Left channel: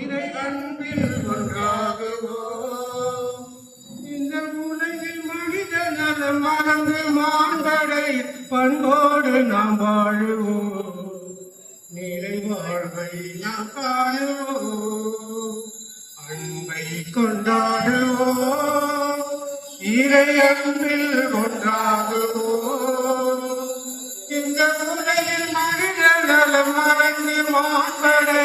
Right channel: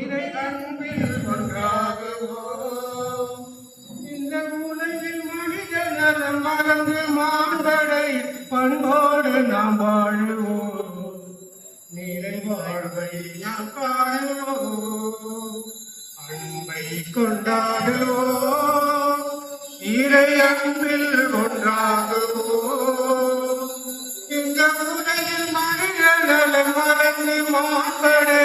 இறை அன்பில் ஒன்றாகுவோம். இந்த உலகில் மனித நலம் மறந்து மாண்படை பண்போடு நாம் வாழுவோம். நிறை வாழ்வை நாம் காணுவோம். அன்பை கொண்டாடுவோம். இறை அன்பில் ஒன்றாகுவோம். இந்த உலகில் மனித நலம் மறந்து மாண்படை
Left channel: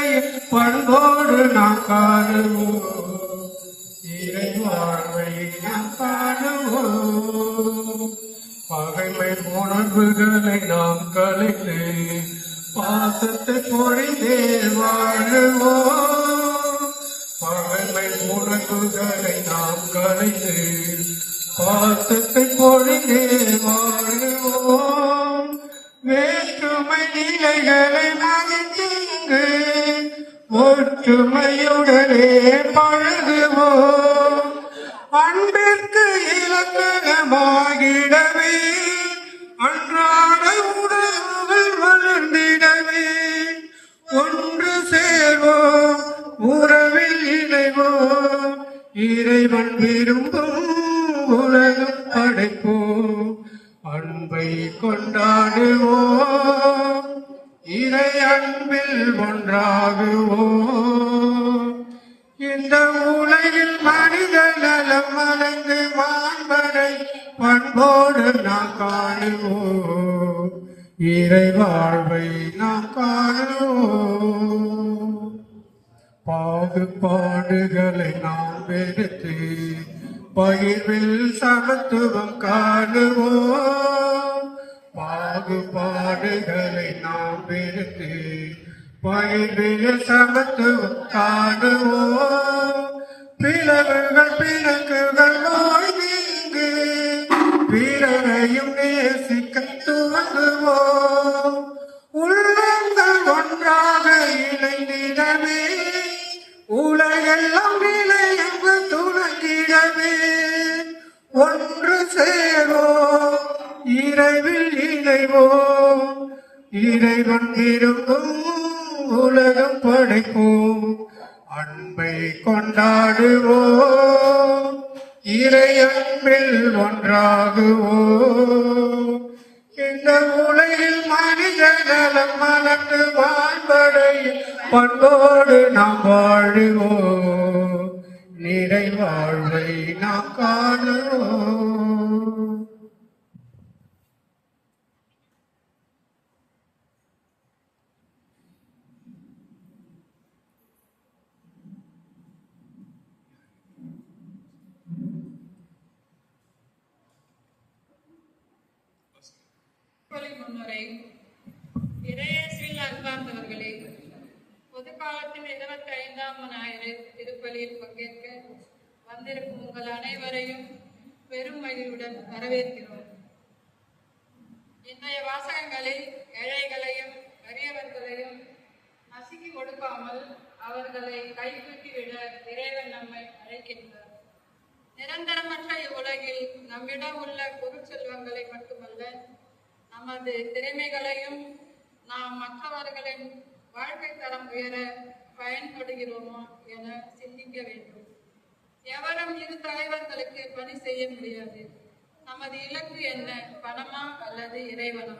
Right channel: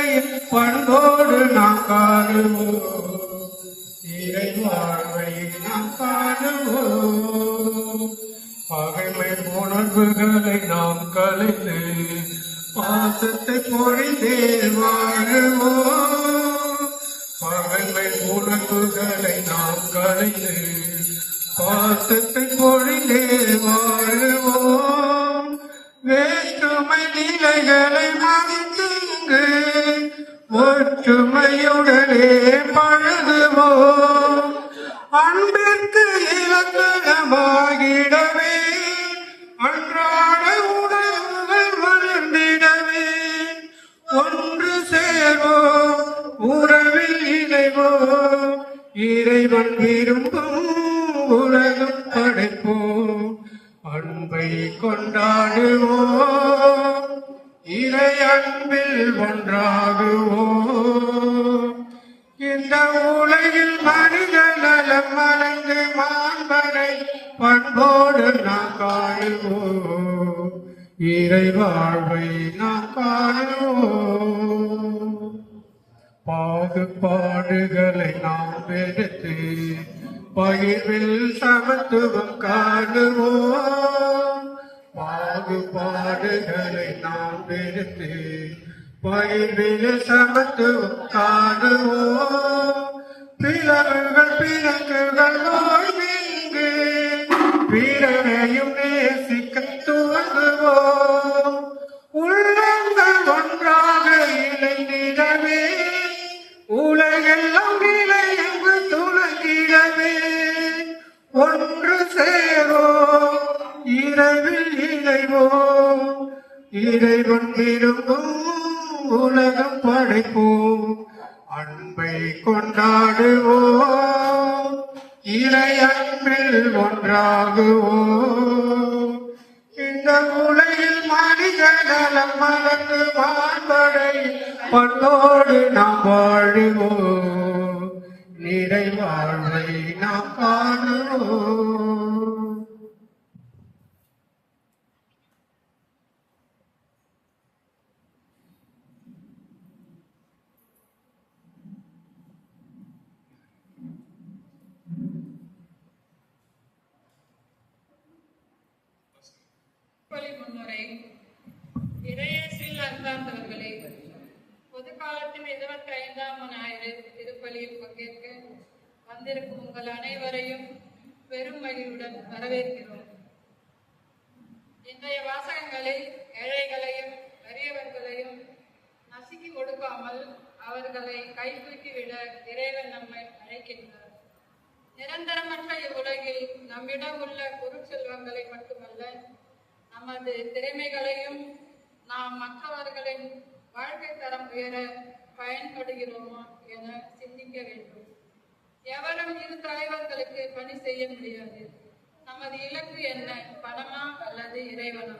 பண்போடு நாம் காணுவோம். இறை வாழ்வை நாம் காணுவோம். பகைமை உணர்வுகளை நாம் கலைந்து பாசத்தை பொழிந்தே வாழுவோம். பகைமை உணர்வுகளை நாம் கலைந்து பாசத்தை பொழிந்தே வாழுவோம். வேற்றுமை நிலைகளை மகிழ்ந்து ஒற்றுமையுடனே பழகுவோம். அன்பிற்கு இலக்கணமாகிடவே அன்றாட உணர்வுகள் வளர்ந்திடவே ஒன்று சேர்வோம், உறவில் இணைவோம். இறைவன் விரும்பும் உலகம் படைப்போம். அன்பை கொண்டாடுவோம். இறை அன்பில் ஒன்றாகுவோம். இந்த உலகில் மனித நலம் மறந்து மாண்பரை பண்போடு நாம் காணுவோம். இறை வாழ்வை நாம் காணுவோம். பாகுபாடுகளை நாம் வெறுத்து பகிர்வில் சமத்துவம் காணுவோம். பாகுபாடுகளை நாம் வெறுத்து பகிர்வில் சமத்துவம் காணுவோம். பிளவுகள் பிறக்குகள் வாழ்ந்து பிறரையும் நேசிக்க துவங்குவோம். உள்ளங்கள் ஒன்றாக இணைந்திடவே உலகெல்லாம் நிலையங்கு துணங்கிடவே ஒன்று சேரோம், இரவில் இணைவோம். இறைவன் விரும்பும் உலகம் படைப்போம். அன்பை கொண்டாடுவோம். இறை அன்பில் ஒன்றாகுவோம். இந்த உலகில் மனித நலம் மறந்து வாழ்வடை பண்போடு நாம் வாழுவோம். நிறை வாழ்வை நாம் காணுவோம். முன்னுரை. இறையேசுவில் அன்பார்ந்தவர்களே, பொது காலத்தில் 25ஆம் ஞாயிறு திருப்பலியில் பங்கேற்க வந்திருக்கும் உங்கள் அனைவரையும் பெரும் மகிழ்வுடன் வரவேற்கிறோம். இன்றைய வாசகங்களில் ஏழைகளையும் அரியவர்களையும் நசுக்கி கொடுக்காமல் அவர்களை கைப்பற்றிவிட இறைவன் நம்மை அழைக்கின்றார். நிரந்தரமற்ற இவ்வுலகில் நம்மிடம் உள்ள பொருட்செல்வங்களை மட்டுமல்ல, நமது திறமைகளையும் நாம் மற்றவர்களின் வாழ்க்கை தரம் உயர பயன்படுகிறோமா என சிந்திக்க வேண்டும். எவரும் இரு தலைவர்களுக்கு பணி செய்ய முடியாது. நமது இலக்கு என்ன? பணமா அல்லது இறைவனா?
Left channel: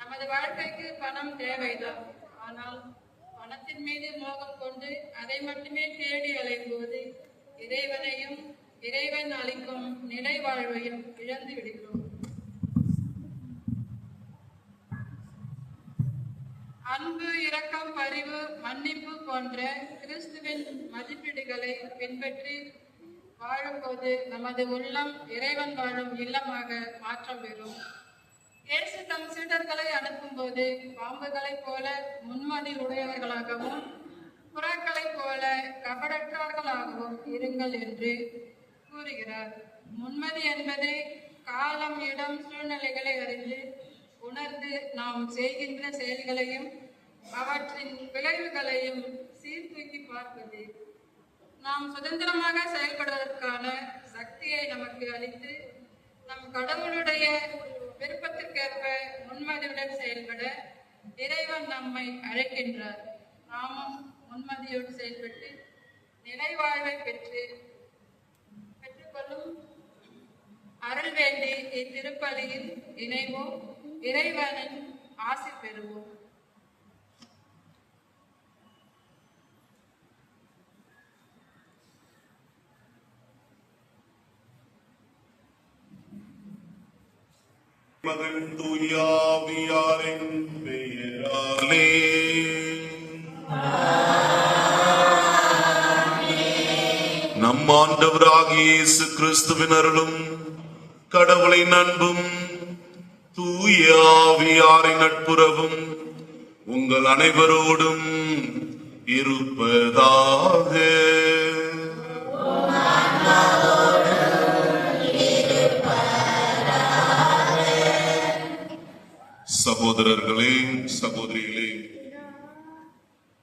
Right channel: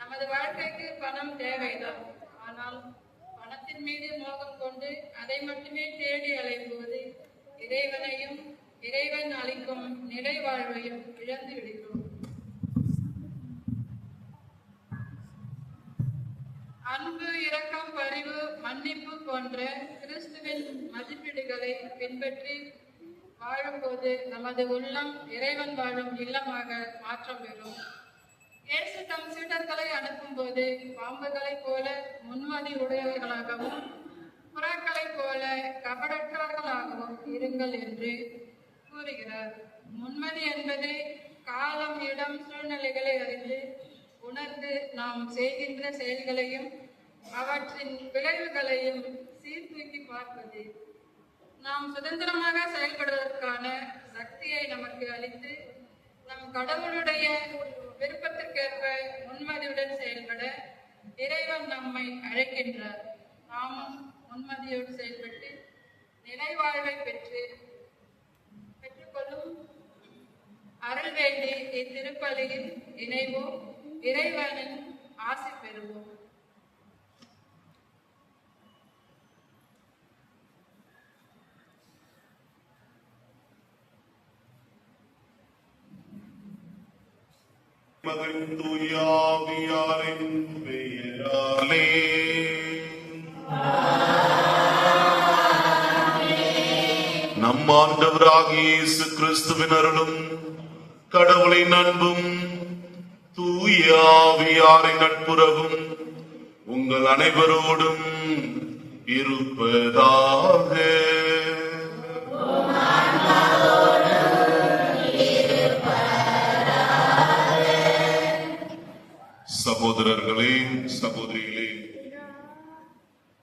நமது வாழ்க்கைக்கு பணம் தேவைதான். ஆனால் பணத்தின் மீது மோகம் கொண்டு அதை மட்டுமே தேடி அலையும் போது இறைவனையும் இறைவன் அளிக்கும் நிலை வாழ்வையும் இழந்து விடுகிறோம். அன்பு, இரக்கம், பரிவு, மன்னிப்பு போன்ற கிறிஸ்துவின் மதிப்பீடுகளை பின்பற்றி வாழும்போது நமது உள்ளம் இறைவன் வாழும் இல்லமாக மாற்றம் பெறும். இயேசு தம் சீடர்களை அனுப்பும் போது பாம்புகளைப் போல முன்மதி உடையவர்களாகவும் புறாக்களைப் போல கபடற்றவர்களாகவும் இருங்கள் என்று கூறுகிறார். முன்மதி என்பது காலம், இடம், சூழ்நிலைகளை அறிந்து உணர்ந்து நாம் செய்கின்ற செயல்களையும் அவற்றின் விளைவுகளையும் சீர்தூக்கி பார்ப்பது. நாம் சுதந்திரமாக செயல்படுவதற்கான சக்தியை நமக்கு அளித்து நம் கடவுளுடைய விருப்பத்திற்கேற்ப முன்மதியுடன் செயல்பட இறைவன் நம்மை அழைக்கின்றார். நாமும் முன்மதியோடு செயல்பட்டு நிலை வாழ்வை பெற்றுக்கொள்ளும் அருள் வேண்டி இத்திருப்பலியில் இணைவோம். இறைவனின் ஆசி பெறுவோம். மகன் தூயாவியாரின் பெயராலே நம் ஆண்டவராகிய இயேசு கிறிஸ்துவின் அருளும் கடவுளின் அன்பும் தூயாவியாரின் நட்புறவும் உங்கள் அனைவரோடும் இருப்பதாக. சகோதரர்களே, சகோதரிகளே,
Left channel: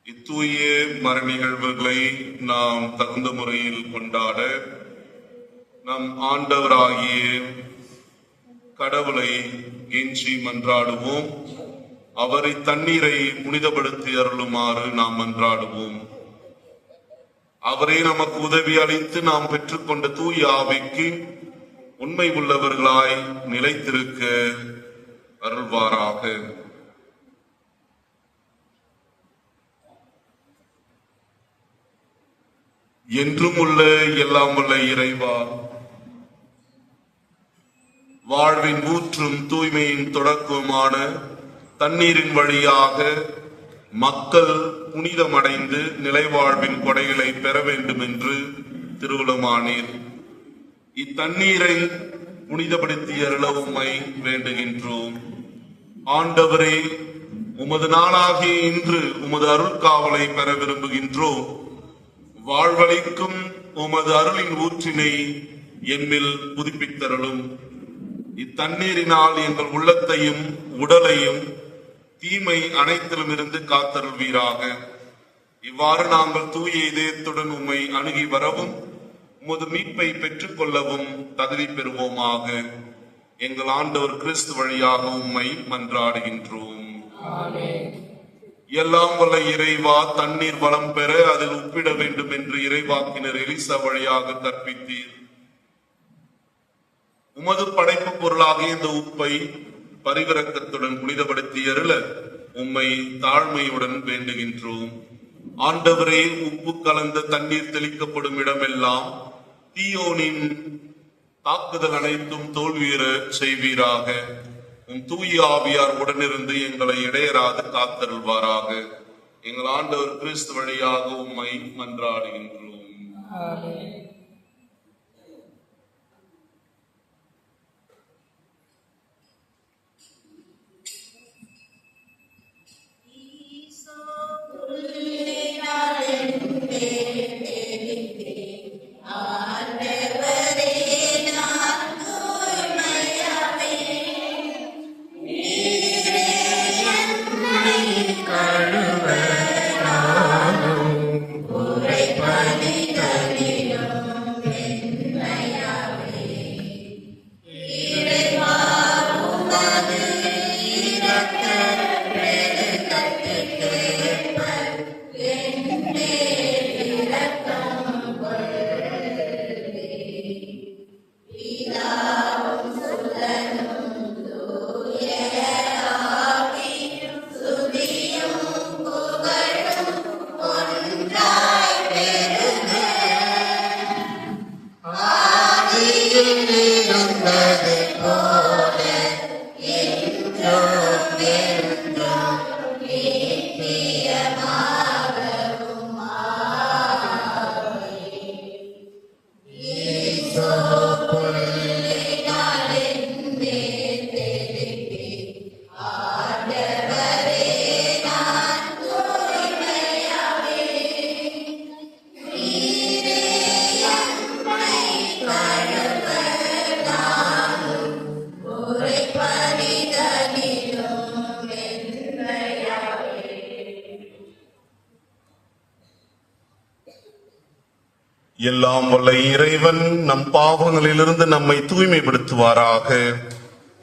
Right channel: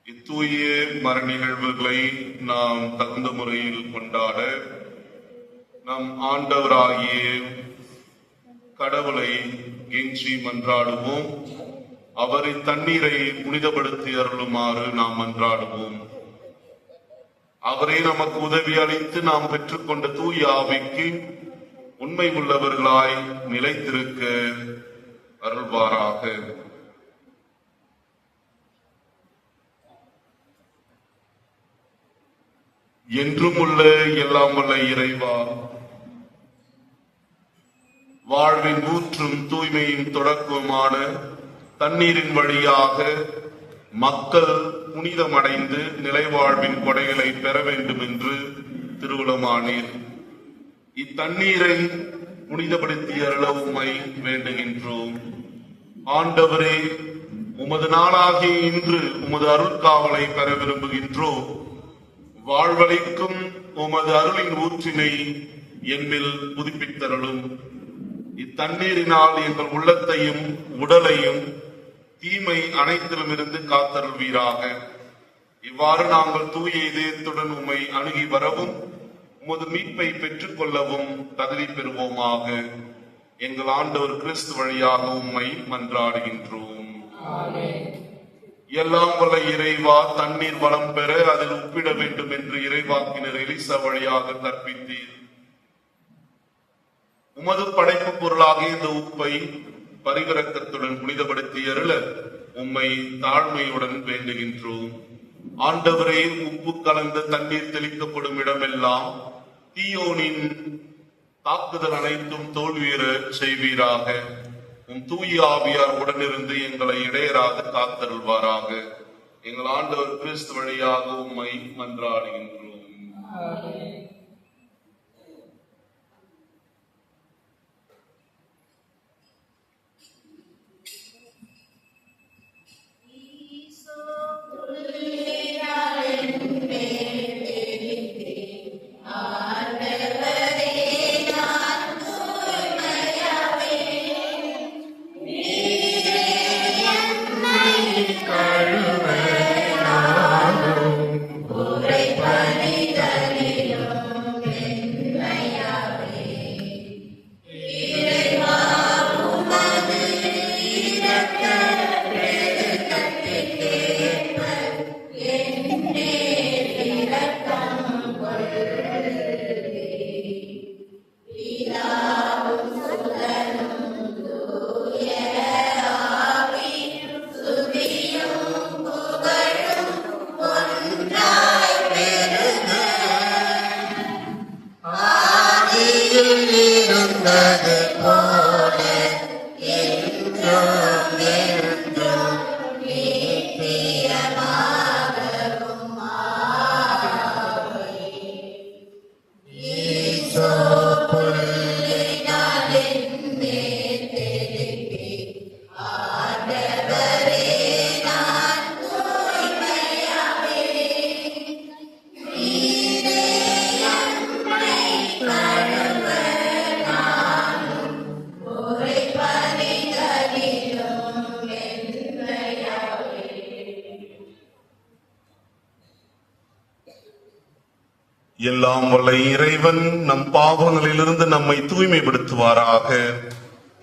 இத்தூய மர நிகழ்வுகளை நாம் தகுந்த முறையில் கொண்டாட நம் ஆண்டவராகிய கடவுளை கெஞ்சி மன்றாடுவோம். அவரை தண்ணீரை புனிதப்படுத்தி அருளுமாறு நாம் மன்றாடுவோம். அவரை நமக்கு உதவி அளித்து நாம் பெற்றுக்கொண்ட தூய ஆவிக்கு உண்மை உள்ளவர்களாய் நிலைத்திருக்க அருள்வாராக. என்றும் உள்ள எல்லாம் உள்ள இறைவா, வாழ்வின் ஊற்றும் தூய்மையின் தொடக்கமான தண்ணீரின் வழியாக மக்கள் புனிதமடைந்து நிலைவாழ்வின் கொடைகளை பெற வேண்டும் என்று திருவுளமானீர். இத்தண்ணீரை புனிதப்படுத்திய உம்மை வேண்டுகின்றோம். ஆண்டவரே, உமது நாளாகிய இன்று உமது அருட்காவலை பெற விரும்புகின்றோம். வாழ்வளிக்கும் உமது அருளின் ஊற்றினை எம்மில் புதுப்பித்தருளும். இத்தண்ணீரினால் எங்கள் உள்ளத்தையும் உடலையும் தீமை அனைத்திலும் இருந்து காத்தருள்வீராக. இவ்வாறு நாங்கள் தூய இதயத்துடன் உம்மை அணுகி வரவும் உமது மீட்பை பெற்றுக் கொள்ளவும் தகுதி பெறுவோமாக. எங்கள் ஆண்டவர் கிறிஸ்து வழியாக உம்மை மன்றாடுகின்றோம். எல்லாம் வல்ல இறைவா, தண்ணீர் வளம் பெற அதில் உப்பிட வேண்டும் என்று இறைவாக்கினர் எலிசா வழியாக கற்பித்தீர். உமது படைப்பு பொருளாக இந்த உப்பை பரிவிரக்கத்துடன் புனிதப்படுத்தி அருள உம்மை தாழ்மையுடன் வேண்டுகின்றோம். ஆண்டவரே, உப்பு கலந்த தண்ணீர் தெளிக்கப்படும் இடமெல்லாம் தீயோனின் தாக்குதல் அனைத்தும் தோல்வியுற செய்வீராக. உம் தூய ஆவியார் உடனிருந்து எங்களை இடையராக காத்தருள்வாராக. எங்கள் ஆண்டவர் கிறிஸ்து வழியாக உம்மை மன்றாடுகின்றோம். எல்லாம் வல்ல இறைவன் நம் பாவங்களிலிருந்து நம்மை தூய்மைப்படுத்துவாராக.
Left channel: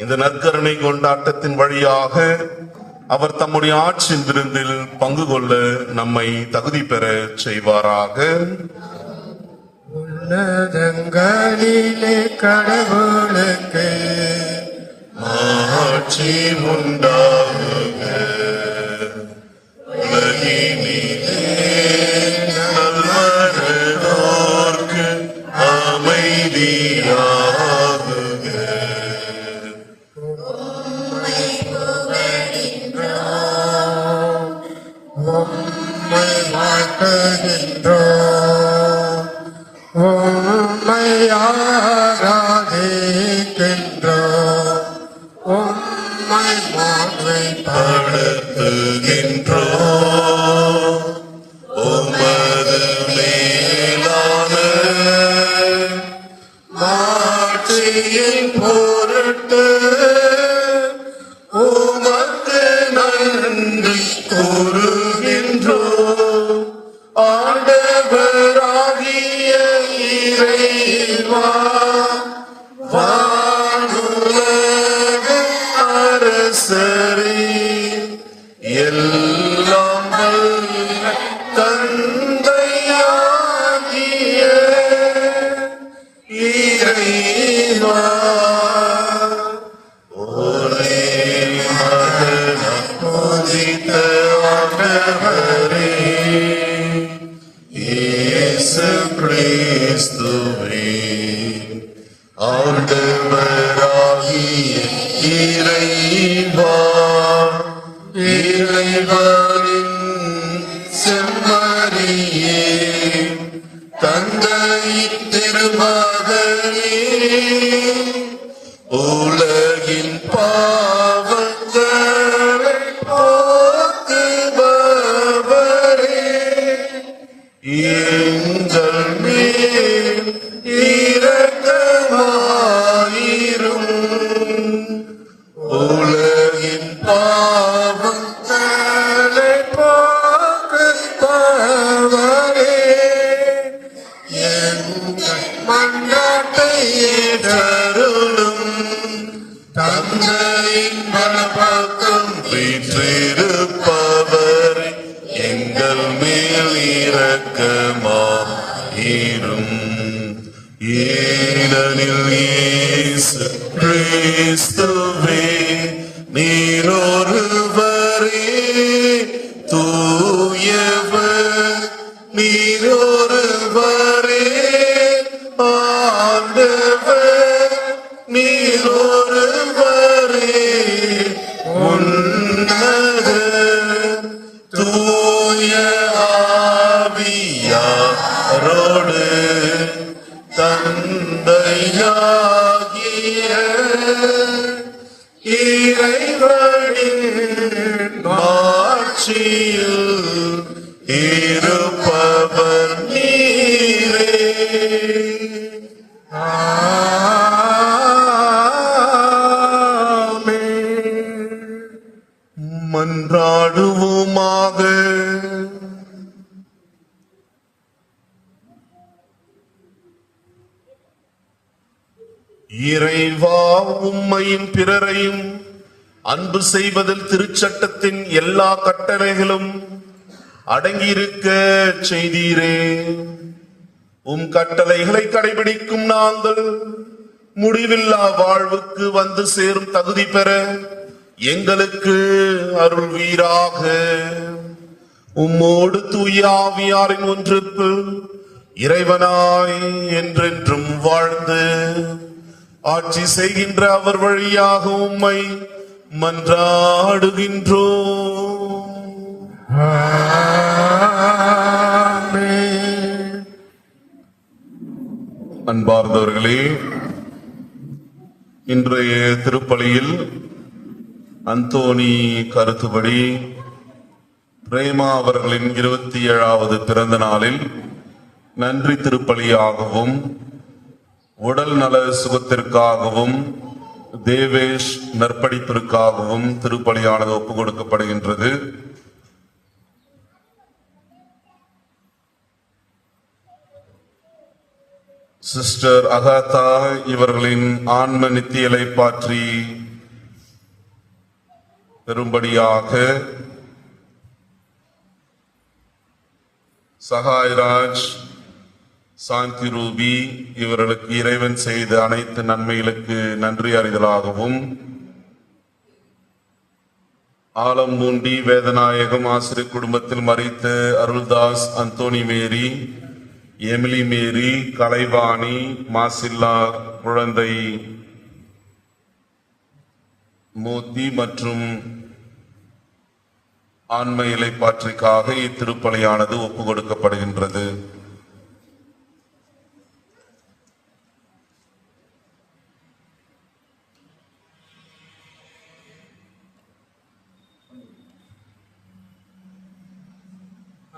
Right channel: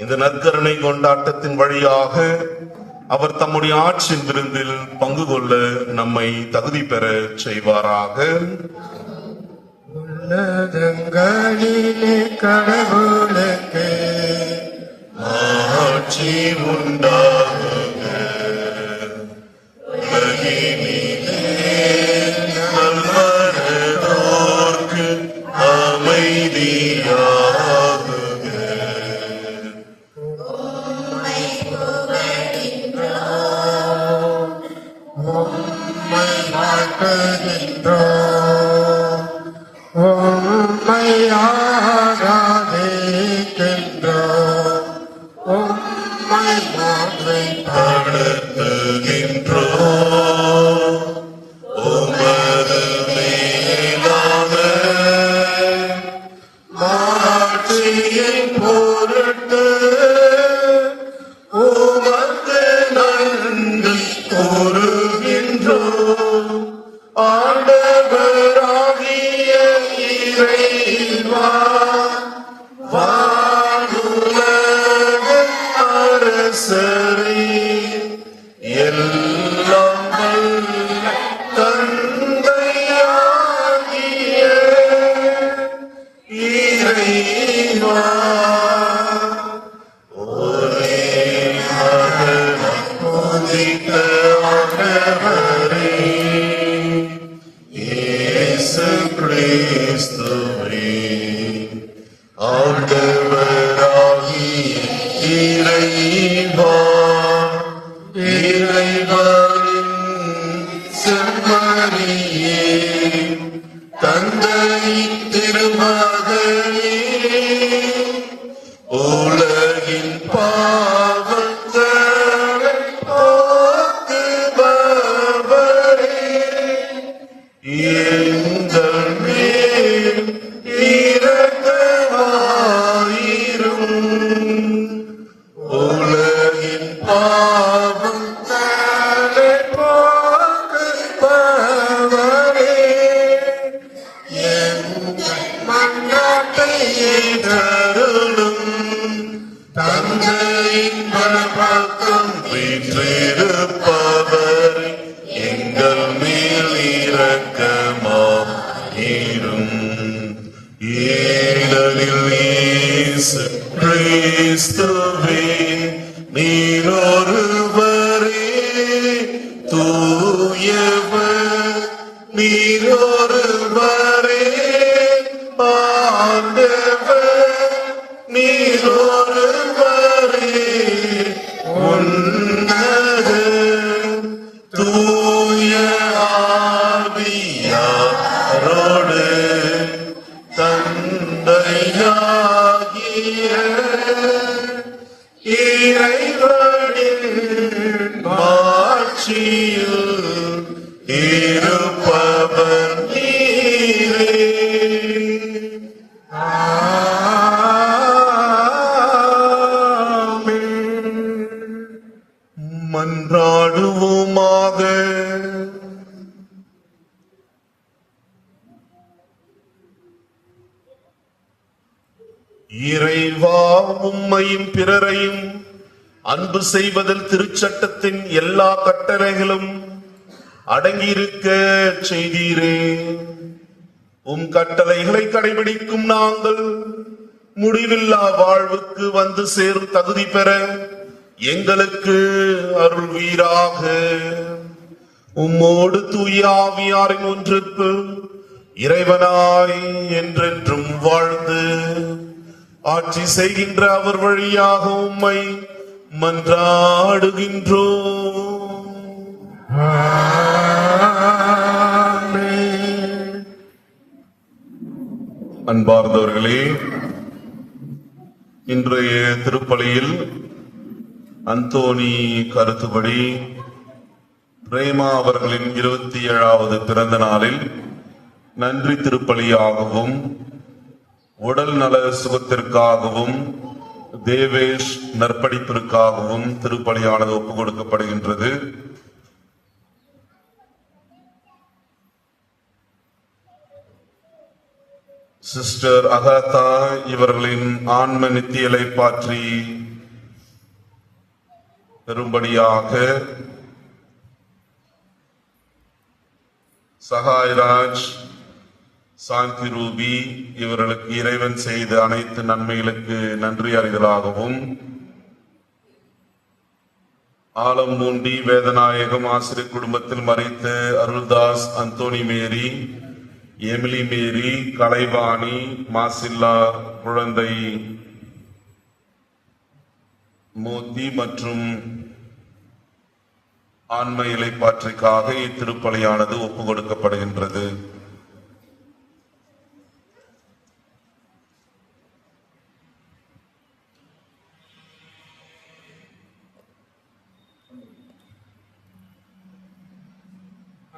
இந்த நற்கருணை கொண்டாட்டத்தின் வழியாக அவர் தம்முடைய ஆட்சி விருந்தில் பங்கு கொள்ள நம்மை தகுதி பெற செய்வாராக. உன்னதங்களிலே கடவுளுக்கு ஆட்சி உண்டாகுக. உலகினிலே நல்லோர்க்கு அமைதியாகுக. உம்மை வணங்குகின்றோம், உம்மை ஆராதிக்கின்றோம், உம்மை நடத்துகின்றோம். உமது மேலான மாட்சியின் பொருட்டு உமக்கு நன்றி கூறுகின்றோம். ஆண்டவராகிய இறைவா, வானுலக அரசரே, எல்லாம் வல்ல தந்தையாகிய இறைவா, ஒரே மகனாய் உதித்த ஆண்டவரே, இயேசு கிறிஸ்துவே, ஆண்டவராகிய இறைவா, இறைவனின் செம்மறியே, தந்தை திருமகனே, உலகின் பாவங்களை போக்குபவரே, எங்கள் மேல் இரக்கமாயிரும். உலகின் பாவங்களை போக்குபவரே, எங்கள் மன்றாட்டை ஏற்றருளும். தந்தையின் வலப்பக்கம் வீற்றிருப்பவரே, எங்கள் மேல் இரக்கமாயிரும். ஏனெனில் இயேசு கிறிஸ்துவே, நீர் ஒருவரே தூயவர், நீர் ஒருவரே ஆண்டவர், நீர் ஒருவரே உன்னத தூய ஆவியாரோடு தந்தையாகிய இறைவனின் ஆட்சியில் இருப்பவர் நீரே. ஆமென். மன்றாடுவோமாக. இறைவா, உம்மையும் பிறரையும் அன்பு செய்வதில் திருச்சட்டத்தின் எல்லா கட்டளைகளும் அடங்கியிருக்க செய்தீரே. உம் கட்டளைகளை கடைபிடிக்கும் நாங்கள் முடிவில்லா வாழ்வுக்கு வந்து சேரும் தகுதி பெற எங்களுக்கு அருள்வீராக. உம்மோடு தூய ஆவியாரின் ஒன்றுக்கு இறைவனாய் என்றென்றும் வாழ்ந்து ஆட்சி செய்கின்ற அவர் வழியாக உம்மை மன்றாடுகின்றோம். ஆமென். அன்பார்ந்தவர்களே, இன்றைய திருப்பலியில் அந்தோணி கருத்துப்படி பிரேமா அவர்களின் 27வது பிறந்த நாளில் நன்றி திருப்பலியாகவும் உடல் நல சுகத்திற்காகவும் தேவேஷ் நற்படிப்பிற்காகவும் திருப்பலியானது ஒப்புக் கொடுக்கப்படுகின்றது. சிஸ்டர் அகாதா இவர்களின் ஆன்ம நித்தியலை பாற்றி பெறும்படியாக சகாய்ராஜ், சாந்தி ரூபி இவர்களுக்கு இறைவன் செய்த அனைத்து நன்மைகளுக்கு நன்றி அறிதலாகவும், ஆலம்பூண்டி வேதநாயகம் ஆசிரியர் குடும்பத்தில் மறைத்த அருள்தாஸ், அந்தோணி மேரி, எமிலி மேரி, கலைவாணி, மாசில்லா குழந்தை மோத்தி மற்றும் ஆன்ம இலைப்பாற்றிற்காக இத்திருப்பலியானது ஒப்புக் கொடுக்கப்படுகின்றது.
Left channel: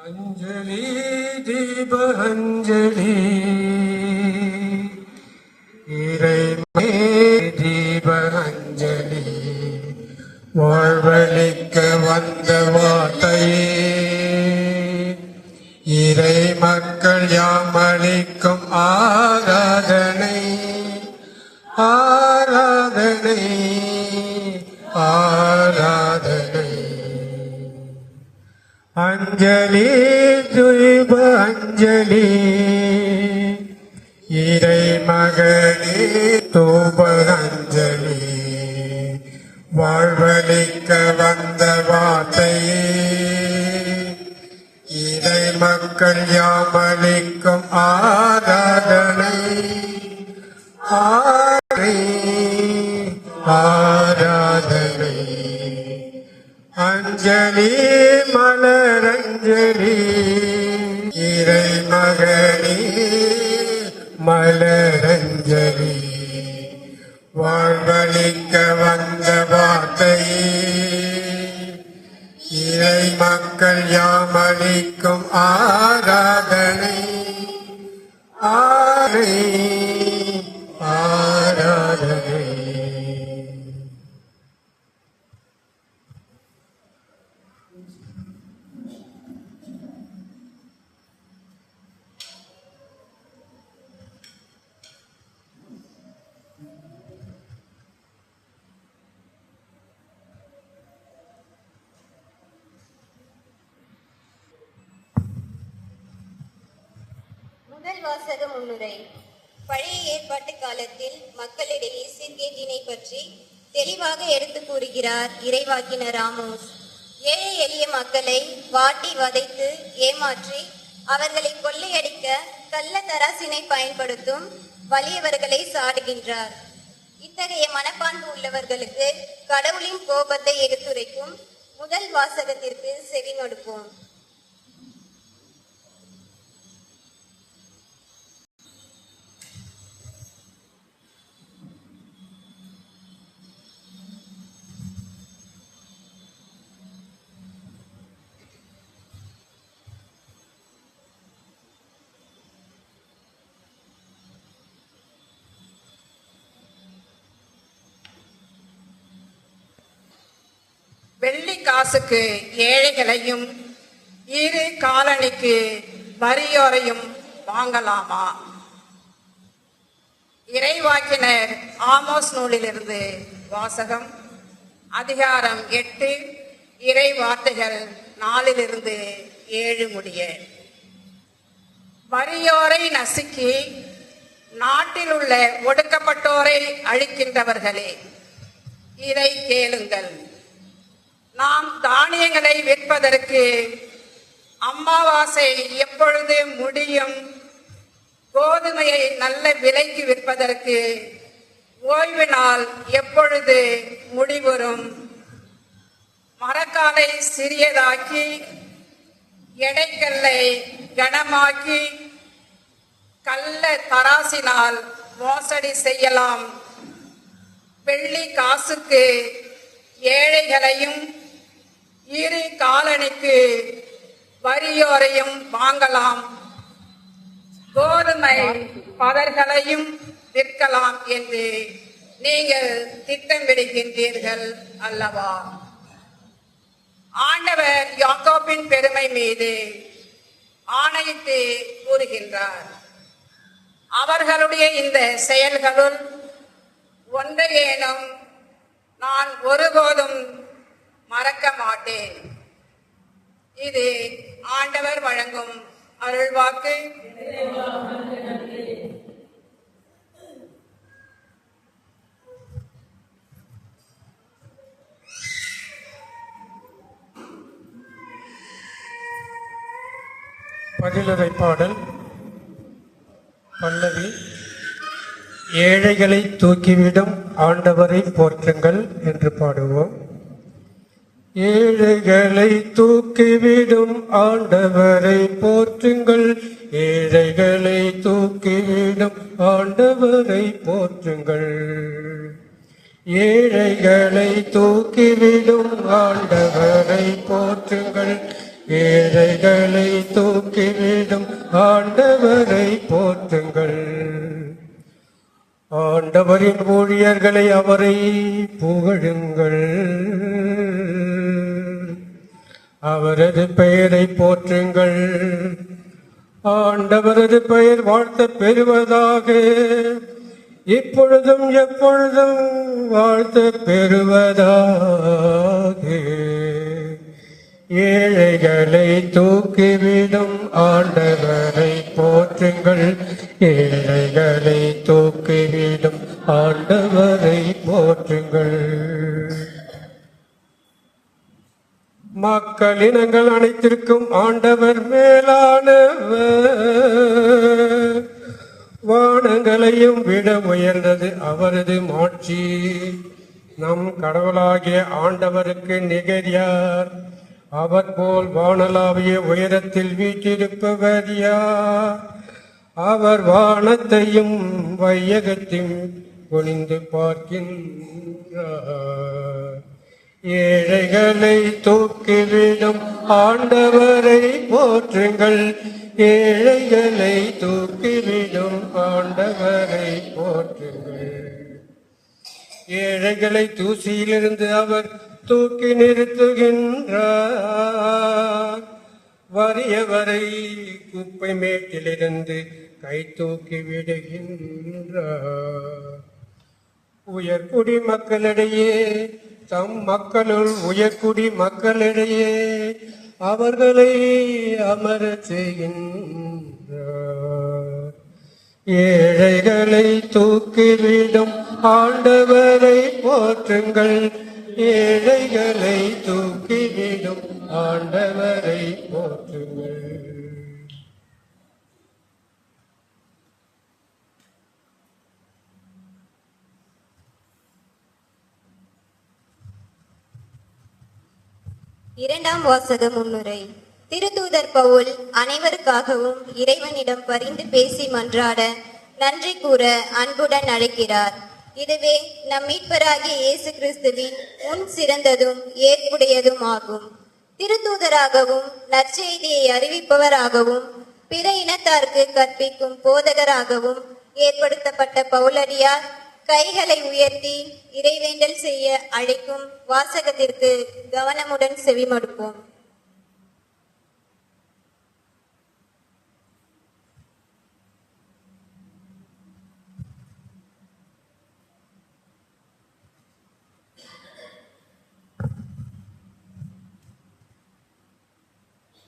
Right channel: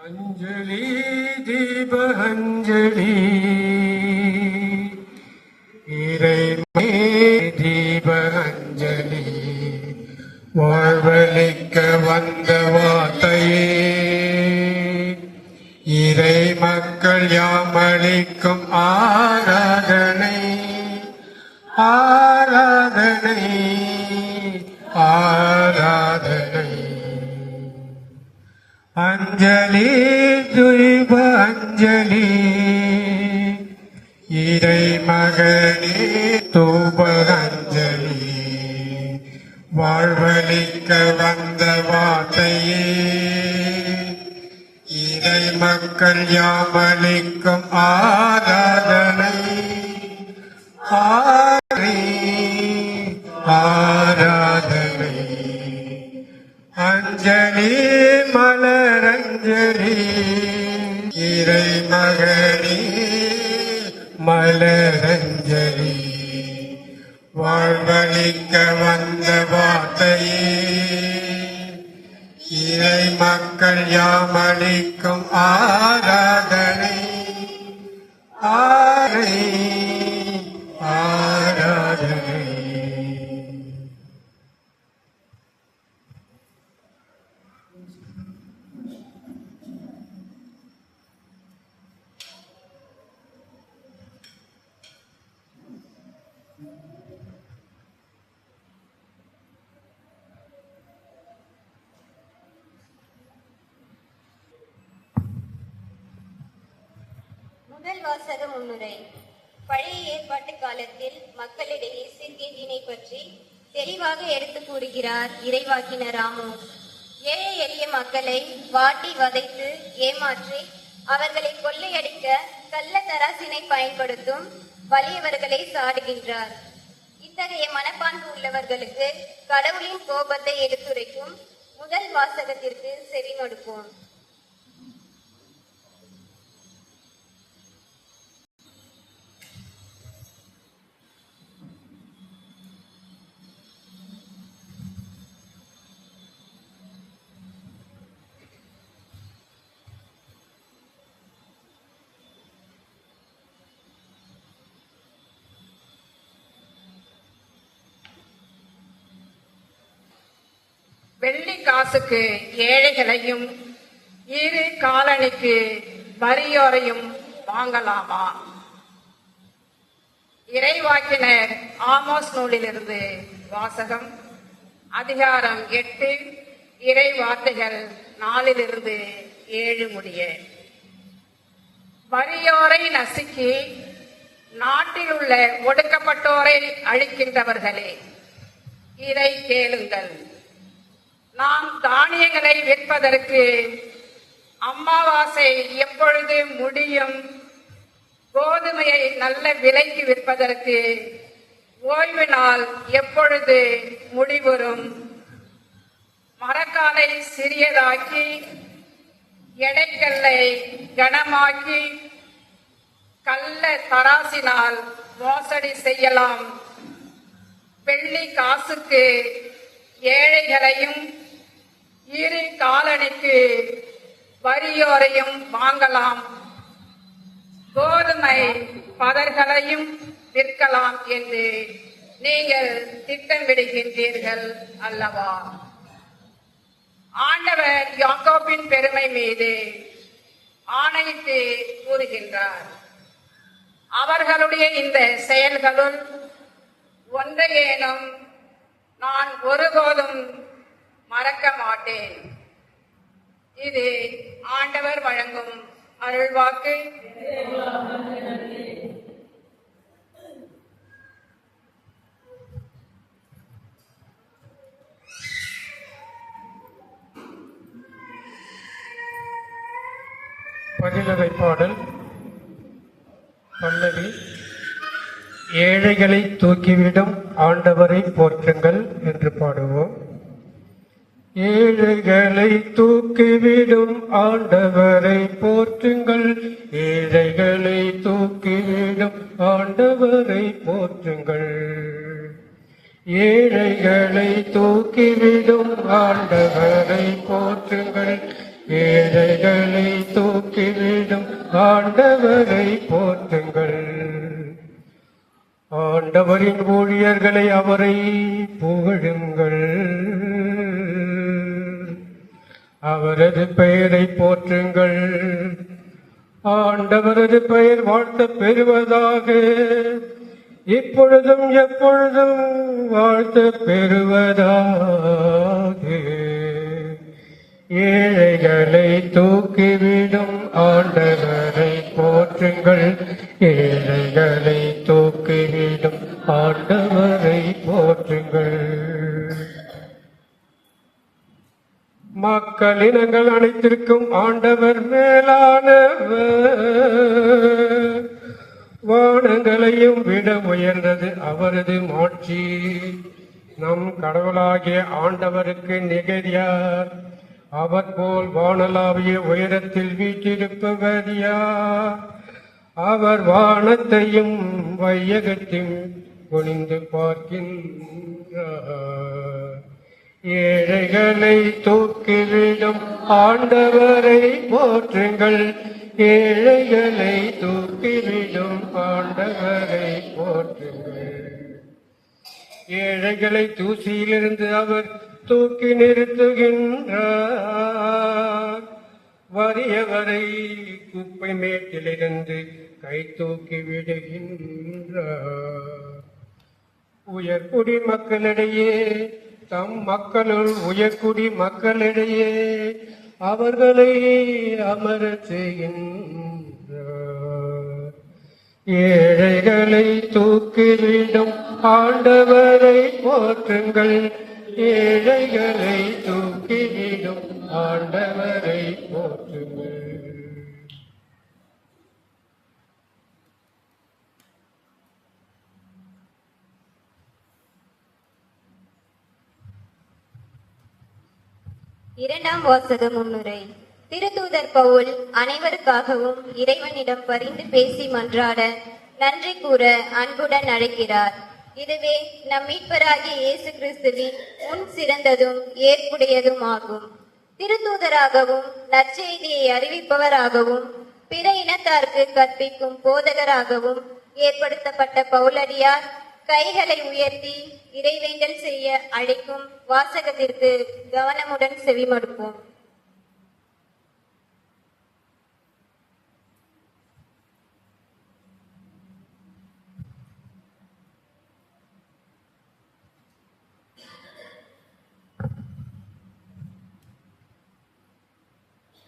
அஞ்சலி தீப அஞ்சலி இறைமே தீப அஞ்சலி வாழ்வழிக்க வந்த வார்த்தையே இறை மக்கள் யாமளிக்கும் ஆராதனை ஆராதனை ஆராதனை. அஞ்சலி துய்ப அஞ்சலி இறை மகனே தூப அஞ்சலி வாழ்வழிக்க வந்த வார்த்தையே இறை மக்கள் யாமளிக்கும் ஆராதனை ஆராதனை. அஞ்சலி மலரஞ்சலி இறை மகனே மலரஞ்சலி வாழ்வழிக்க வந்த வார்த்தையே இறை மக்கள் யாமளிக்கும் ஆராதனை ஆராதனை. முதல் வாசக முன்னுரை. பழைய ஏற்பாட்டு காலத்தில் மக்களிடையே சீர்கேட்டினை பற்றி தெளிவாக எடுத்து கூறுகிறார் இறைவாக்கினர் ஆமோஸ். ஏழை எளிய மக்களை வாட்டி வதைத்து ஏமாற்றி அவர்களை கொள்ளையடிக்க கள்ள தராசினை பயன்படுத்தும் வலியவர்களை சாடுகின்றார். இத்தகைய மனப்பான்பு உள்ளவர்களுக்கு கடவுளின் கோபத்தை எடுத்துரைக்கும் முதல் வாசகத்திற்கு செவிமடுப்போம். வெள்ளி காசுக்கு ஏழைகளையும் இரு காலணிக்கு வறியோரையும் வாங்கலாமா? இறைவாக்கினர் ஆமோஸ் நூலிலிருந்து வாசகம். அதிகாரம் 8, இறை வார்த்தைகள் 4-7 முடிய. வறியோரை நசுக்கி நாட்டில் உள்ள ஒடுக்கப்பட்டோரை அழிக்கின்றவர்களே, இதை கேளுங்கள். நாம் தானியங்களை விற்பதற்கு அமாவாசை எப்பொழுது முடியும்? கோதுமையை நல்ல விலைக்கு விற்பதற்கு ஓய்வு நாள் எப்பொழுது முடிவுறும்? மரக்காலை சிறியதாக்கி எடைக்கல்லை கனமாக்கி கள்ள தராசினால் மோசடி செய்யலாம். வெள்ளி காசுக்கு ஏழைகளையும் இரு காலணிக்கு வறியோரையும் வாங்கலாம். கோதுமை பதர்களையும் விற்கலாம் என்று நீங்கள் திட்டமிடுகின்றீர்கள் அல்லவா? ஆண்டவர் யாக்கோபின் பெருமை மீது ஆணையிட்டு கூறுகின்றார். அவர்களுடைய இந்த செயல்களுள் ஒன்றையேனும் நான் ஒருபோதும் மறக்க மாட்டேன். இது ஆண்டவர் வழங்கும் அருள்வாக்கு. பதிலுரை பாடல் பல்லவி. ஏழைகளை தூக்கிவிடும் ஆண்டவரை போற்றுங்கள் என்று பாடுவோம். ஏழைகளை தூக்கிவிடும் ஆண்டவரை போற்றுங்கள், ஏழைகளை தூக்கிவிடும் ஆண்டவரை போற்றுங்கள். ஏழைகளை தூக்கிவிடும் ஆண்டவரை போற்றுங்கள், ஏழைகளை தூக்கிவிடும் ஆண்டவரை போற்றுங்கள். ஆண்டவரின் ஊழியர்களை அவரை புகழுங்கள், அவரது பெயரை போற்றுங்கள். ஆண்டவரது பெயர் வாழ்த்த பெறுவதாக, இப்பொழுதும் எப்பொழுதும் வாழ்த்த பெறுவதாக. ஏழைகளை தூக்கிவிடும் ஆண்டவரை போற்றுங்கள், ஏழைகளை தூக்கிவிடும் ஆண்டவரை போற்றுங்கள். மக்களினங்கள் அனைத்திற்கும் ஆண்டவர் மேலானவர், வானங்களையும் விட உயர்ந்தது அவரது மாட்சி. நம் கடவுளாகிய ஆண்டவருக்கு நிகர் யார்? அவர் போல் வானளாவிய உயரத்தில் வீற்றிருப்பவர் யார்? அவர் வானத்தையும் வையகத்தையும் குனிந்து பார்க்கின்றார். ஏழைகளை தூக்கிவிடும் ஆண்டவரை போற்றுங்கள், ஏழைகளை தூக்கிவிடும் ஆண்டவரை போற்றுங்கள். ஏழைகளை தூசியிலிருந்து அவர் தூக்கி நிறுத்துகின்றார், வறியவரை குப்பை மேட்டிலிருந்து கை தூக்கி விடுகின்றார். உயர்குடி மக்களிடையே தம் மக்களுள் உயர்குடி மக்களிடையே அவர்களை அமர செய்கின்றார். ஏழைகளை தூக்கிவிடும் ஆண்டவரை போற்றுங்கள், ஏழைகளை தூக்கிவிடும் ஆண்டவரை போற்றுங்கள். இரண்டாம் வாசக முன்னுரை. திருத்தூதர் பவுல் அனைவருக்காகவும் இறைவனிடம் பரிந்து பேசி மன்றாட நன்றி கூற அன்புடன் அழைக்கிறார். இதுவே நம் மீட்பராகிய இயேசு கிறிஸ்துவின் முன் சிறந்ததும் ஏற்புடையதும் ஆகும். திருத்தூதராகவும் நற்செய்தியை அறிவிப்பவராகவும் பிற இனத்தாருக்கு கற்பிக்கும் போதகராகவும் ஏற்படுத்தப்பட்ட பவுலடியார் கைகளை உயர்த்தி இறைவேண்டல் செய்ய அழைக்கும் வாசகத்திற்கு கவனமுடன் செவிமடுப்போம்.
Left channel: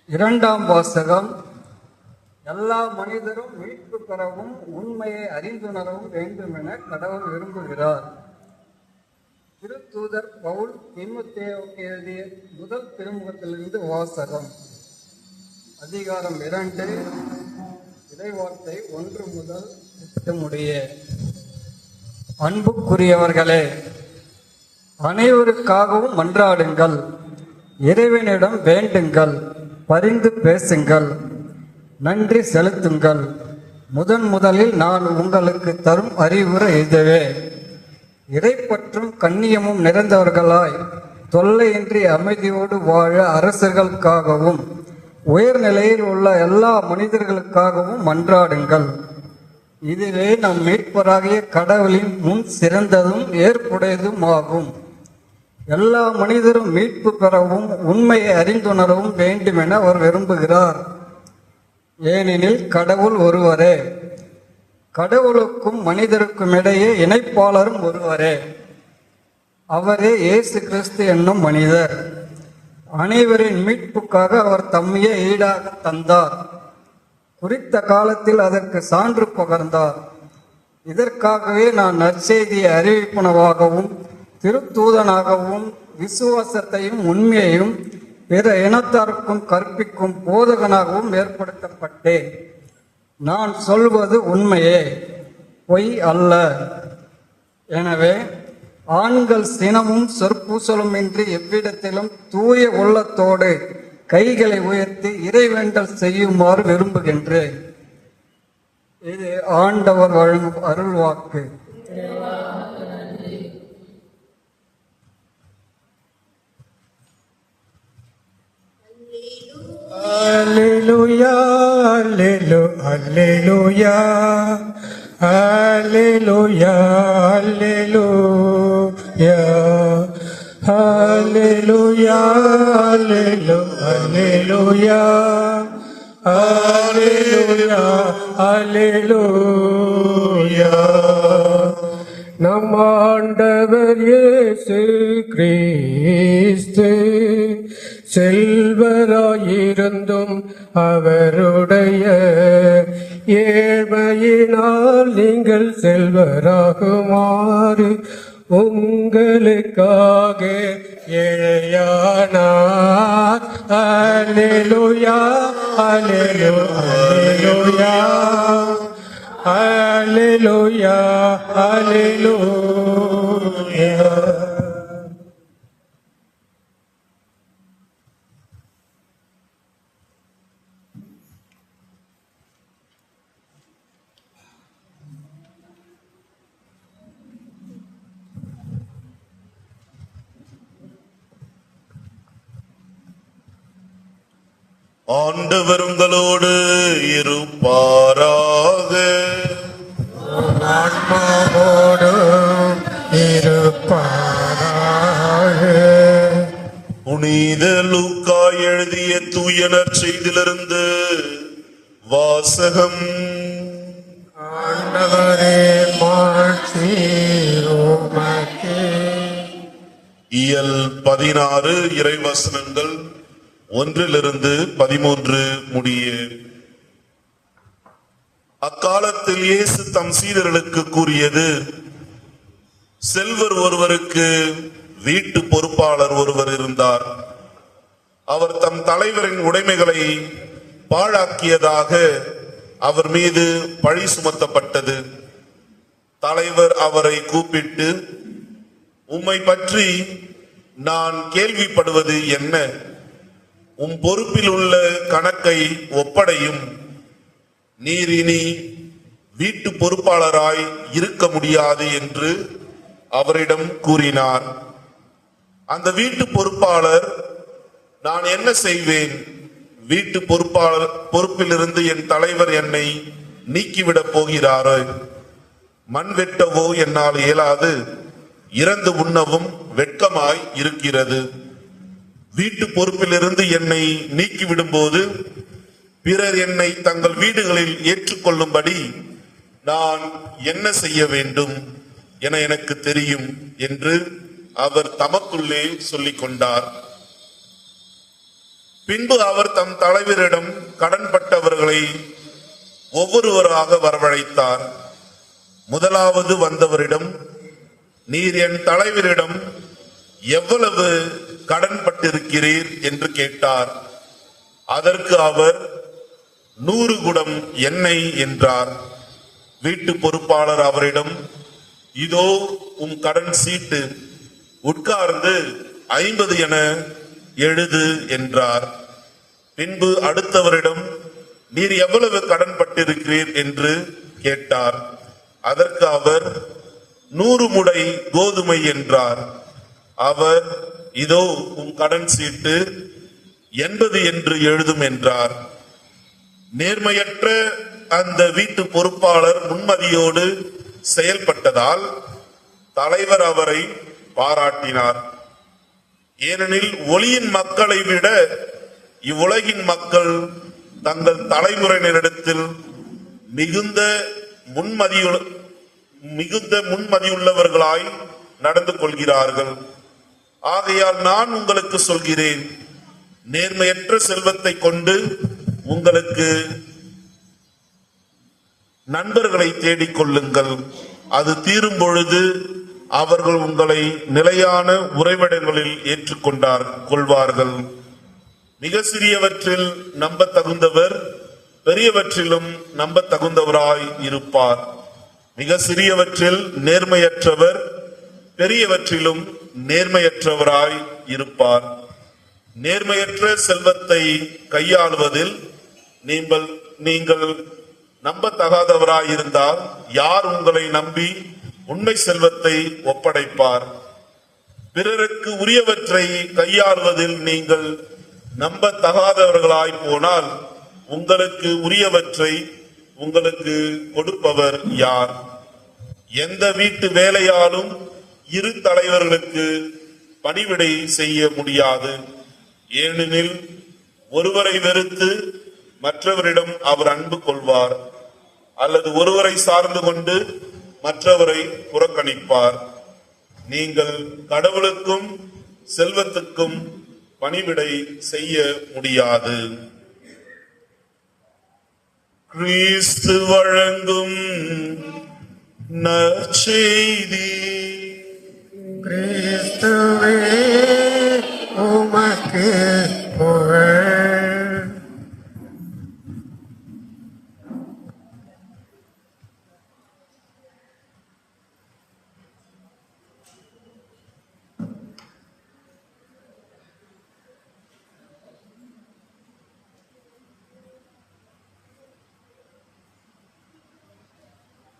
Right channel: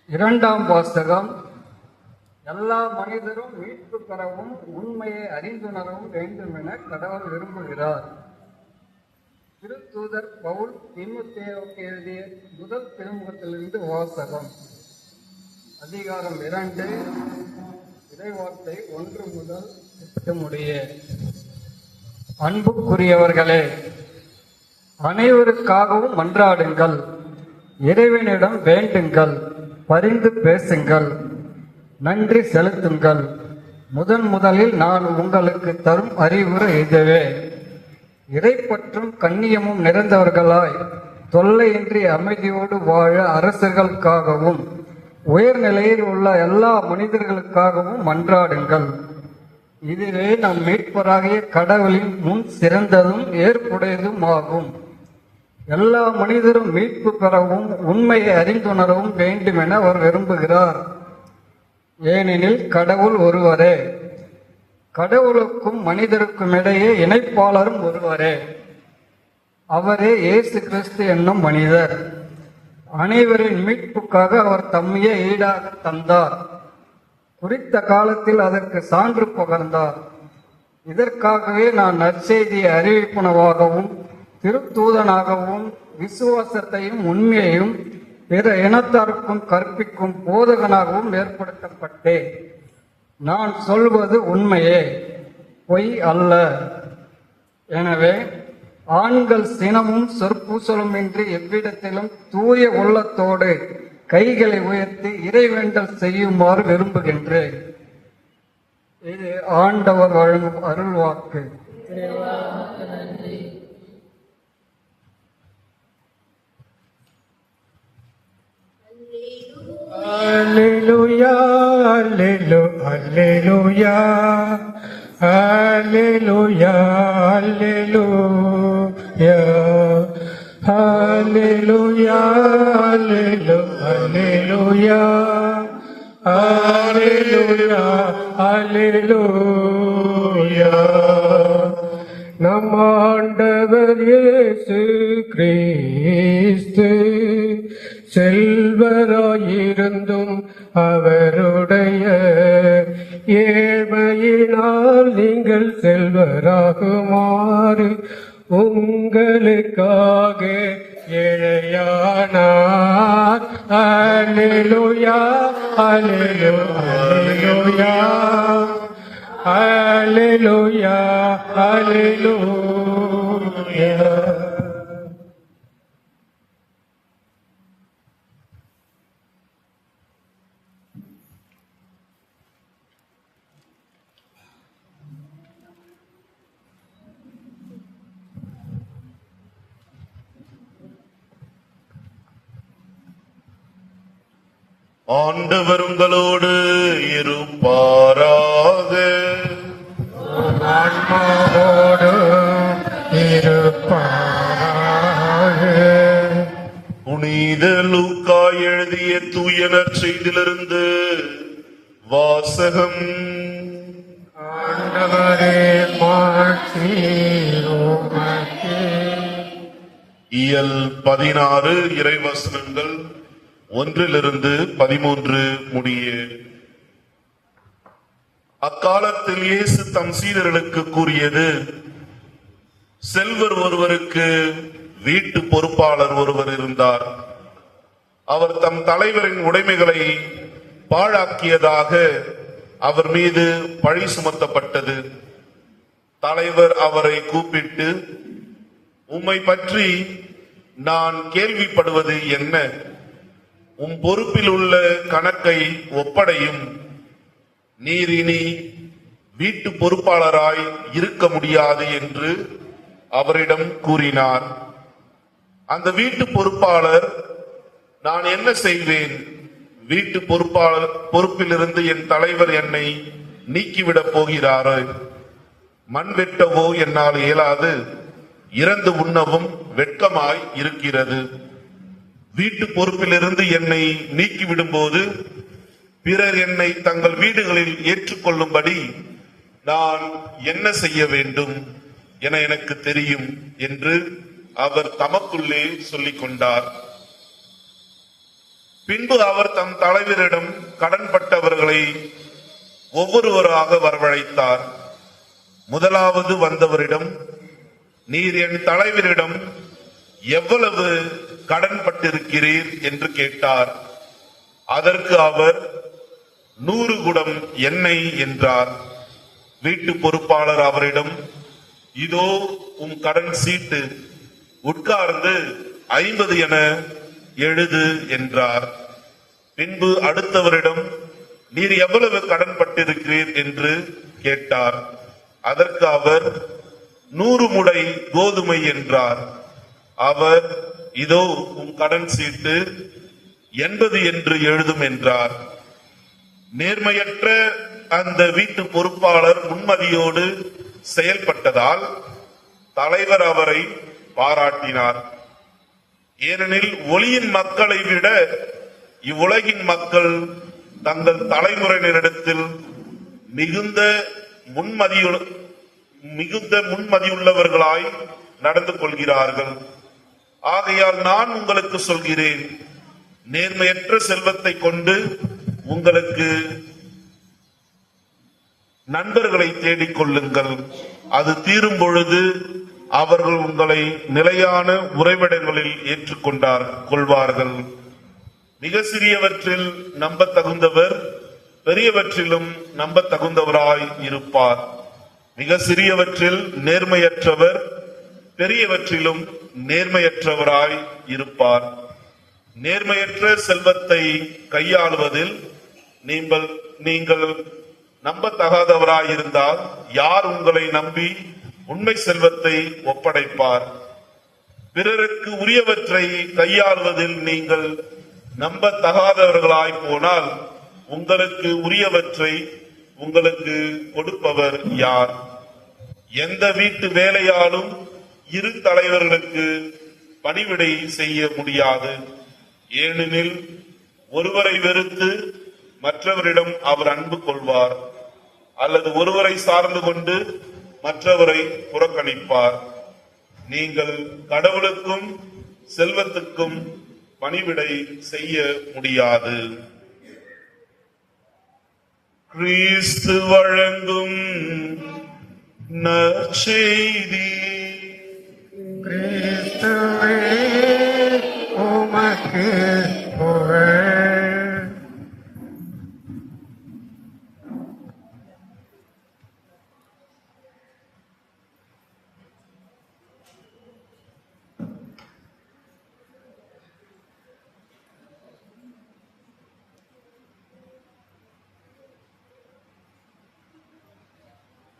இரண்டாம் வாசகம். எல்லா மனிதரும் மீட்பு பெறவும் உண்மையை அறிந்துணரவும் வேண்டும் என கடவுள் விரும்புகிறார். திருத்தூதர் பவுல் தீமோத்தேயுவுக்கு எழுதிய முதல் திருமுகத்திலிருந்து வாசகம். அதிகாரம் 2, இறைவார்த்தை 1 முதல் 8 முடிய. அன்புக்குரியவர்களே, அனைவருக்காகவும் மன்றாடுங்கள், இறைவனிடம் வேண்டுங்கள், பரிந்து பேசுங்கள், நன்றி செலுத்துங்கள். முதலில் நான் உங்களுக்கு தரும் அறிவுரை இதுவே: இறைப்பற்றும் கண்ணியமும் நிறைந்தவர்களாய் தொல்லையின்றி அமைதியோடு வாழ அரசர்களுக்காகவும் உயர்நிலையில் உள்ள எல்லா மனிதர்களுக்காகவும் மன்றாடுங்கள். இதுவே நம் மீட்பராகிய கடவுளின் முன் சிறந்ததும் ஏற்புடையதும் ஆகும். எல்லா மனிதரும் மீட்பு பெறவும் உண்மையை அறிந்துணரவும் வேண்டும் என அவர் விரும்புகிறார். ஏனெனில் கடவுள் ஒருவரே, கடவுளுக்கும் மனிதருக்கும் இடையே இணைப்பாளரும் ஒருவரே. அவரே இயேசு கிறிஸ்து என்னும் மனிதர். அனைவரின் மீட்புக்காக அவர் தம்மையே ஈடாக தந்தார். குறித்த காலத்தில் அதற்கு சான்று பகர்ந்தார். இதற்காகவே நான் நற்செய்தியை அறிவிப்பனவாகவும் திருத்தூதனாகவும் விசுவாசத்தையும் உண்மையையும் பிற இனத்தாருக்கும் கற்பிக்கும் போதகனாகவும் ஏற்படுத்தப்பட்டேன். நான் சொல்வது உண்மையே, பொய் அல்ல. எனவே ஆண்கள் சினமும் சொற்பூசலுமின்றி எவ்விடத்திலும் தூய உள்ளத்தோடு கைகளை உயர்த்தி இறைவேண்டல் செய்யுமாறு விரும்புகின்றேன். இது ஆண்டவர் வழங்கும் அருள்வாக்கு. Alleluia, alleluia, alleluia, alleluia, alleluia, alleluia, alleluia, alleluia. நம் ஆண்டவர் இயேசு கிறிஸ்து செல்வராயிருந்தும் அவருடைய ஏழ்மையினால் நீங்கள் செல்வராகுமாறு உங்களுக்காக ஏழையானார். அல்லேலூயா, அல்லேலூயா, அல்லேலூயா, அல்லேலூயா. ஆண்டவர் உங்களோடு இருப்பாராக. ஆன்மாவோடு இருப்பாராக. புனித லூக்கா எழுதிய தூய நற்செய்தியிலிருந்து வாசகம். ஆண்டவரே மாட்சி உமக்கே. இயல் 16 இறைவசனங்கள் 1-13 முடிய. அக்காலத்தில் இயேசு தம் சீடர்களுக்கு கூறியது, செல்வர் ஒருவருக்கு வீட்டு பொறுப்பாளர் ஒருவர் இருந்தார். அவர் தம் தலைவரின் உடைமைகளை பாழாக்கியதாக அவர் மீது பழி சுமத்தப்பட்டது. தலைவர் அவரை கூப்பிட்டு, உம்மை பற்றி நான் கேள்விப்படுவது என்ன? உம் பொறுப்பில் உள்ள கணக்கை ஒப்படையும். நீர் இனி வீட்டு பொறுப்பாளராய் இருக்க முடியாது என்று அவரிடம் கூறினார். அந்த வீட்டு பொறுப்பாளர், நான் என்ன செய்வேன்? வீட்டு பொறுப்பிலிருந்து என் தலைவர் என்னை நீக்கிவிடப் போகிறாரோ? மண் வெட்டவோ என்னால் இயலாது, இறந்து உண்ணவும் வெட்கமாய் இருக்கிறது. வீட்டு பொறுப்பிலிருந்து என்னை நீக்கிவிடும் போது பிறர் என்னை தங்கள் வீடுகளில் ஏற்றுக்கொள்ளும்படி நான் என்ன செய்ய வேண்டும் என எனக்கு தெரியும் என்று அவர் தமக்குள்ளே சொல்லிக் கொண்டார். பின்பு அவர் தம் தலைவரிடம் கடன்பட்டவர்களை ஒவ்வொருவராக வரவழைத்தார். முதலாவது வந்தவரிடம், நீர் என் தலைவரிடம் எவ்வளவு கடன்பட்டிருக்கிறீர் என்று கேட்டார். அதற்கு அவர் 100 குடம் எண்ணெய் என்றார். வீட்டு பொறுப்பாளர் அவரிடம், இதோ உம் கடன் சீட்டு, உட்கார்ந்து 50 என எழுது என்றார். பின்பு அடுத்தவரிடம், நீர் எவ்வளவு கடன்பட்டிருக்கிறீர் என்று கேட்டார். அதற்கு அவர் 100 முடை கோதுமை என்றார். அவர், இதோ உம் கடன் சீட்டு, 80 என்று எழுதும் என்றார். நேர்மையற்ற அந்த வீட்டு பொறுப்பாளர் முன்மதியோடு செயல்பட்டதால் தலைவர் அவரை பாராட்டினார். ஏனெனில் ஒளியின் மக்களை விட இவ்வுலகின் மக்கள் தங்கள் தலைமுறையினரிடத்தில் மிகுந்த முன்மதியுள்ளவர்களாய் நடந்து கொள்கிறார்கள். ஆகையால் நான் உங்களுக்கு சொல்கிறேன், நேர்மையற்ற செல்வத்தை கொண்டு உங்களுக்கு நண்பர்களை தேடிக் கொள்ளுங்கள். அது தீரும் பொழுது அவர்கள் உங்களை நிலையான உறைவிடங்களில் கொள்வார்கள். மிக சிறியவற்றில் நம்ப தகுந்தவர் பெரியவற்றிலும் நம்ப தகுந்தவராய் இருப்பார். மிக சிறியவற்றில் நேர்மையற்றவர் பெரியவற்றிலும் நேர்மையற்றவராய் இருப்பார். நேர்மையற்ற செல்வத்தை கையாளுவதில் நீங்கள் நம்பத்தகாதவராயிருந்தால் யார் உங்களை நம்பி உண்மை செல்வத்தை ஒப்படைப்பார்? பிறருக்கு உரியவற்றை கையாளுவதில் நீங்கள் நம்பத்தகாதவர்களாய் போனால் உங்களுக்கு உரியவற்றை உங்களுக்கு கொடுப்பவர் யார்? எந்த வீட்டு வேலையாலும் இரு தலைவர்களுக்கு பணிவிடை செய்ய முடியாது. ஏனெனில் ஒருவரை வெறுத்து மற்றவரிடம் அவர் அன்பு கொள்வார், அல்லது ஒருவரை சார்ந்து கொண்டு மற்றவரை புறக்கணிப்பார். நீங்கள் கடவுளுக்கும் செல்வத்துக்கும் பணிவிடை செய்ய முடியாது. கிறிஸ்து வழங்கும் நற்செய்தி. கிறிஸ்துவே உமக்கு புகழ்.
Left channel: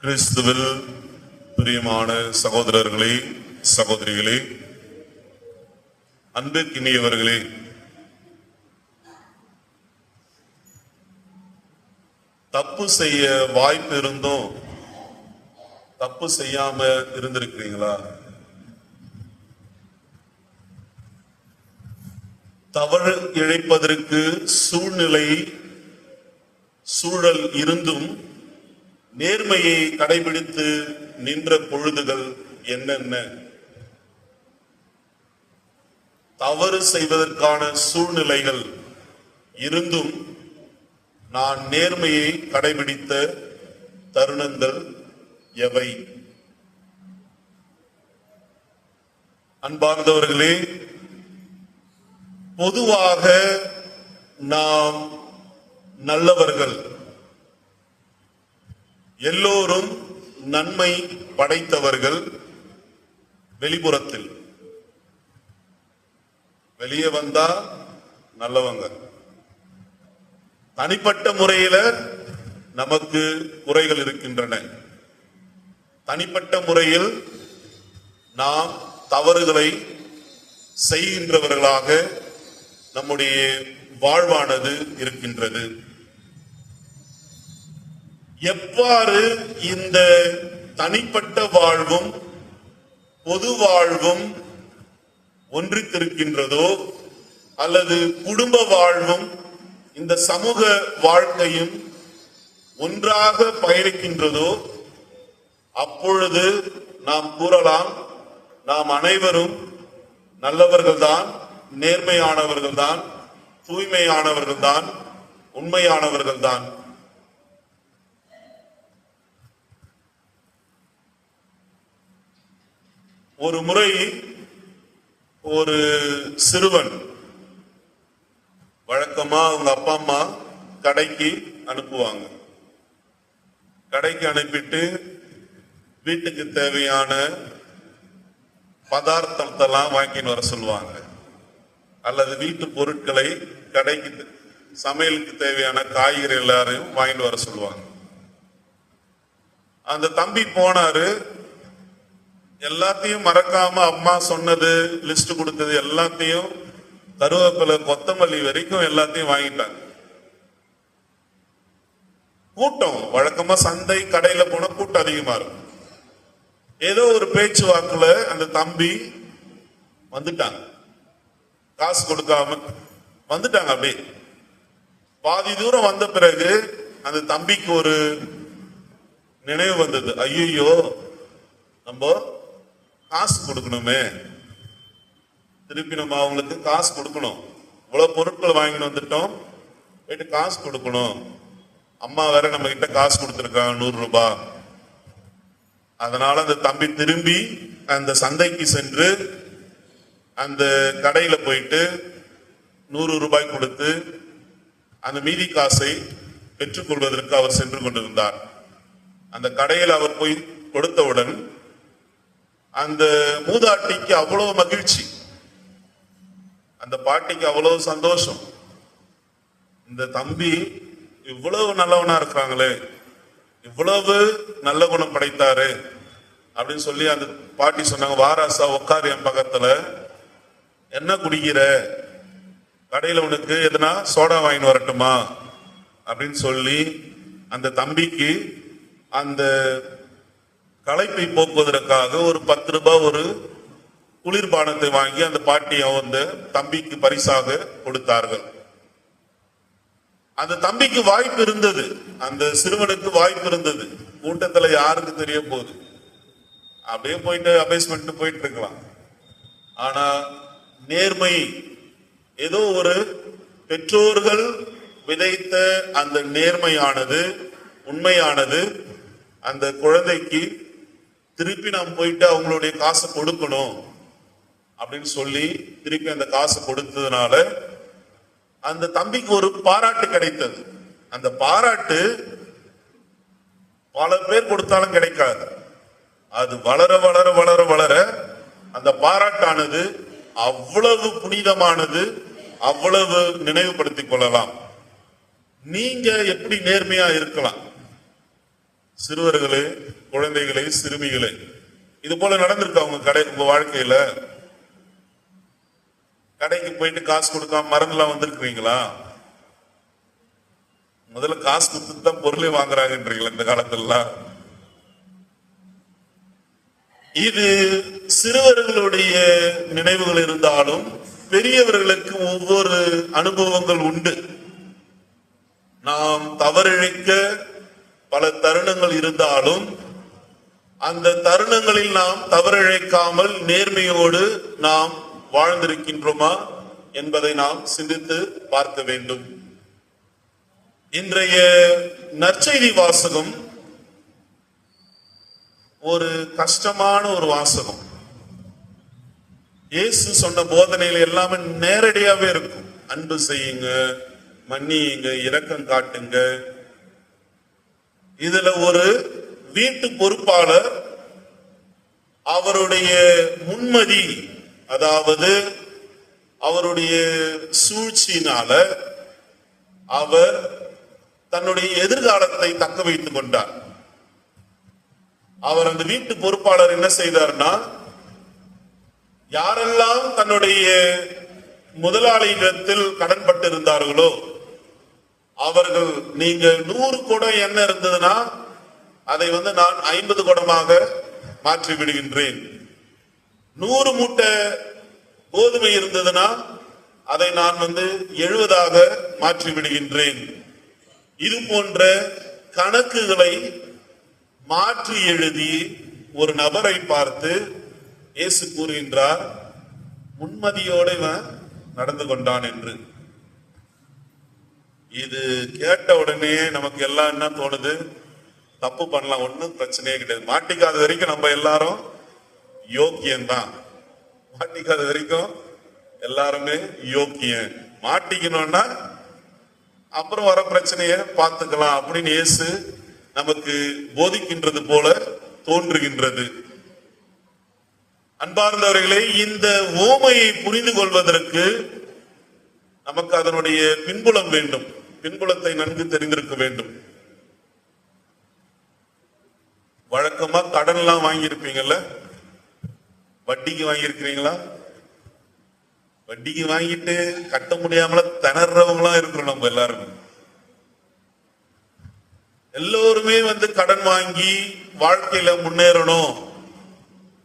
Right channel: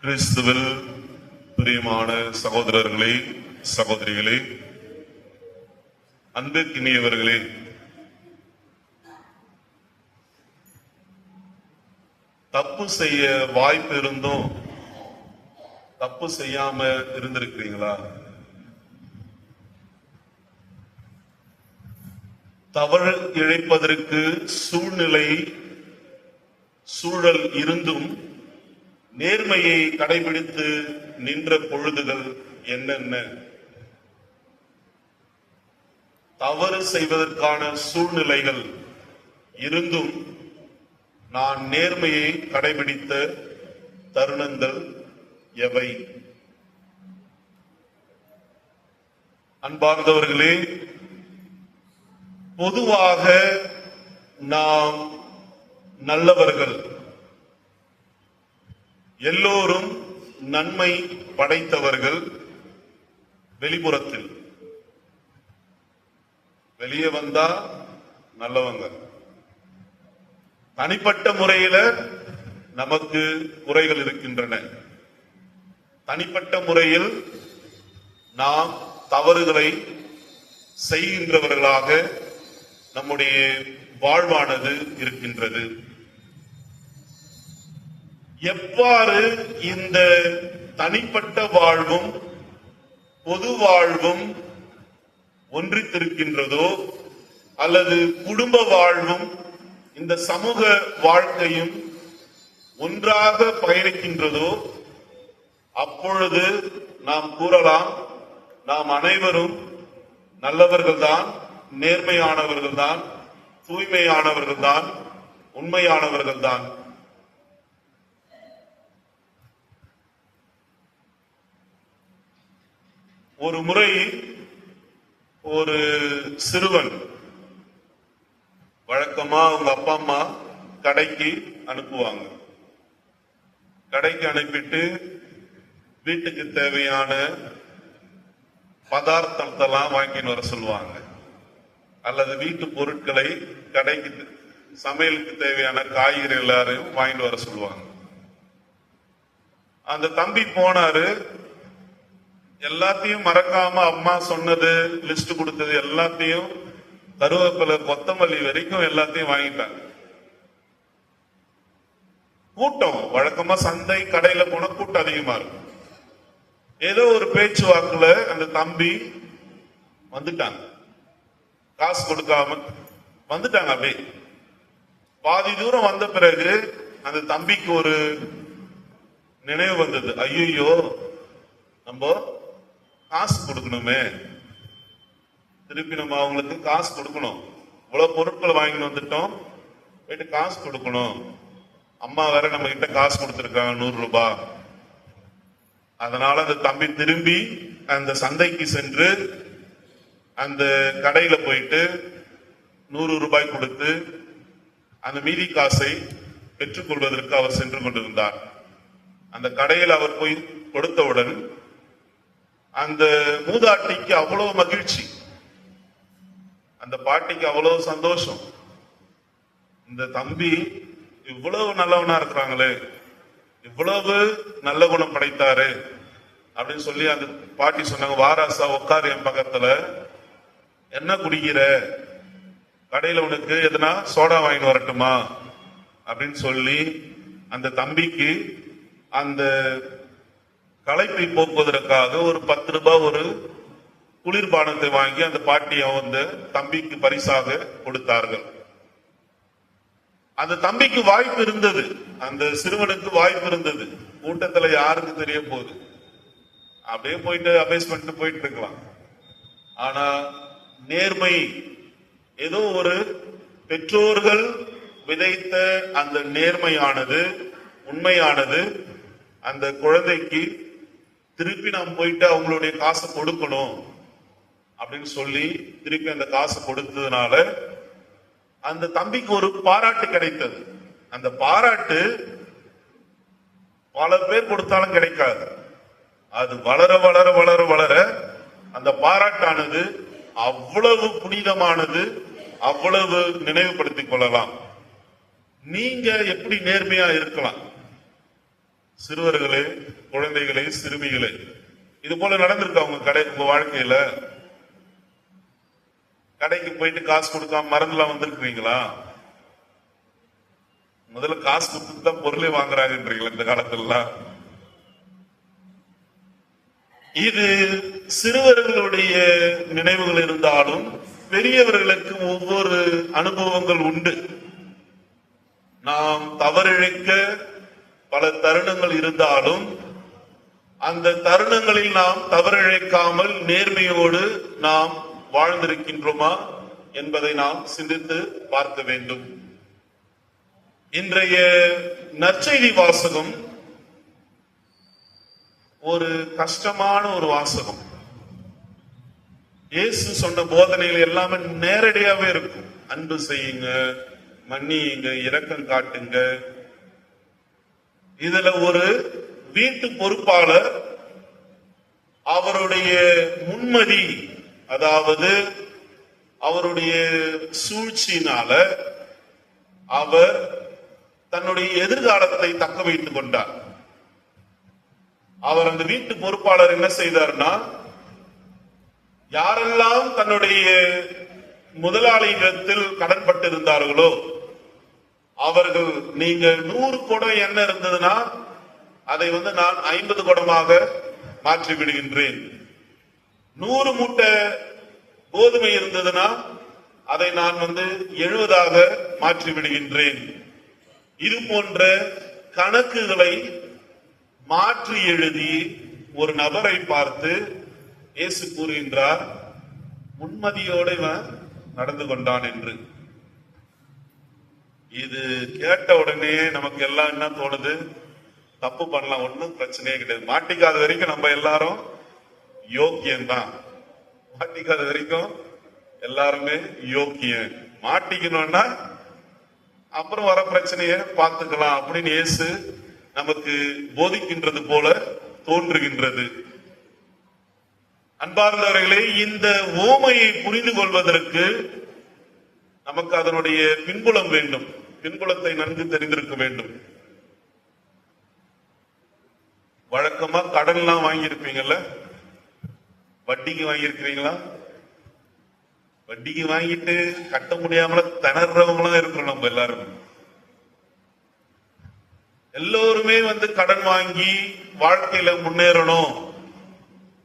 கிறிஸ்துவில் பிரியமான சகோதரர்களே, சகோதரிகளே, அன்புக்கினியவர்களே, தப்பு செய்ய வாய்ப்பு இருந்தும் தப்பு செய்யாம இருந்திருக்கிறீங்களா? தவறு இழைப்பதற்கு சூழல் இருந்தும் நேர்மையை கடைபிடித்து நின்ற பொழுதுகள் என்னென்ன? தவறு செய்வதற்கான சூழ்நிலைகள் இருந்தும் நான் நேர்மையை கடைபிடித்த தருணங்கள் எவை? அன்பார்ந்தவர்களே, பொதுவாக நாம் நல்லவர்கள், எல்லோரும் நன்மை படைத்தவர்கள். வெளிப்புறத்தில் வெளியே வந்தா நல்லவங்க. தனிப்பட்ட முறையில நமக்கு குறைகள் இருக்கின்றன. தனிப்பட்ட முறையில் நாம் தவறுகளை செய்கின்றவர்களாக நம்முடைய வாழ்வானது இருக்கின்றது. எவ்வாறு இந்த தனிப்பட்ட வாழ்வும் பொது வாழ்வும் ஒன்றித்திருக்கின்றதோ, அல்லது குடும்ப வாழ்வும் இந்த சமூக வாழ்க்கையும் ஒன்றாக பயணிக்கின்றதோ, அப்பொழுது நாம் கூறலாம், நாம் அனைவரும் நல்லவர்கள்தான், நேர்மையானவர்கள்தான், தூய்மையானவர்கள்தான், உண்மையானவர்கள்தான். ஒரு முறை ஒரு சிறுவன், வழக்கமா அவங்க அப்பா அம்மா கடைக்கு அனுப்புவாங்க. கடைக்கு அனுப்பிட்டு வீட்டுக்கு தேவையான பதார்த்தத்தெல்லாம் வாங்கின்னு வர சொல்லுவாங்க, அல்லது வீட்டு பொருட்களை கடைக்கு சமையலுக்கு தேவையான காய்கறி எல்லாரையும் வாங்கிட்டு வர சொல்லுவாங்க. அந்த தம்பி போனாரு. எல்லாத்தையும் மறக்காம அம்மா சொன்னது, லிஸ்ட் கொடுத்தது எல்லாத்தையும், கருவேப்பிலை கொத்தமல்லி வரைக்கும் எல்லாத்தையும் வாங்கிட்டாங்க. கூட்டம் வழக்கமா சந்தை கடையில போன கூட்டம் அதிகமா இருக்கும். ஏதோ ஒரு பேச்சுவாக்குல அந்த தம்பி வந்துட்டாங்க, காசு கொடுக்காம வந்துட்டாங்க. அப்படியே பாதி தூரம் வந்த பிறகு அந்த தம்பிக்கு ஒரு நினைவு வந்தது. ஐயோ, நம்ம காசு கொடுக்கணுமே, திருப்பி நம்ம அவங்களுக்கு காசு கொடுக்கணும். இவ்வளவு பொருட்கள் வாங்கிட்டு வந்துட்டோம், போயிட்டு காசு கொடுக்கணும். அம்மா வேற நம்ம கிட்ட காசு கொடுத்துருக்காங்க 100 ரூபாய். அதனால அந்த தம்பி திரும்பி அந்த சந்தைக்கு சென்று அந்த கடையில போயிட்டு 100 ரூபாய் கொடுத்து அந்த மீதி காசை பெற்றுக்கொள்வதற்கு அவர் சென்று கொண்டிருந்தார். அந்த கடையில் அவர் போய் கொடுத்தவுடன் அந்த மூதாட்டிக்கு அவ்வளவு மகிழ்ச்சி, அந்த பாட்டிக்கு அவ்வளவு சந்தோஷம். இந்த தம்பி இவ்வளவு நல்லவனா இருக்கிறாங்களே, இவ்வளவு நல்ல குணம் படைத்தாரு அப்படின்னு சொல்லி அந்த பாட்டி சொன்னாங்க, வாராசா உட்காரு என் பக்கத்துல, என்ன குடிக்கிற, கடையில உனக்கு எதுனா சோடா வாங்கிட்டு வரட்டுமா அப்படின்னு சொல்லி அந்த தம்பிக்கு அந்த களைப்பை போக்குவதற்காக ஒரு 10 ரூபாய் ஒரு குளிர்பானத்தை வாங்கி அந்த பாட்டியை வந்து தம்பிக்கு பரிசாக கொடுத்தார்கள். அந்த தம்பிக்கு வாய்ப்பு இருந்தது, அந்த சிறுவனுக்கு வாய்ப்பு இருந்தது. கூட்டத்துல யாருக்கு தெரிய போகுது, அப்படியே போயிட்டு அபேஸ்மெண்ட் போயிட்டு இருக்கலாம். ஆனா நேர்மை, ஏதோ ஒரு பெற்றோர்கள் விதைத்த அந்த நேர்மையானது, உண்மையானது அந்த குழந்தைக்கு திருப்பி நாம் போயிட்டு அவங்களுடைய காசை கொடுக்கணும் அப்படின்னு சொல்லி திருப்பி அந்த காசை கொடுத்ததுனால அந்த தம்பிக்கு ஒரு பாராட்டு கிடைத்தது. அந்த பாராட்டு பல பேர் கொடுத்தாலும் கிடைக்காது. அது வளர வளர வளர வளர அந்த பாராட்டானது அவ்வளவு புனிதமானது, அவ்வளவு நினைவுபடுத்திக் கொள்ளலாம். நீங்க எப்படி நேர்மையா இருக்கலாம்? சிறுவர்களே, குழந்தைகளே, சிறுமிகளே, இது போல நடந்திருக்கா உங்க வாழ்க்கையில? கடைக்கு போயிட்டு காசு கொடுக்காம மறந்துலாம் வந்திருக்கிறீங்களா? முதல்ல காசு கொடுத்து தான் பொருளை வாங்குறாங்கன்றீங்களா இந்த காலத்துல? இது சிறுவர்களுடைய நினைவுகள் இருந்தாலும் பெரியவர்களுக்கு ஒவ்வொரு அனுபவங்கள் உண்டு. நாம் தவறிழைக்க பல தருணங்கள் இருந்தாலும் அந்த தருணங்களில் நாம் தவறிழைக்காமல் நேர்மையோடு நாம் வாழ்ந்திருக்கின்றோமா என்பதை நாம் சிந்தித்து பார்க்க வேண்டும். இன்றைய நற்செய்தி வாசகம் ஒரு கஷ்டமான ஒரு வாசகம். இயேசு சொன்ன போதனைகள் எல்லாமே நேரடியாவே இருக்கும். அன்பு செய்யுங்க, மன்னியுங்க, இரக்கம் காட்டுங்க. இதுல ஒரு வீட்டு பொறுப்பாளர் அவருடைய முன்மதி, அதாவது அவருடைய சூழ்ச்சியினால அவர் தன்னுடைய எதிர்காலத்தை தக்க வைத்துக் கொண்டார். அவர் அந்த வீட்டு பொறுப்பாளர் என்ன செய்தார்னா, யாரெல்லாம் தன்னுடைய முதலாளியிடத்தில் கடன்பட்டிருந்தார்களோ அவர்கள், நீங்க 100 குடம் எண்ணெய் இருந்ததுன்னா அதை நான் 50 குடமாக மாற்றி விடுகின்றேன். 100 மூட்டை கோதுமை இருந்ததுன்னா அதை நான் 70ஆக மாற்றி விடுகின்றேன். இது போன்ற கணக்குகளை மாற்றி எழுதி ஒரு நபரை பார்த்து இயேசு கூறுகின்றார், முன்மதியோடு நடந்து கொண்டான் என்று. இது கேட்ட உடனே நமக்கு எல்லாம் என்ன தோணுது? தப்பு பண்ணலாம், ஒன்னும் பிரச்சனையே கிடையாது. மாட்டிக்காத வரைக்கும் நம்ம எல்லாரும் யோக்கியம்தான். மாட்டிக்காத வரைக்கும் எல்லாருமே யோக்கியம். மாட்டிக்கணும்னா அப்புறம் வர பிரச்சனைய பார்த்துக்கலாம் அப்படின்னு இயேசு நமக்கு போதிக்கின்றது போல தோன்றுகின்றது. அன்பார்ந்தவர்களே, இந்த ஓமையை புரிந்து கொள்வதற்கு நமக்கு அதனுடைய பின்புலம் வேண்டும். பின்புலத்தை நன்கு தெரிந்திருக்க வேண்டும். வழக்கமா கடன் எல்லாம் வாங்கியிருப்பீங்கல்ல, வட்டிக்கு வாங்கியிருக்கிறீங்களா? வட்டிக்கு வாங்கிட்டு கட்ட முடியாமல திணறவங்களாம் இருக்கிறோம். நம்ம எல்லாருமே எல்லோருமே கடன் வாங்கி வாழ்க்கையில முன்னேறணும்.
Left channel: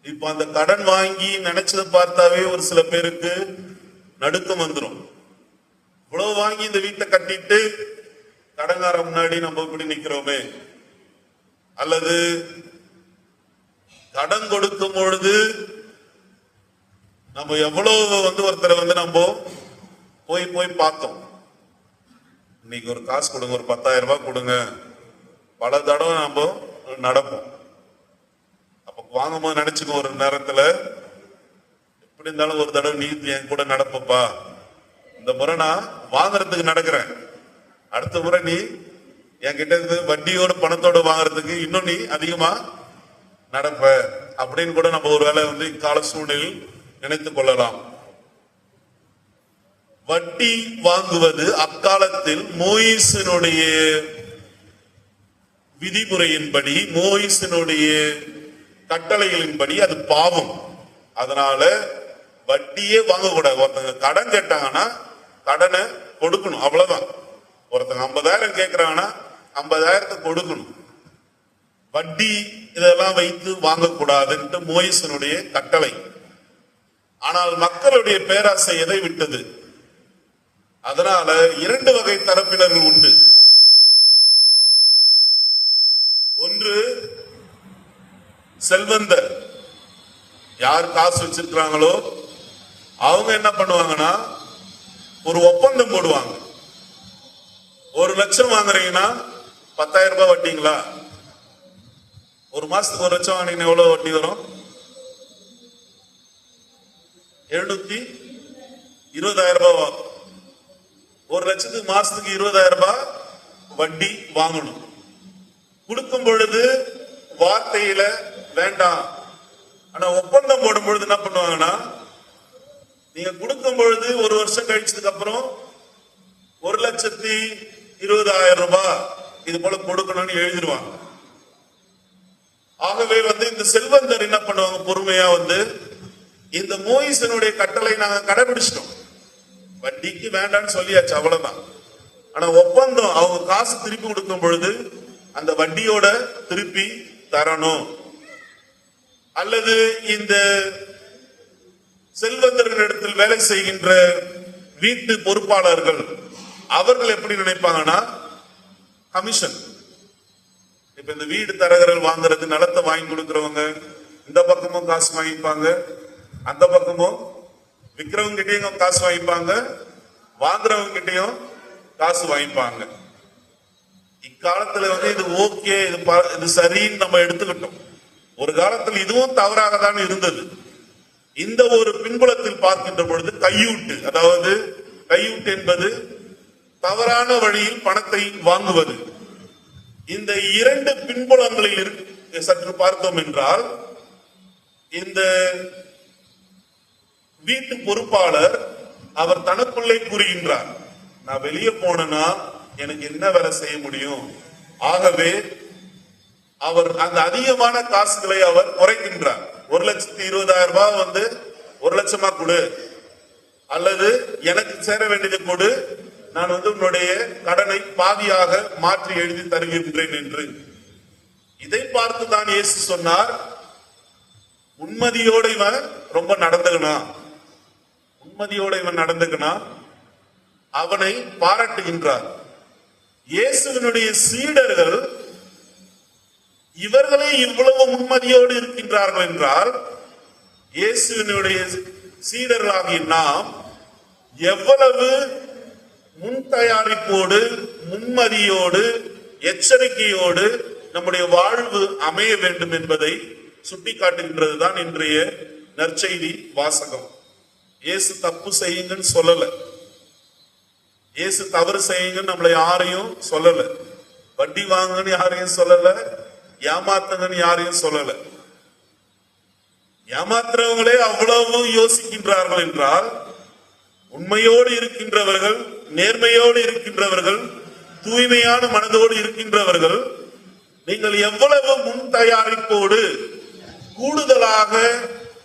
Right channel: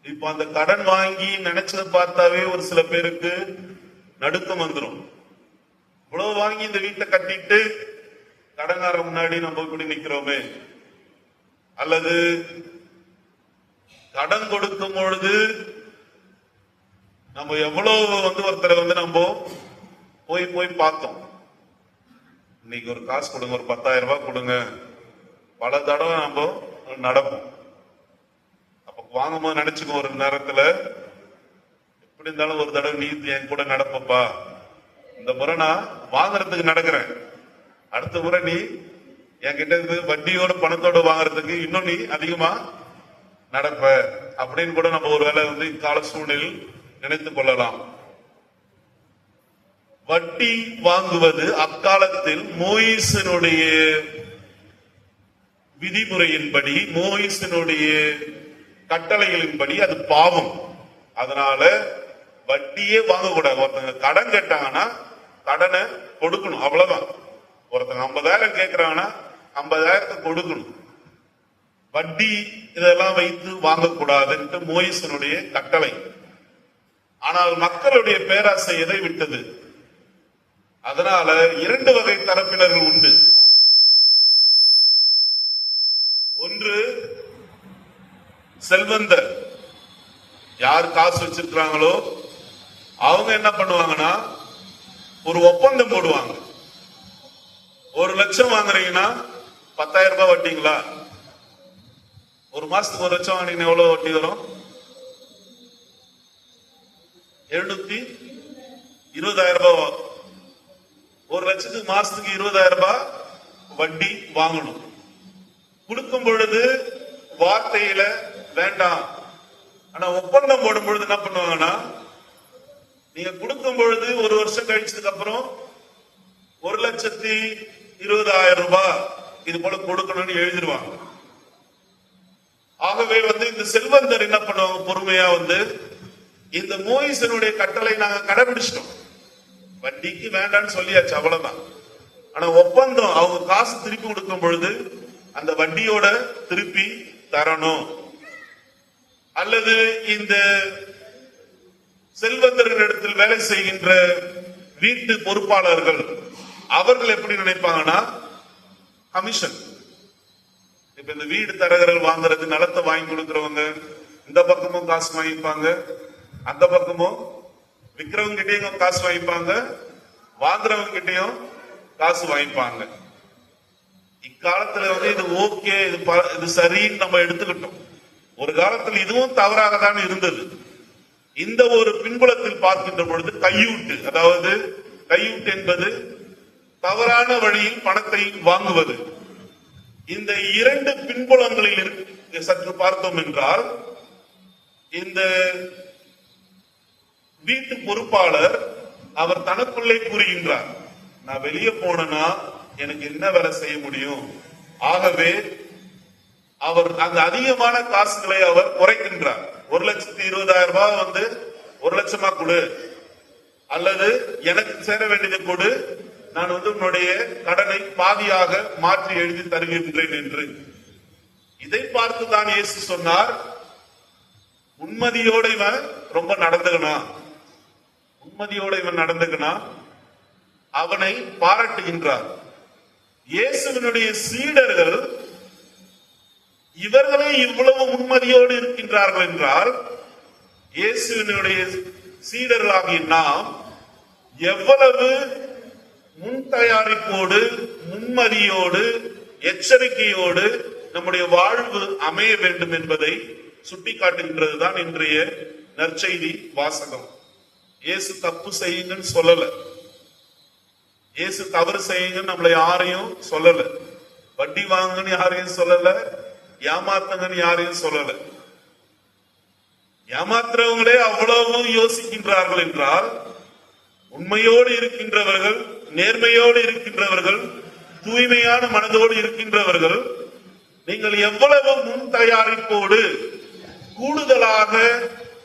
இப்ப அந்த கடன் வாங்கி நினைச்சதை பார்த்தாவே ஒரு சில பேருக்கு நடுக்கம் வந்துடும். இவ்வளவு வாங்கி இந்த வீட்டை கட்டிட்டு கடன்கார முன்னாடி நம்ம இப்படி நிக்கிறோமே, அல்லது கடன் கொடுக்கும் பொழுது நம்ம எவ்வளவு ஒருத்தரை நம்ம போய் போய் பார்த்தோம். இன்னைக்கு ஒரு காசு கொடுங்க, ஒரு 10,000 ரூபாய் கொடுங்க, பல தடவை நம்ம நடப்போம். அப்ப வாங்கும்போது நினைச்சுக்கோ, ஒரு நேரத்துல எப்படி இருந்தாலும் ஒரு தடவை நீ என் கூட நடப்பப்பா, இந்த முறை நான் வாங்குறதுக்கு நடக்கிறேன், அடுத்த முறை நீ என்கிட்ட இருந்து வட்டியோட பணத்தோட வாங்குறதுக்கு இன்னும் நீ அதிகமா நடப்ப அப்படின்னு கூட நம்ம ஒருவேளை இக்கால சூழ்நிலையில் நினைத்துக் கொள்ளலாம். வட்டி வாங்குவது அக்காலத்தில் மோயிசனுடைய விதிமுறையின்படி, மோயிசனுடைய கட்டளைகளின்படி அது பாவம். அதனால வட்டியே வாங்கக்கூடாது. ஒருத்தங்க கடன் கேட்டாங்கன்னா கடனை கொடுக்கணும், அவ்வளவுதான். ஒருத்தங்க 50,000 கேட்கிறாங்கன்னா 50,000 கொடுக்கணும். வட்டி இதெல்லாம் வைத்து வாங்கக்கூடாதுன்ட்டு மோயிசனுடைய கட்டளை. ஆனால் மக்களுடைய பேராசை எதை விட்டது? அதனால 2 வகை தரப்பினர்கள் உண்டு. ஒன்று செல்வந்தர், யார் காசு வச்சிருக்கிறாங்களோ அவங்க என்ன பண்ணுவாங்கன்னா ஒரு ஒப்பந்தம் போடுவாங்க. 1 லட்சம் வாங்குறீங்கன்னா 10,000 ரூபாய் வட்டிங்களா? ஒரு மாசத்துக்கு 1 லட்சம் வாங்கினீங்கன்னா எவ்வளவு வட்டி வரும்? 720,000 ரூபாய். 1 லட்சத்துக்கு மாசத்துக்கு 20,000 ரூபாய் வட்டி வாங்கணும். கொடுக்கும் பொழுது வார்த்தையில வேண்டாம், ஆனா ஒப்பந்தம் போடும் பொழுது என்ன பண்ணுவாங்கன்னா, நீங்க கொடுக்கும் பொழுது 1 வருஷம் கழிச்சதுக்கு அப்புறம் 1,20,000 ரூபாய் இது போல கொடுக்கணும்னு எழுதிடுவாங்க. ஆகவே இந்த செல்வந்தர் என்ன பண்ணுவாங்க, பொறுமையா இந்த மோயிசனுடைய கட்டளை நாங்க கடைபிடிச்சிட்டோம், வட்டிக்கு வேண்டாம்னு சொல்லியாச்சு, அவ்வளவுதான். ஆனா ஒப்பந்தம் அவங்க காசு திருப்பி கொடுக்கும் பொழுது அந்த வட்டியோட திருப்பி தரணும். அல்லது இந்த செல்வந்தர்களிடத்தில் வேலை செய்கின்ற வீட்டு பொறுப்பாளர்கள் அவர்கள் எப்படி நினைப்பாங்கன்னா கமிஷன். இப்ப இந்த வீடு தரகர்கள் வாங்குறது, நிலத்தை வாங்கி கொடுக்கிறவங்க இந்த பக்கமும் காசு வாங்கிப்பாங்க, அந்த பக்கமும் விற்கிறவங்க கிட்டையும் காசு வாங்கிப்பாங்க, வாங்குறவங்க கிட்டையும் காசு வாங்கிப்பாங்க. இக்காலத்துல இது ஓகே, இது சரின்னு நம்ம எடுத்துக்கிட்டோம். ஒரு காலத்தில் இதுவும் தவறாக தான் இருந்தது. இந்த ஒரு பின்புலத்தில் பார்க்கின்ற பொழுது கையூட்டு, அதாவது கையூட்டு என்பது தவறான வழியில் பணத்தை வாங்குவது. இந்த 2 பின்புலங்களில் சற்று பார்த்தோம் என்றால், இந்த வீட்டு பொறுப்பாளர் அவர் தனக்குள்ளே கூறுகின்றார், நான் வெளியே போனா எனக்கு என்ன வேலை செய்ய முடியும்? ஆகவே அவர் அந்த அதிகமான காசுகளை அவர் குறைக்கின்றார். 1,20,000 ரூபாய் 1 லட்சமா கொடு, அல்லது எனக்கு சேர வேண்டியதை கொடு, நான் உன்னுடைய கடனை பாதியாக மாற்றி எழுதி தருகின்றேன் என்று. இதை பார்த்து தான் இயேசு சொன்னார், உண்மதியோட இவன் ரொம்ப நடந்துக்கணும், உண்மதியோட இவன் நடந்துக்கணும், அவனை பாராட்டுகின்றார். இயேசுவினுடைய சீடர்கள் இவர்களே இவ்வளவு முன்மதியோடு இருக்கின்றார்கள் என்றால், இயேசுவினுடைய சீடர்களாகிய நாம் எவ்வளவு முன் தயாரிப்போடு, முன்மதியோடு, எச்சரிக்கையோடு நம்முடைய வாழ்வு அமைய வேண்டும் என்பதை சுட்டிக்காட்டுகின்றதுதான் இன்றைய நற்செய்தி வாசகம். இயேசு தப்பு செய்யுங்கன்னு சொல்லல, இயேசு தவறு செய்யுங்கன்னு நம்மளை யாரையும் சொல்லல, வட்டி வாங்கன்னு யாரையும் சொல்லல, ஏமாத்துங்கன்னு யாரையும் சொல்லல. ஏமாத்துறவங்களே அவ்வளவு யோசிக்கின்றார்கள் என்றால், உண்மையோடு இருக்கின்றவர்கள், நேர்மையோடு இருக்கின்றவர்கள், தூய்மையான மனதோடு இருக்கின்றவர்கள், நீங்கள் எவ்வளவு முன் தயாரிப்போடு கூடுதலாக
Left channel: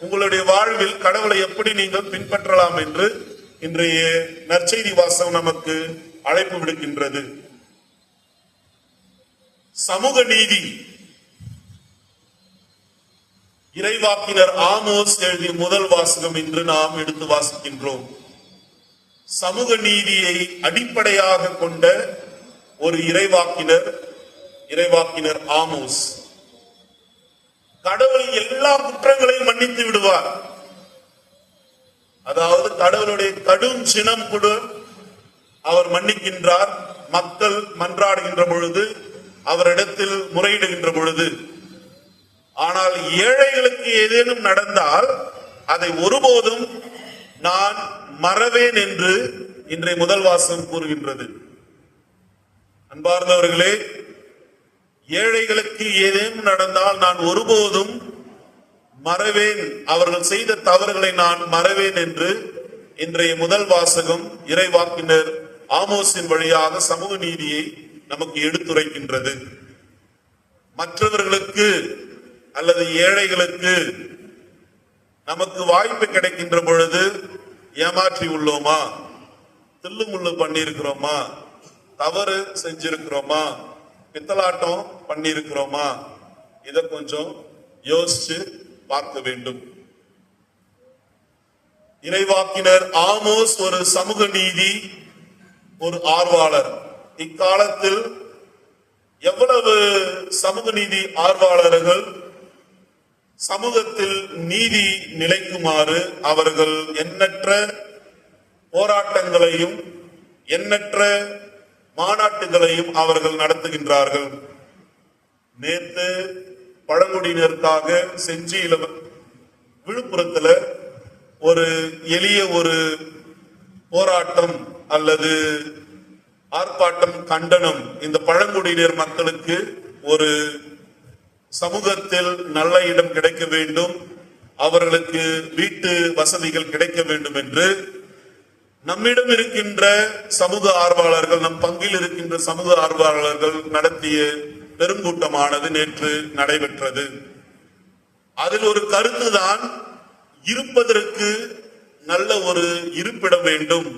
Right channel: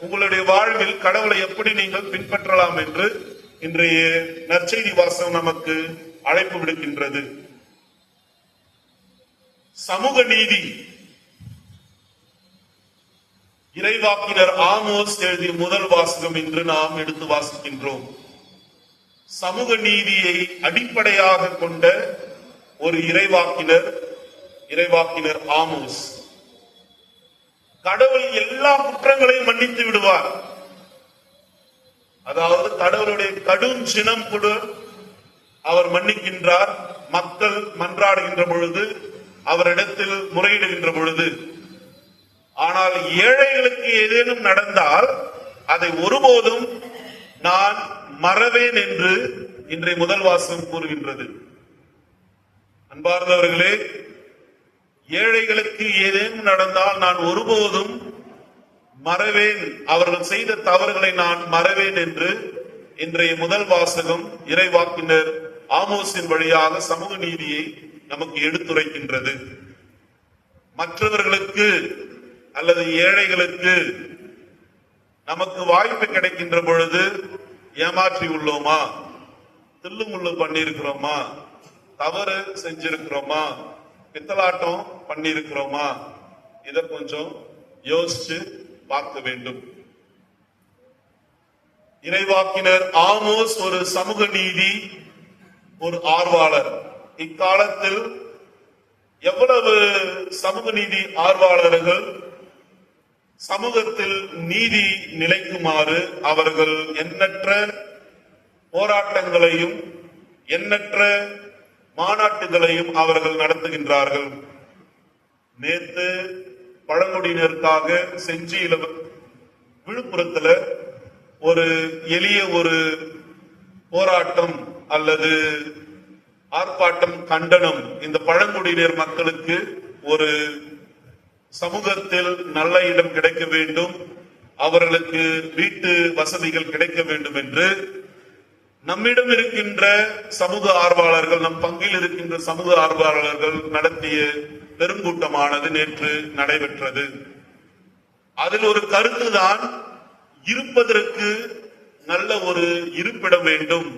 உங்களுடைய வாழ்வில் கடவுளை எப்படி நீங்கள் பின்பற்றலாம் என்று இன்றைய நற்செய்தி வாசகம் நமக்கு அழைப்பு விடுக்கின்றது. சமூக நீதி. இறைவாக்கினர் ஆமோஸ் எழுதிய முதல் வாசகம் இன்று நாம் எடுத்து வாசிக்கின்றோம். சமூக நீதியை அடிப்படையாக கொண்ட ஒரு இறைவாக்கினர் ஆமோஸ். கடவுள் எல்லா குற்றங்களையும் மன்னித்து விடுவார், அதாவது கடவுளுடைய கடும் சினம் கூட அவர் மன்னிக்கின்றார். மக்கள் மன்றாடுகின்ற பொழுது, அவரிடத்தில் முறையிடுகின்ற பொழுது. ஆனால் ஏழைகளுக்கு ஏதேனும் நடந்தால் அதை ஒருபோதும் நான் மறவேன் என்று இன்றைய முதல் வாசகம் கூறுகின்றது. அன்பார்ந்தவர்களே, ஏழைகளுக்கு ஏதேனும் நடந்தால் நான் ஒருபோதும் மறவேன், அவர்கள் செய்த தவறுகளை நான் மறவேன் என்று இன்றைய முதல் வாசகம் இறைவாக்கினர் ஆமோஸின் வழியாக சமூக நீதியை நமக்கு எடுத்துரைக்கின்றது. மற்றவர்களுக்கு அல்லது ஏழைகளுக்கு நமக்கு வாய்ப்பு கிடைக்கின்ற பொழுது ஏமாற்றி உள்ளோமா, தில்லுமுள்ளு பண்ணியிருக்கிறோமா, தவறு செஞ்சிருக்கிறோமா, பித்தலாட்டம் பண்ணியிருக்கிறோமா, இதை கொஞ்சம் யோசிச்சு பார்க்க வேண்டும். இறைவாக்கினர் ஆமோஸ் ஒரு சமூக நீதி, ஒரு ஆர்வலர். இக்காலத்தில் எவ்வளவு சமூக நீதி ஆர்வலர்கள் சமூகத்தில் நீதி நிலைக்குமாறு அவர்கள் எண்ணற்ற போராட்டங்களையும் எண்ணற்ற மாநாட்டுகளையும் அவர்கள் நடத்துகின்றார்கள். நேற்று பழங்குடியினருக்காக செஞ்சியில விழுப்புரத்துல ஒரு எளிய ஒரு போராட்டம் அல்லது ஆர்ப்பாட்டம், கண்டனம். இந்த பழங்குடியினர் மக்களுக்கு ஒரு சமூகத்தில் நல்ல இடம் கிடைக்க வேண்டும், அவர்களுக்கு வீட்டு வசதிகள் கிடைக்க வேண்டும் என்று நம்மிடம் இருக்கின்ற சமூக ஆர்வலர்கள், நம் பங்கில் இருக்கின்ற சமூக ஆர்வலர்கள் நடத்திய பெருங்கூட்டமானது நேற்று நடைபெற்றது. அதில் ஒரு கருத்துதான், இருப்பதற்கு நல்ல ஒரு இருப்பிடம் வேண்டும்,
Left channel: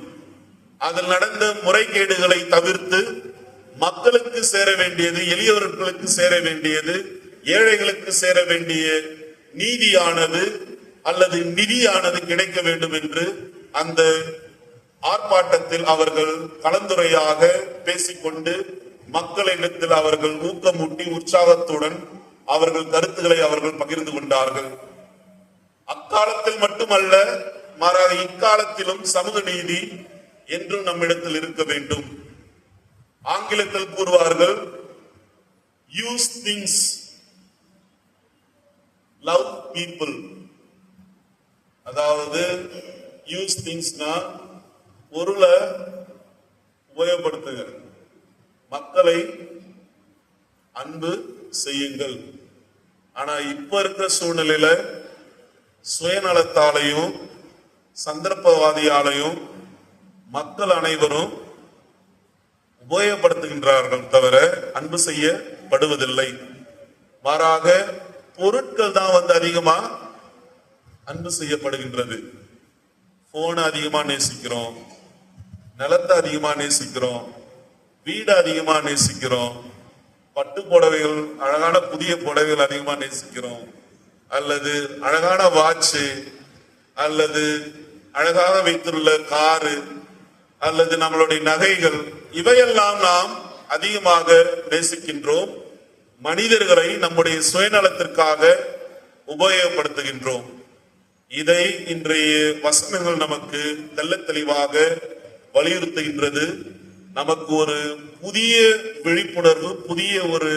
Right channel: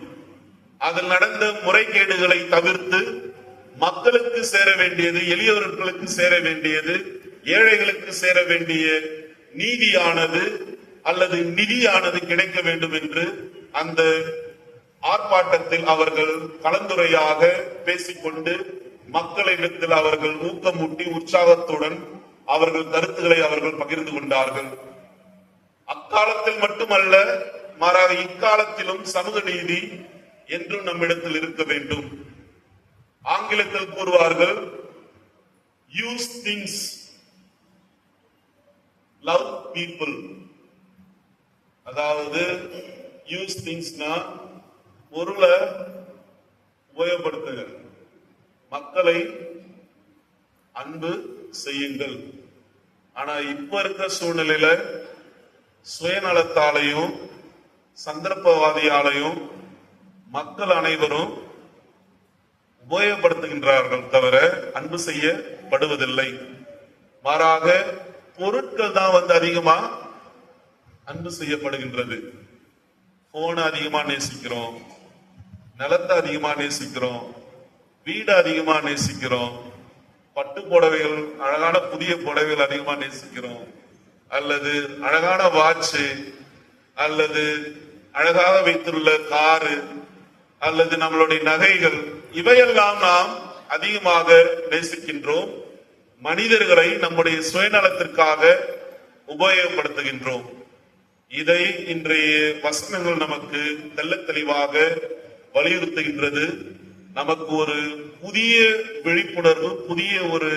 அதில் நடந்த முறைகேடுகளை தவிர்த்து மக்களுக்கு சேர வேண்டியது, எளியவர்களுக்கு சேர வேண்டியது, ஏழைகளுக்கு சேர வேண்டிய நீதியானது அல்லது நிதியானது கிடைக்க வேண்டும் என்று அந்த ஆர்ப்பாட்டத்தில் அவர்கள் கலந்துரையாக பேசிக்கொண்டு மக்களிடத்தில் அவர்கள் ஊக்கமூட்டி உற்சாகத்துடன் அவர்கள் கருத்துக்களை அவர்கள் பகிர்ந்து கொண்டார்கள். அக்காலத்தில் மட்டுமல்ல, மாறாக இக்காலத்திலும் சமூக நீதி என்றும் நம்மிடத்தில் இருக்க வேண்டும். ஆங்கிலத்தில் கூறுவார்கள், யூஸ் திங்ஸ், லவ் பீப்புள். அதாவது யூஸ் திங்ஸ்னா பொருளை உபயோகப்படுத்துங்க, மக்களை அன்பு செய்யுங்கள். ஆனா இப்ப இருக்கிற சூழ்நிலையில சுயநலத்தாலையும் சந்தர்ப்பவாதியாலையும் மக்கள் அனைவரும் உபயோகப்படுத்துகின்றார்கள் தவிர அன்பு செய்யப்படுவதில்லை. மாறாக பொருட்கள் தான் அதிகமா அன்பு செய்யப்படுகின்றது. போனை அதிகமா நேசிக்கிறோம், நிலத்தை அதிகமா நேசிக்கிறோம், வீடு அதிகமா நேசிக்கிறோம், பட்டு புடவைகள், அழகான புதிய புடவைகள் அதிகமா நேசிக்கிறோம், அல்லது அழகான வாட்சு, அல்லது அழகாக வைத்துள்ள காரு, அல்லது நம்மளுடைய நகைகள், இவையெல்லாம் நாம் அதிகமாக நேசிக்கின்றோம். மனிதர்களை நம்முடைய சுயநலத்திற்காக உபயோகப்படுத்துகின்றோம். இதை இன்றைய வசனங்கள் நமக்கு தெள்ளத் தெளிவாக வலியுறுத்துகின்றது. நமக்கு ஒரு புதிய விழிப்புணர்வு, புதிய ஒரு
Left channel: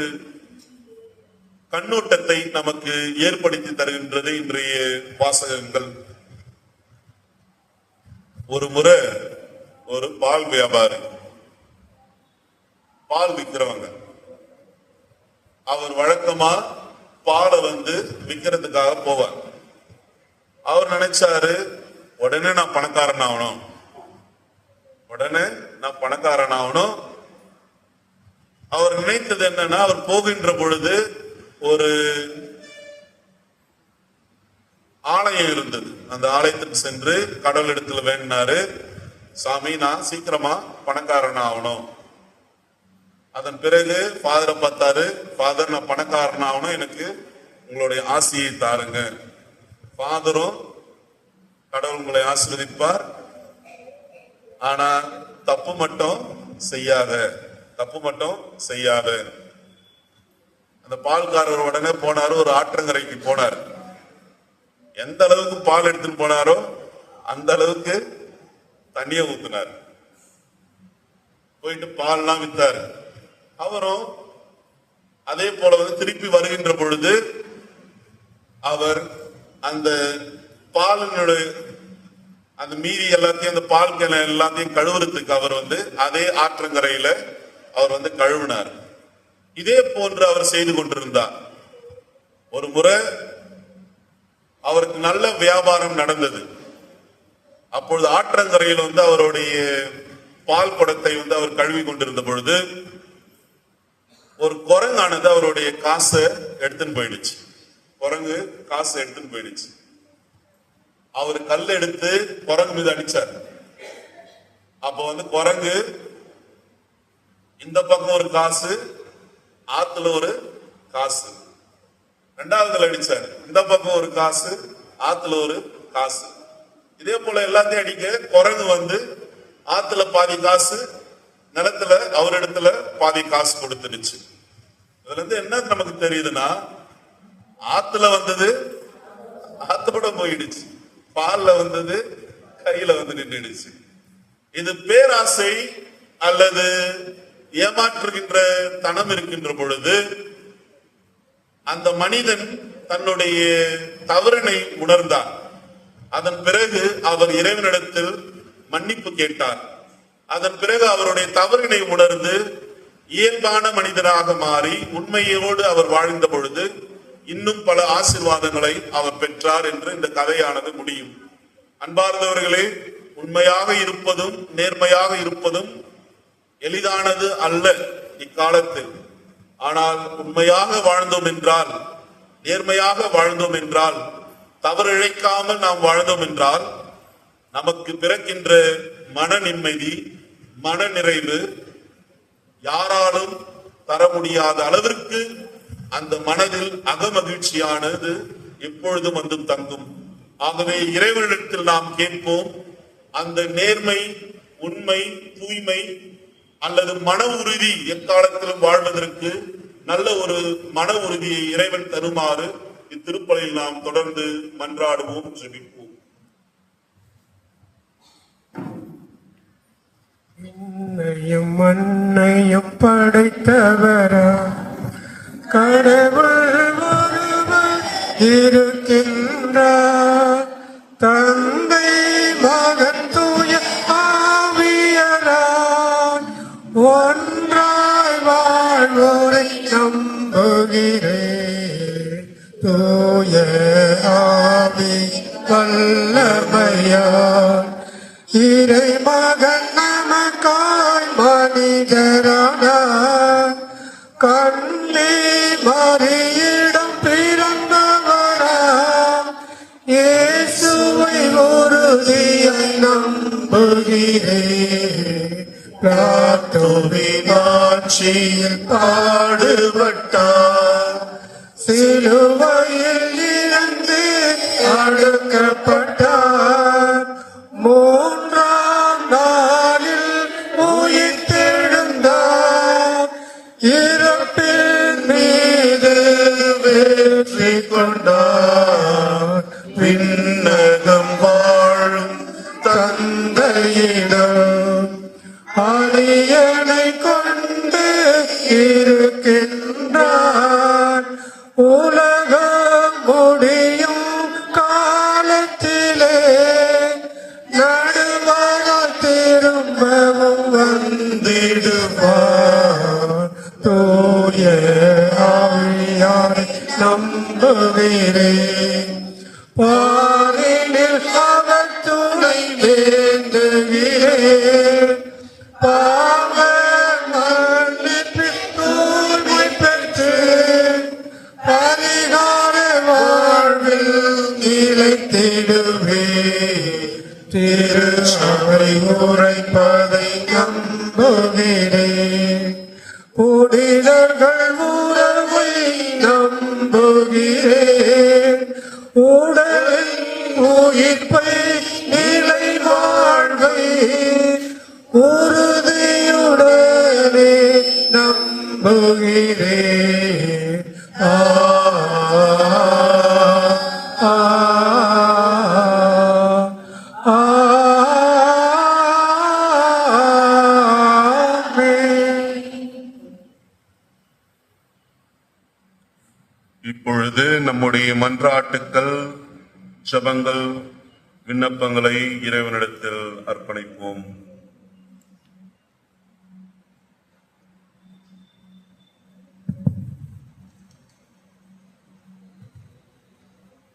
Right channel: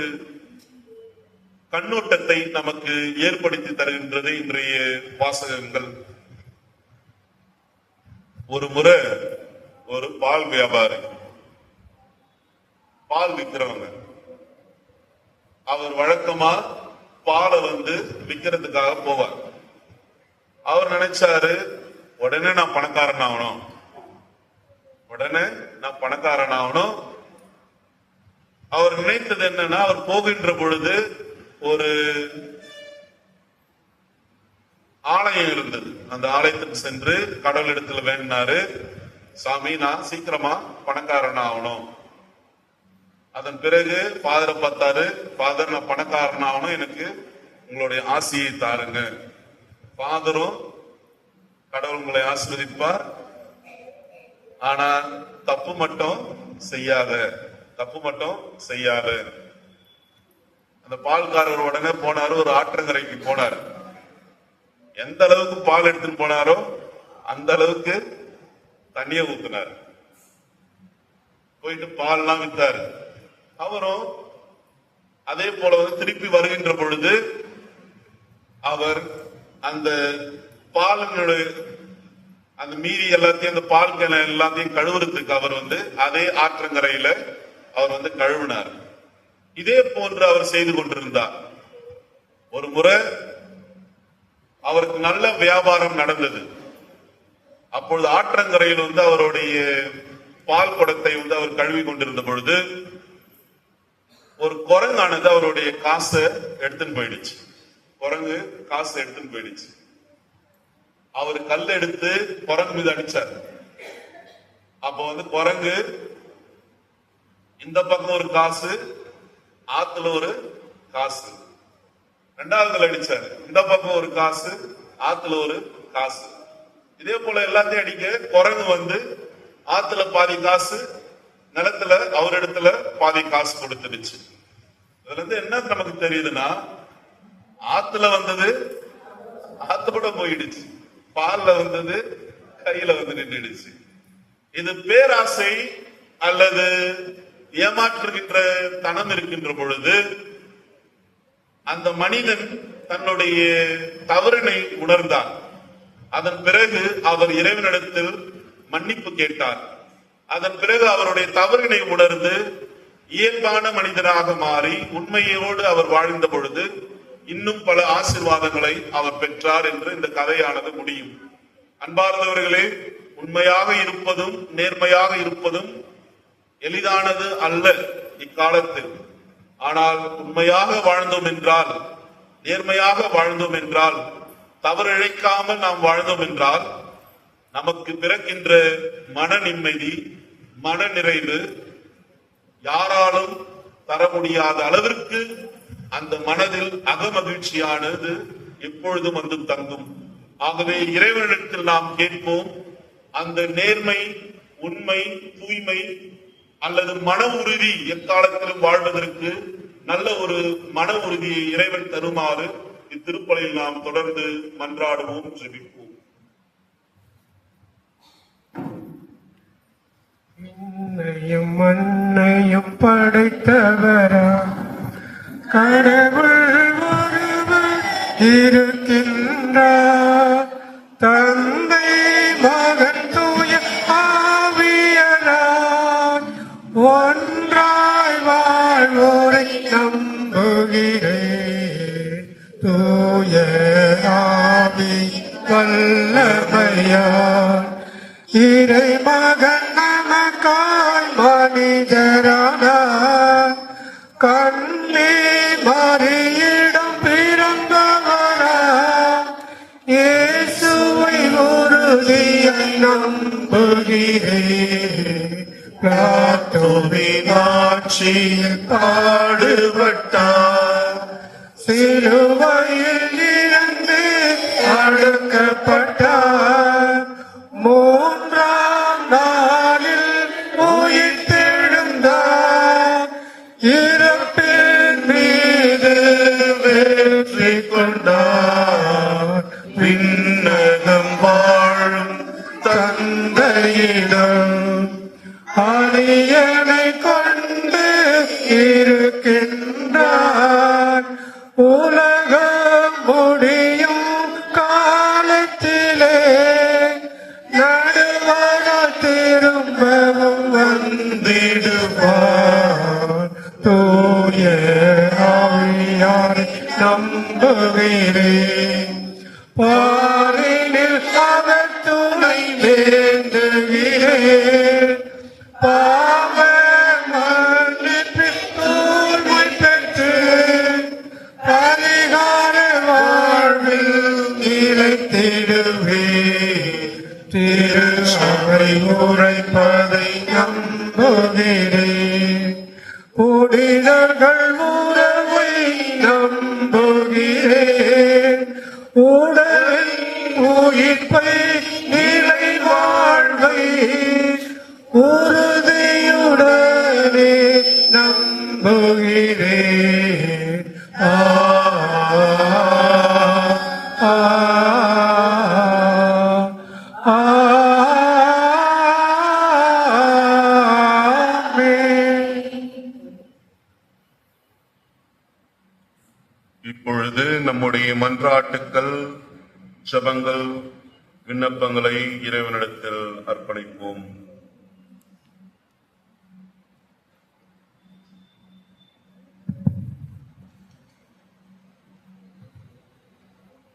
கண்ணோட்டத்தை நமக்கு ஏற்படுத்தி தருகின்றது இன்றைய வாசகங்கள். ஒரு முறை ஒரு பால் வியாபாரி, பால் விற்கிறவங்க, அவர் வழக்கமா பாலை விற்கிறதுக்காக போவார். அவர் நினைச்சாரு, உடனே நான் பணக்காரன் ஆகணும், உடனே நான் பணக்காரன் ஆகணும். அவர் நினைத்தது என்னன்னா, அவர் போகின்ற பொழுது ஒரு ஆலயம் இருந்தது. அந்த ஆலயத்துக்கு சென்று கடவுளிடத்துல வேண்டினாரு, சாமி நான் சீக்கிரமா பணக்காரன் ஆகணும். அதன் பிறகு ஃபாதரை பார்த்தாரு, ஃபாதர் நான் பணக்காரன் ஆகணும், எனக்கு உங்களுடைய ஆசியை தாருங்க. ஃபாதரும் கடவுள் உங்களை ஆசீர்வதிப்பார், ஆனா தப்பு மட்டும் செய்யாத, தப்பு மட்டும் செய்யாத. அந்த பால்காரர் உடனே போனாரு, ஒரு ஆற்றங்கரைக்கு போனார். எந்த அளவுக்கு பால் எடுத்துன்னு போனாரோ அந்த அளவுக்கு தண்ணிய ஊத்தினார். போயிட்டு பால்லாம் வித்தாரு. அவரும் அதே போல திருப்பி வருகின்ற பொழுது அவர் அந்த பாலினுடைய அந்த மீதி எல்லாத்தையும் அந்த பால் கிணறு எல்லாத்தையும் கழுவுறதுக்கு அவர் அதே ஆற்றங்கரையில அவர் கழுவினார். இதே போன்று அவர் செய்து கொண்டிருந்தார். ஒரு முறை அவருக்கு நல்ல வியாபாரம் நடந்தது. அப்பொழுது ஆற்றங்கரையில் அவருடைய பால் குடத்தை அவர் கழுவி கொண்டிருந்த பொழுது ஒரு குரங்கானது அவருடைய காசை எடுத்துன்னு போயிடுச்சு. குரங்கு காசு எடுத்துன்னு போயிடுச்சு. அவர் கல் எடுத்து குரங்கு மீது அடிச்சார். அப்போ குரங்கு இந்த பக்கம் ஒரு காசு, ஆத்துல ஒரு காசு. ரெண்டாவது அடிச்சார். இந்த பக்கம் ஒரு காசு, ஆத்துல ஒரு காசு. இதே போல எல்லாத்தையும் அடிக்க குரங்கு ஆத்துல பாதி காசு, நிலத்துல அவர் இடத்துல பாதி காசு கொடுத்துடுச்சு. இதுல என்ன நமக்கு தெரியுதுன்னா, ஆத்துல ஆத்தோட போயிடுச்சு, பால்ல கையில நின்றுடுச்சு. இது பேராசை அல்லது ஏமாற்றுகின்ற தனம் இருக்கின்ற பொழுது அந்த மனிதன் தன்னுடைய தவறினை உணர்ந்தார். அதன் பிறகு அவர் இறைவனிடத்தில் மன்னிப்பு கேட்டார். அதன் பிறகு அவருடைய தவறினை உணர்ந்து இயல்பான மனிதனாக மாறி உண்மையோடு அவர் வாழ்ந்த பொழுது இன்னும் பல ஆசீர்வாதங்களை அவர் பெற்றார் என்று இந்த கதையானது முடியும். அன்பார்ந்தவர்களே, உண்மையாக இருப்பதும் நேர்மையாக இருப்பதும் எளிதானது அல்ல இக்காலத்தில். ஆனால் உண்மையாக வாழ்ந்தோம் என்றால், நேர்மையாக வாழ்ந்தோம் என்றால், தவறிழைக்காமல் நாம் வாழ்ந்தோம் என்றால் நமக்கு பிறக்கின்ற மன நிம்மதி, மன நிறைவு யாராலும் தர முடியாத அளவிற்கு அந்த மனதில் அகமகிழ்ச்சியானது எப்பொழுதும் தங்கும். ஆகவே இறைவனிடத்தில் நாம் கேட்போம், அந்த நேர்மை, உண்மை, தூய்மை அல்லது மன உறுதி எக்காலத்திலும் வாழ்வதற்கு நல்ல ஒரு மன உறுதியை இறைவன் தருமாறு இத்திருப்பலில் நாம் தொடர்ந்து மன்றாடுவோம், ஜெபிப்போம். என்னையும் மண்ணையும் படைத்தவரா கடவுள் ஒருவர் இருக்கின்றார். தந்தை, மகன், தூய ஆவியராய் ஒன்றாய் வாழ்வோரை நம்புகிறேன். தூய ஆவி வல்லமையால் இறைமகன் நமக்காய் மனிதரானார். கண்ணே மரியிடம் பிறந்தவரா இயேசுவை உறுதியாய் நம்புகிறேன். பிலாத்துவின் ஆட்சியில் பாடுபட்டார். சிலுவையில் இருந்து அடக்கப்பட்டார். மூன்றாம் நாளில் உயிர்த்தெழுந்தார். இறப்பின் மீது வெற்றி கொண்டார். விண்ணகம் வாழும் தந்தையிடம் அரியணை கொண்டு இருக்கின்றார். உலகம் முடியும் காலத்திலே நடுவர திரும்பவும் வந்திடுவார். தூய ஆவியாரை நம்புகிறேன். பாரினில் அவர் துணை வேண்டுகிறேன். பாவ மன்னிப்பு தூய்மை பெற்று பரிகார வாழ்வில் நிலைத்திடுவேன். திரு அவை உரைப்பதை நம்புகிறேன். புனிதர்கள் உறவை நம்புகிறேன். உடலின் உயிர்ப்பை நிலை வாழ்வை உறுதியுடனே நம்புகிறேன். ஆ இப்பொழுது நம்முடைய மன்றாட்டுக்கள், ஜெபங்கள், விண்ணப்பங்களை இறைவனிடத்தில் அர்ப்பணிப்போம்.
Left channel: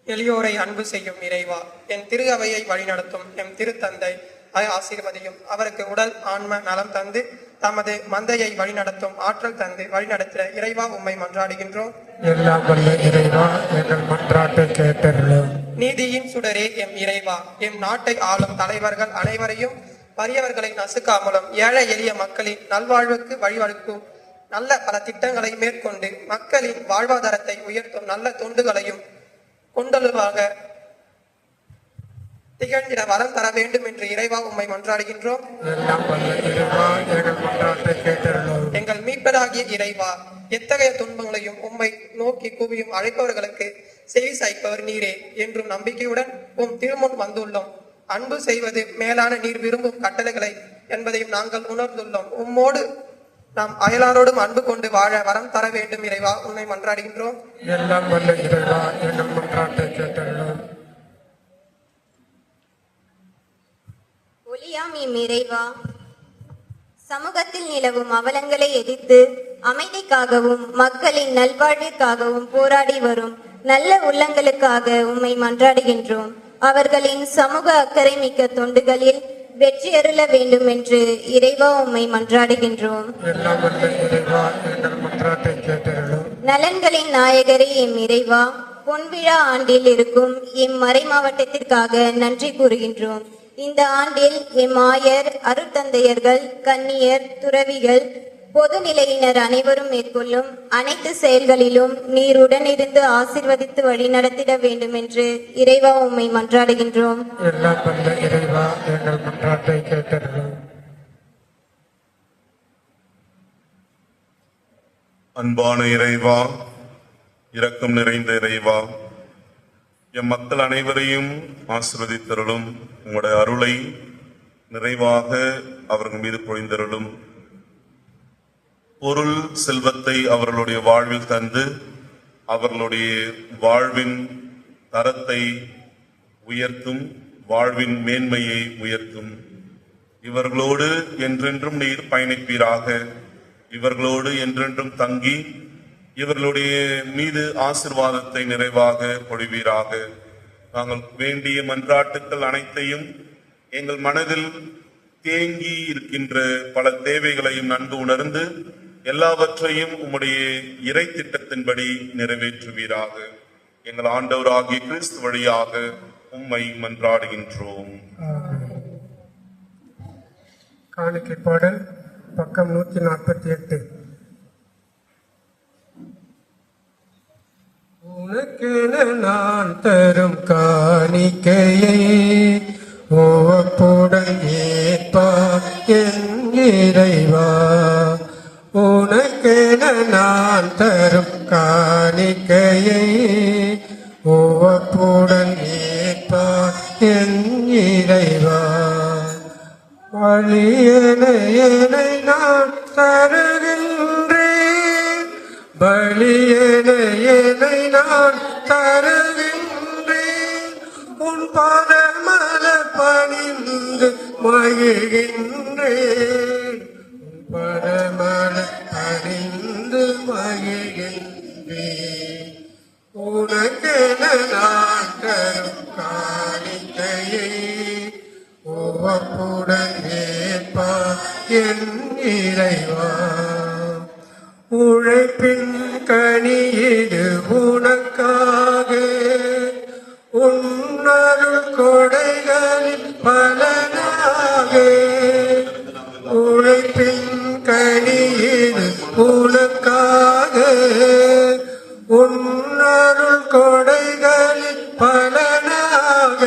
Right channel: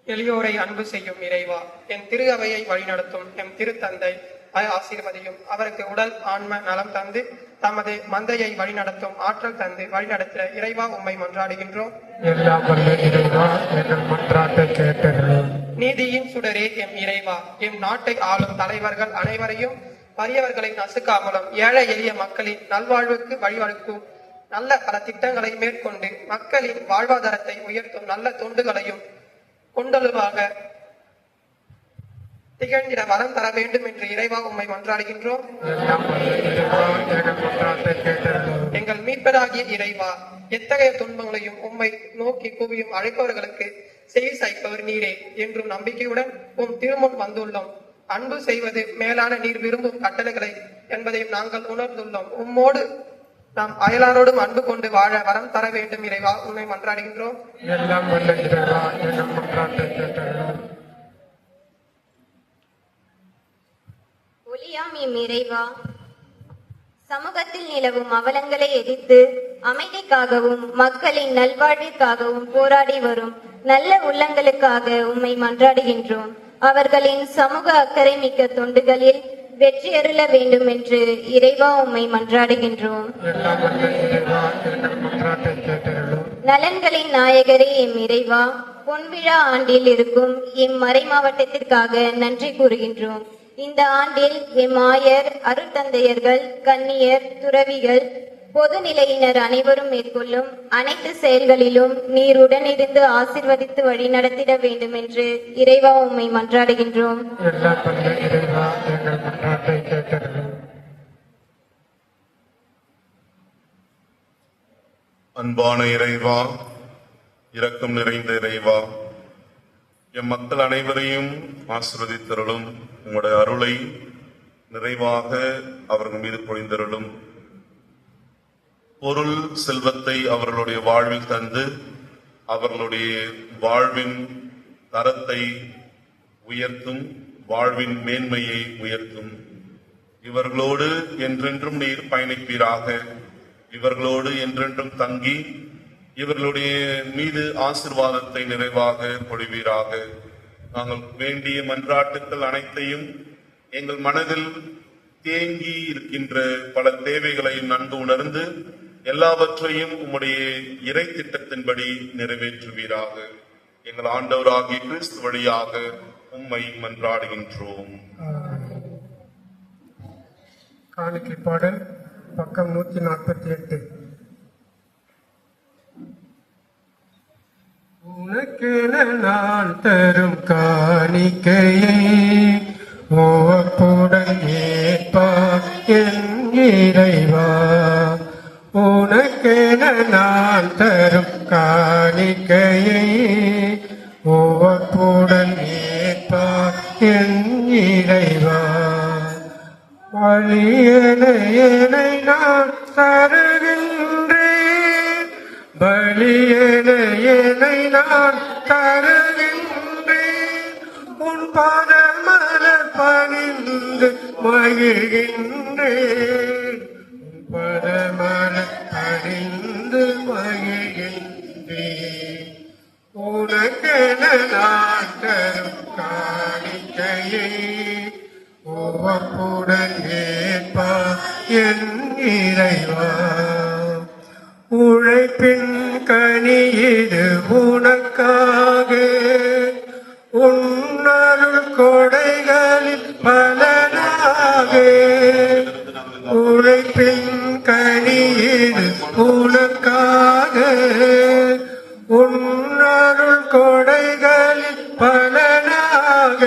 எளியோரை அன்பு செய்யும் இறைவா, என் திரு அவையை வழிநடத்தும் எம் திருத்தந்தை ஆசீர்வதியும். அவருக்கு உடல் ஆன்ம நலம் தந்து தமது மந்தையை வழிநடத்தும் ஆற்றல் தந்து வழிநடத்த இறைவா உம்மை மன்றாடுகின்றோம். எல்லாம் வல்ல இறைவா, எங்கள் மன்றாட்டை கேட்டருளும். நீதியின் சுடரே எம் இறைவா, எம் நாட்டை ஆளும் தலைவர்கள் அனைவரையும் வறியவர்களை நசுக்காமலும் ஏழை எளிய மக்களின் நல்வாழ்வுக்கு வழிவகுக்கும் நல்ல பல திட்டங்களை மேற்கொண்டு மக்களின் வாழ்வாதாரத்தை உயர்த்தும் நல்ல தொண்டுகளையும் கொண்டலுவாக திகழ்ந்திட வரம் தர வேண்டும் என்று இறைவா உம்மை மன்றாடுகின்றோம். எல்லாம் வல்ல இறைவா, எங்கள் மன்றாட்டை கேட்டருளும். எங்கள் மீட்பராகிய இறைவா, எத்தகைய துன்பங்களையும் உம்மை நோக்கி கூவியும் அழைப்பவர்களுக்கு செவி சாய்ப்பவர் நீரே என்றும் நம்பிக்கையுடன் உம் திருமுன் வந்துள்ளோம். அன்பு செய்வது மேலான நீர் விரும்பும் கட்டளைகளை என்பதையும் நாங்கள் உணர்ந்துள்ளோம். உம்மோடு நாம் அயலாரோடும் அன்பு கொண்டு வாழ வரம் தர வேண்டும் இறைவா உம்மை மன்றாடுகின்றோம். எல்லாம் வல்ல இறைவா, எங்கள் மன்றாட்டை கேட்டருளும். ஒளியாம் எம் இறைவா, சமூகத்தில் நிலவும் அவலங்களை எதிர்த்து அமைதிக்காகவும் மக்களின் நல்வாழ்விற்காகவும் போராடி வரும் நல்ல உள்ளங்களுக்காக உம்மை மன்றாடுகின்றோம். அவர்களின் சமூக அக்கறை மிக்க தொண்டுகளில் வெற்றியருள வேண்டும் என்று இறைவா உம்மை மன்றாடுகின்றோம். எல்லாம் வல்ல இறைவா, எங்கள் மன்றாட்டை கேட்டருளும். நலன்களின் நாயகரே எம் இறைவா, பொன்விழா ஆண்டில் இருக்கும் எம் மறை மாவட்டத்திற்காக நன்றி கூறுகின்றோம். இந்த ஆண்டில் எம் ஆயர், அருட்தந்தையர்கள், கன்னியர், துறவிகள், பொதுநிலையினர் அனைவரும் மேற்கொள்ளும் அனைத்து செயல்களிலும் நீர் உடனிருந்து ஆசீர்வதித்து வழிநடத்திட வேண்டும் என்று இறைவா உம்மை மன்றாடுகின்றோம். எல்லாம் வல்ல இறைவா, எங்கள் மன்றாட்டை கேட்டருளும். அன்பான இறைவா, இரக்கம் நிறைந்த இறைவா, எம் மக்கள் அனைவரையும் ஆசீர்வதித்தருளும். உங்களுடைய அருளை நிறைவாக அவர்கள் மீது பொழிந்தருளும். பொருள் செல்வத்தை அவர்களுடைய வாழ்வில் தந்து அவர்களுடைய வாழ்வின் தரத்தை உயர்த்தும், வாழ்வின் மேன்மையை உயர்த்தும். இவர்களோடு என்றென்றும் நீர் பயணிப்பீராக. இவர்களோடு என்றென்றும் தங்கி இவர்களுடைய மீது ஆசீர்வாதத்தை நிறைவாக பொழிவீராக. நாங்கள் வேண்டிய மன்றாட்டுக்கள் அனைத்தையும், எங்கள் மனதில் தேங்கி இருக்கின்ற பல தேவைகளையும் நன்கு உணர்ந்து எல்லாவற்றையும் உம்முடைய இறை திட்டத்தின்படி நிறைவேற்றுவீராக. எங்கள் ஆண்டவராகிய கிறிஸ்து வழியாக உம்மை மன்றாடுகின்றோம். காணிக்கை பாடல் பக்கம் 148. உனக்கென நான் தரும் காணிக்கையை உவப்புடன் ஏற்பார் என் இறைவா. உனக்கென நான் தரும் காணிக்கையை உவப்புடன் ஏற்பார் என் இறைவா. பலியனை நான் தருகின்றேன், பலியனை நான் தருகின்றேன். உன் பாதமல பணிந்து மகிழ்கின்றேன், உன் பாதமல பணிந்து மகிழ்கின்றேன். உனக்கென நான் தரும் காணிக்கையை உவப்புடன் ஏற்பார் என் இறைவா. உழைப்பின் கனி இது உனக்காக, உன்னருள் கொடைகளின் பலனாக. உழைப்பின் கனி இது உனக்காக, உன்னருள் கொடைகளின் பலனாக.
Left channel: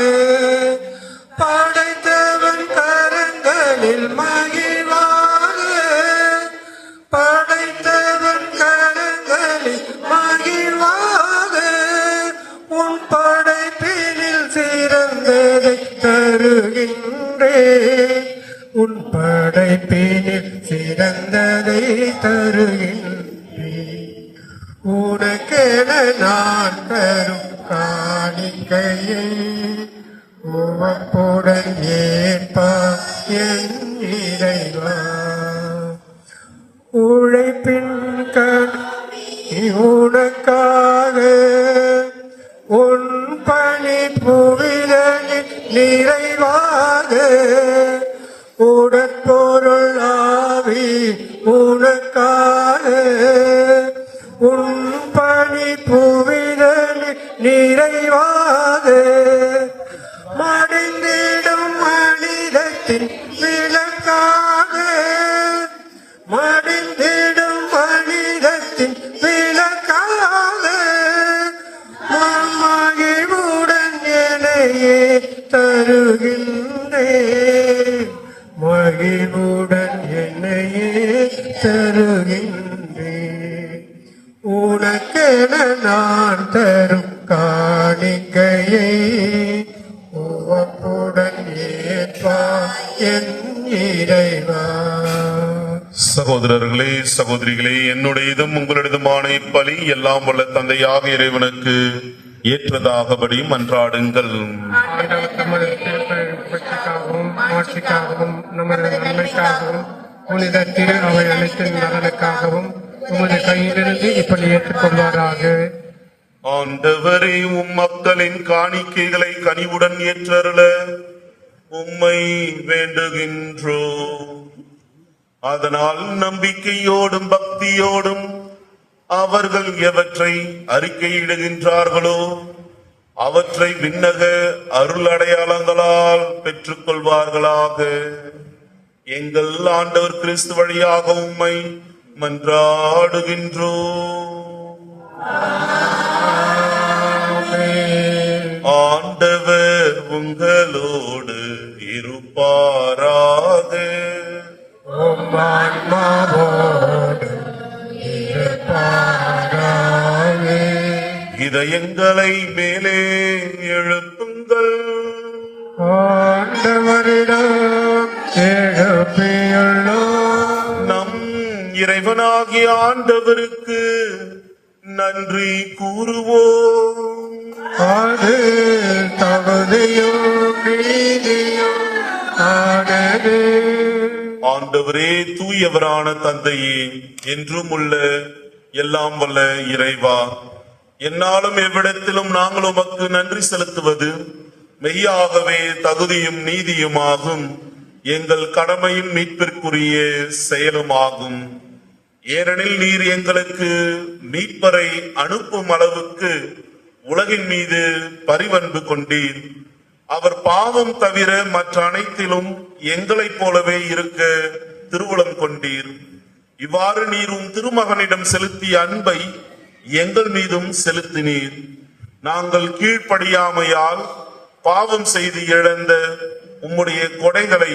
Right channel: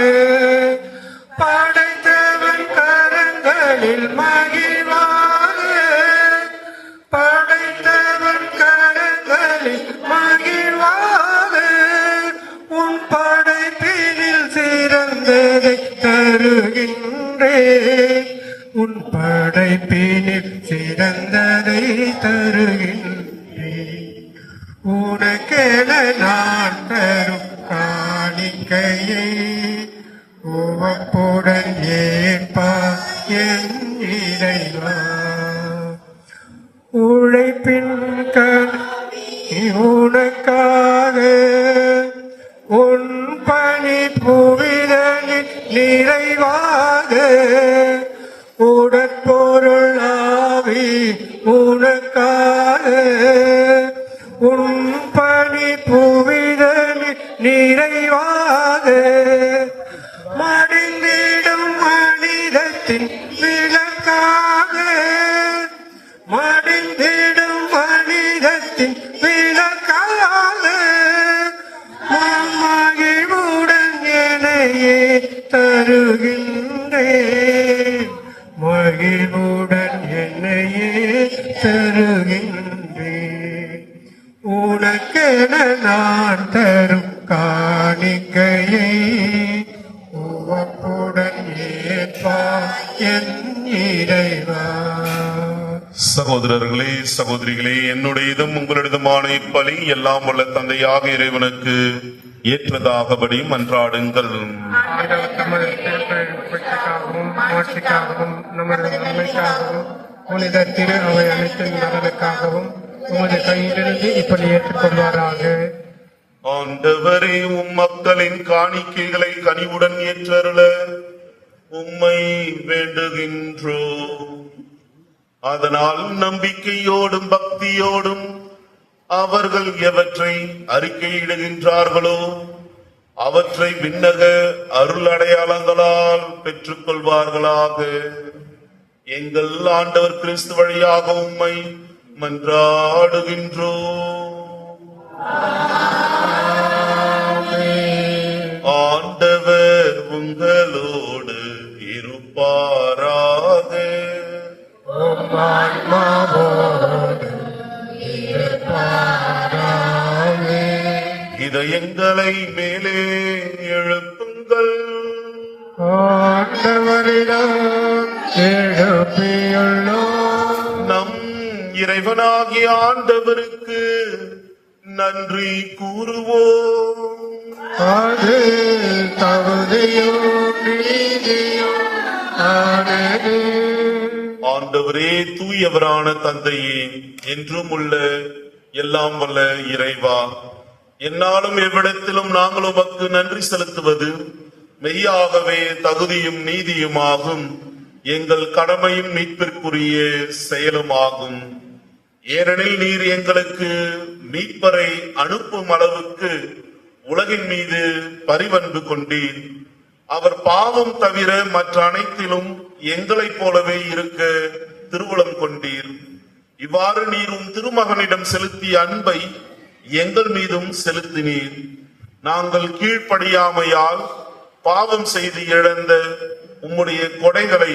படைத்தவன் கரங்களில் மகிழ்வாக, படைத்தவன் கரங்களில் மகிழ்வாக. உன் படைப்பினில் சிறந்ததை தருகின்றேன், உன் படைப்பினில் சிறந்ததை தருகின்றேன். உனக்கென நான் தரும் காணிக்கையை உவப்புடன் ஏற்பார் என் இறைவா. உழைப்பின் கனி உனக்காக உன் பணி புவிதனில் நிறைவாக உடற்பொருள் ஆவி உனக்காக உன் பணி புவிதனில் நிறைவாக மடிந்திடும் மனிதத்தின் விளக்காக மடிந்திடும் மனிதத்தின் விளக்காக மகிழ்வுடன் என்னையே தருகின்றேன் மகிழ்வுடன் என்னையே தருகின்றேன் உனக்கென நான் தரும் காணிக்கையை உவப்புடன் ஏற்பார் என் இறைவா. சகோதரர்களே சகோதரிகளே, என்னுடையதும் உங்களுடையதுமான இப்பலி எல்லாம் வல்ல தந்தையாக இறைவனுக்கு ஏற்றதாகபடி மன்றாடுங்கள். பட்சிக்காகவும் ஆட்சிக்காகவும் நமது நன்மைக்காகவும் புனித திரு அவை அனைத்தின் நலனுக்காகவும் உமது கையிலிருந்து இப்படி ஏற்றுக்கொள்வாராக. ஆண்டவரே, உம் மக்களின் காணிக்கைகளை கனிவுடன் ஏற்றருள உம்மை வேண்டுகின்றோம். அதனால் நம்பிக்கையோடும் பக்தியோடும் அவர்கள் எவற்றை அறிக்கையிடுகின்றார்களோ அவற்றை விண்ணக அருள் அடையாளங்களால் பெற்றுக் கொள்வார்களாக. எங்கள் ஆண்டவர் கிறிஸ்து வழியாக உம்மை மன்றாடுகின்றோம். ஆண்டவர் உங்களோடு இருப்பாராக. இதயங்களை மேலே எழுப்புங்கள். ஆண்டவரிடம் எழுப்பியுள்ளோம். நம் இறைவனாகிய ஆண்டவருக்கு நன்றி கூறுவோம். அது தகுதியும் நீதியும் ஆனது. ஆண்டவரே, தூயவரான தந்தையே, என்றும் உள்ள எல்லாம் வல்ல இறைவா, என்னாலும் எவ்விடத்திலும் நாங்கள் உமக்கு நன்றி செலுத்துவது மெய்யாகவே தகுதியும் நீதியுமாகும், எங்கள் கடமையும் மீட்பிற்குரிய செயலுமாகும். ஏனெனில் நீர் எங்களுக்கு மீட்பரை அனுப்பும் அளவுக்கு உலகின் மீது பரிவன்பு கொண்டீர். அவர் பாவம் தவிர மற்ற அனைத்திலும் எங்களைப் போலவே இருக்க திருவுளம் கொண்டீர். இவ்வாறு நீரும் திருமகனிடம் செலுத்திய அன்பை எங்கள் மீதும் செலுத்தினீர். நாங்கள் கீழ்ப்படியாமையால் பாவம் செய்து இழந்த உம்முடைய கொடைகளை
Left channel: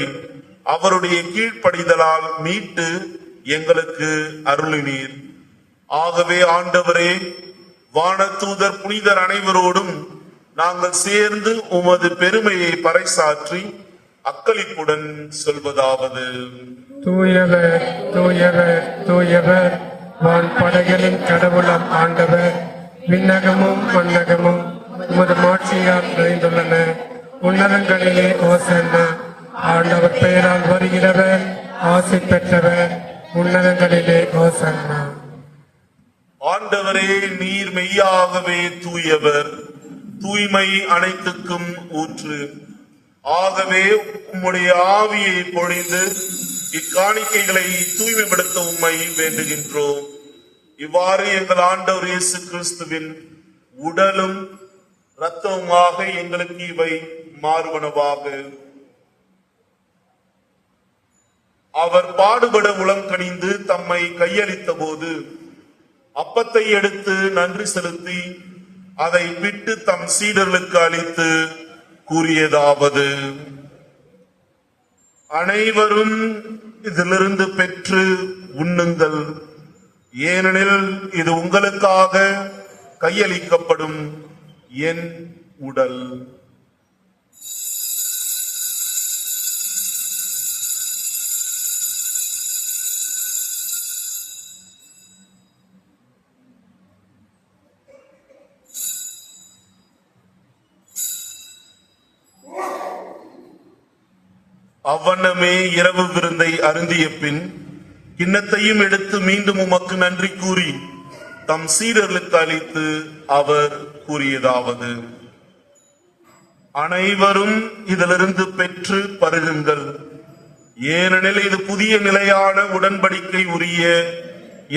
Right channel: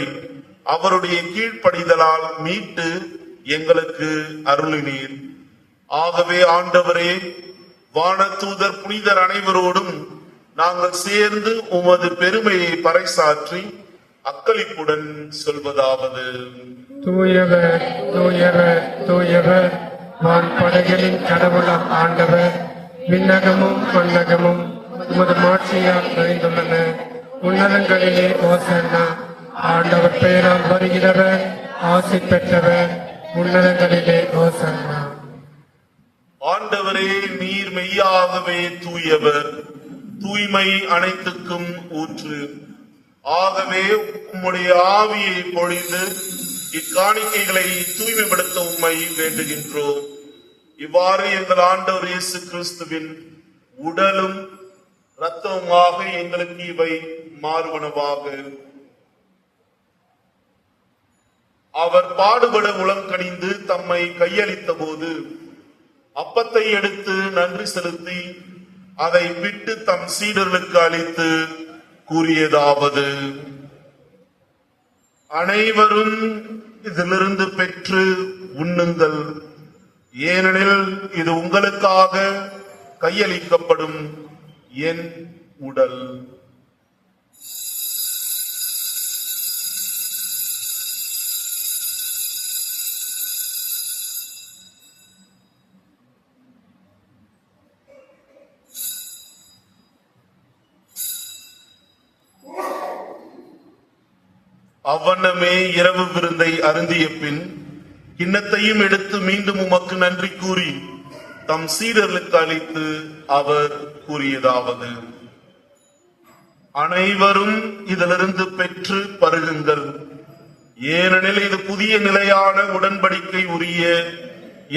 அவருடைய கீழ்ப்படிதலால் மீட்டு எங்களுக்கு அருளினீர். ஆகவே ஆண்டவரே, வானதூதர் புனிதர் அனைவரோடும் நாங்கள் சேர்ந்து உமது பெருமையை பறைசாற்றி அக்களிப்புடன் சொல்வதாவது: தூயவர் தூயவர் தூயவர், வான்படைகளின் கடவுளாம் ஆண்டவர். விண்ணகமும் மண்ணகமும் உமது மாட்சியால் நிறைந்துள்ளன. உன்னதங்களிலே ஓசன்னா. ஆண்டவர் பெயரால் வருகிறவர் ஆசி பெற்றவர். உன்னதங்களிலே ஓசன்னா. ஆண்டவரே, நீர் மெய்யாகவே தூயவர், தூய்மை அனைத்துக்கும் ஊற்று. ஆகவே உம்முடைய ஆவியை பொழிந்து இக்காணிக்கைகளை தூய்மைப்படுத்த உம்மை வேண்டுகின்றோம். இவ்வாறு எங்கள் ஆண்டவர் இயேசு கிறிஸ்துவின் உடலும் இரத்தமுமாக எங்களுக்கு இவை மாறுவனவாக. அவர் பாடுபட உளம் கனிந்து தம்மை கையளித்த போது அப்பத்தை எடுத்து நன்றி செலுத்தி அதை விட்டு தம் சீடர்களுக்கு அளித்து கூறியதாவது: அனைவரும் இதிலிருந்து பெற்று உண்ணுங்கள், ஏனெனில் இது உங்களுக்காக கையளிக்கப்படும் என் உடல். அவ்வண்ணமே இரவு விருந்தை அருந்திய பின் கிண்ணத்தையும் எடுத்து மீண்டும் உமக்கு நன்றி கூறி தம் சீடர்களுக்கு அளித்து அவர் கூறியதாவது: அனைவரும் இதிலிருந்து பெற்று பருகுங்கள், ஏனெனில் இது புதிய நிலையான உடன்படிக்கை உரிய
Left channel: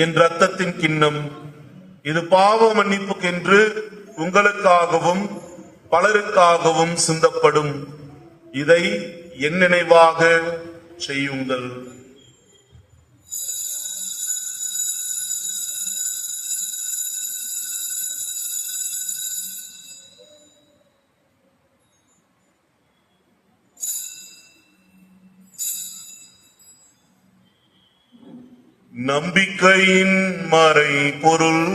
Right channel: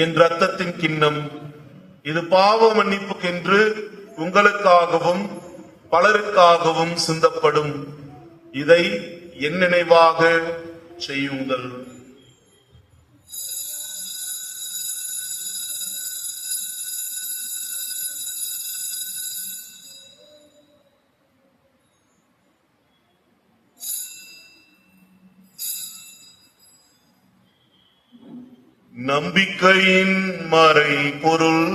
என் இரத்தத்தின் கிண்ணம். இது பாவ மன்னிப்புக்கென்று உங்களுக்காகவும் பலருக்காகவும் சிந்தப்படும். இதை என் நினைவாக செய்யுங்கள். நம்பிக்கையின் மறை பொருள்.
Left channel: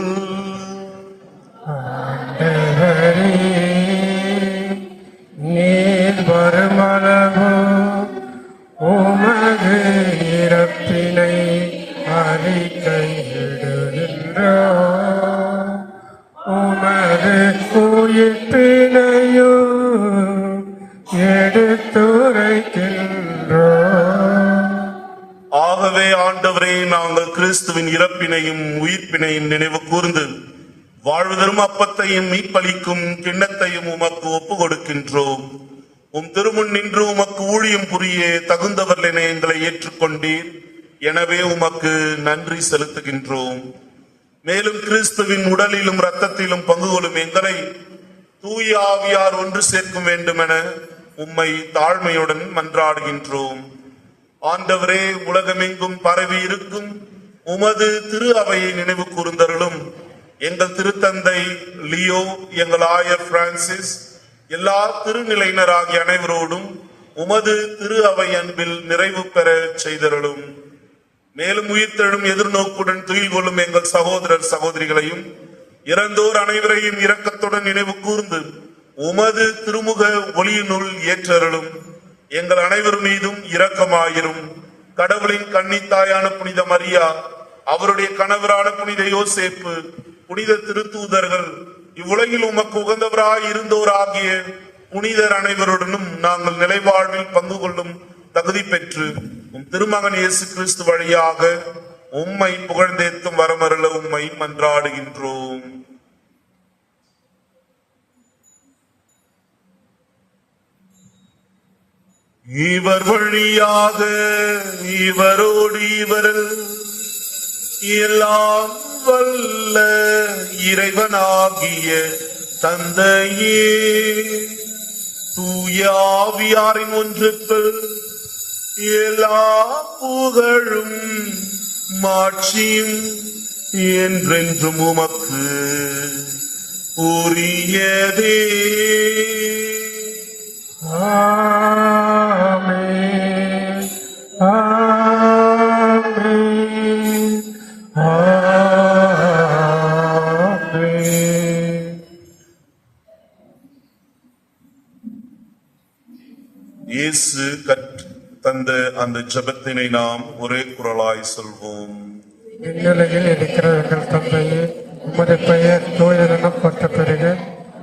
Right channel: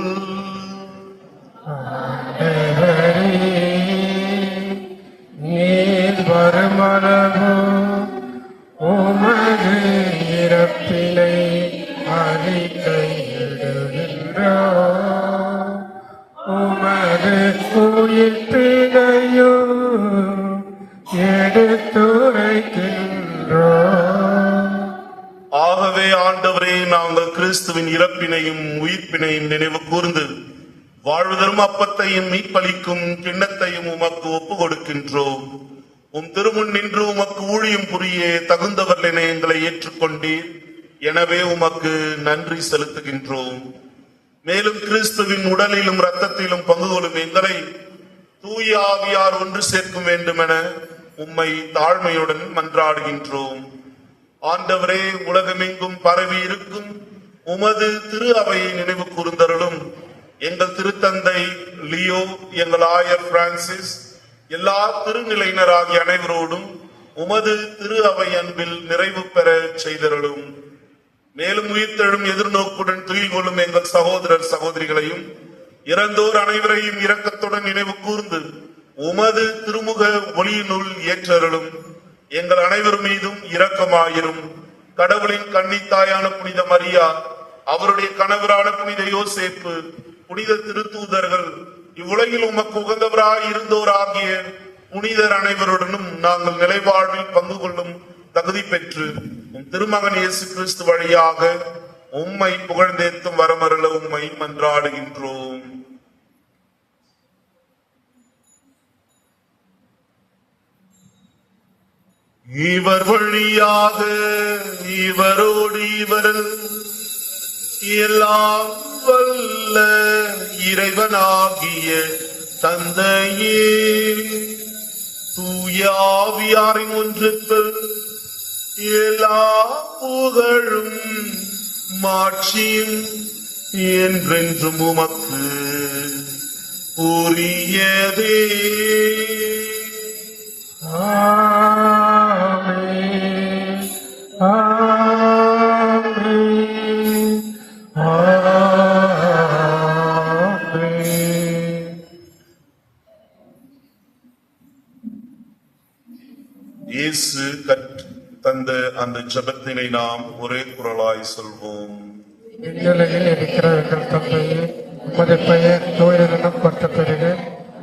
நீர் வருமளவு உமது இறப்பினை அறிக்கையிடுகின்றோம், உமது உயிர்ப்பினையும் எடுத்துரைக்கின்றோம். ஆகவே ஆண்டவரே, நாங்கள் கிறிஸ்துவின் இறப்பினையும் உயிர்ப்பினையும் நினைவு கூர்ந்து வாழ்வதரும் அப்பத்தையும் மீட்பளிக்கும் கிண்ணத்தையும் உமக்கு ஒப்பு கொடுக்கின்றோம். உம் திருமுன் நின்று உமக்கு ஊழியம் புரிய தகுந்தவர்கள் என எங்களை ஏற்றுக்கொண்டீர். எனவே உமக்கு நன்றி செலுத்துகின்றோம். மேலும் கிறிஸ்துவின் உடலிலும் இரத்தத்திலும் பங்கு கொள்ளும் எங்களை தூய ஆவியார் ஒன்று சேர்க்கும் வேண்டும் என உம்மை தாழ்மையுடன் மன்றாடுகின்றோம். ஆண்டவரே, உலகமெங்கும் பரவி இருக்கும் உமது திரு அவையை நினைவு கூர்ந்தருளும். எங்கள் திருத்தந்தை லியோ, எங்கள் ஆயர் பிரான்சிஸ், எல்லா திருநிலையினராகிய அனைவரோடும் உமது திரு அவை அன்பில் நிறைவு பெற செய்தருளும். மேலும் உயிர்த்தெழும் எதிர்நோக்குடன் துயில் கொள்ளும் எங்கள் சகோதரர் சகோதரிகளையும் இறந்தோர் அனைவரையும் இரக்கத்துடன் நினைவு கூர்ந்து உமது திருமுக ஒளியினுள் ஏற்றருளும். எங்கள் அனைவர் மீதும் இரக்கமாயிரும். கடவுளின் கன்னித்தாயான புனித மரியா, அவருடைய கணவரான புனித யோசேப்பு, புனித திருத்தூதர்கள், இவ்வுலகில் உமக்கு உகந்தவராய் இருந்தோர் ஆகிய புனிதர் அனைவருடனும் நாங்கள் நிலைவாழ்வில் பங்கு கொள்ளும் தகுதி பெற்று உம் திருமகன் இயேசு கிறிஸ்து வழியாக உம்மை புகழ்ந்தேத்தும் வரமருள உம்மை மன்றாடுகின்றோம். இவர் வழியாக இவரோடு இவரில் எல்லாம் வல்ல இறைவனாகிய தந்தையே, தூய ஆவியாரின் ஒன்றுக்கு எல்லா புகழும் மாட்சியும் என்றென்றும் உமக்கு உரியதே. ஆமென். ஆமென். ஆமென். இயேசு தந்த அந்த ஜெபத்தினை நாம் ஒரே குரலாய் சொல்வோம். விண்ணுலகில் இருக்கிற எங்கள் தந்தையே, உமது பெயர் தூயதெனப் போற்ற பெறுக.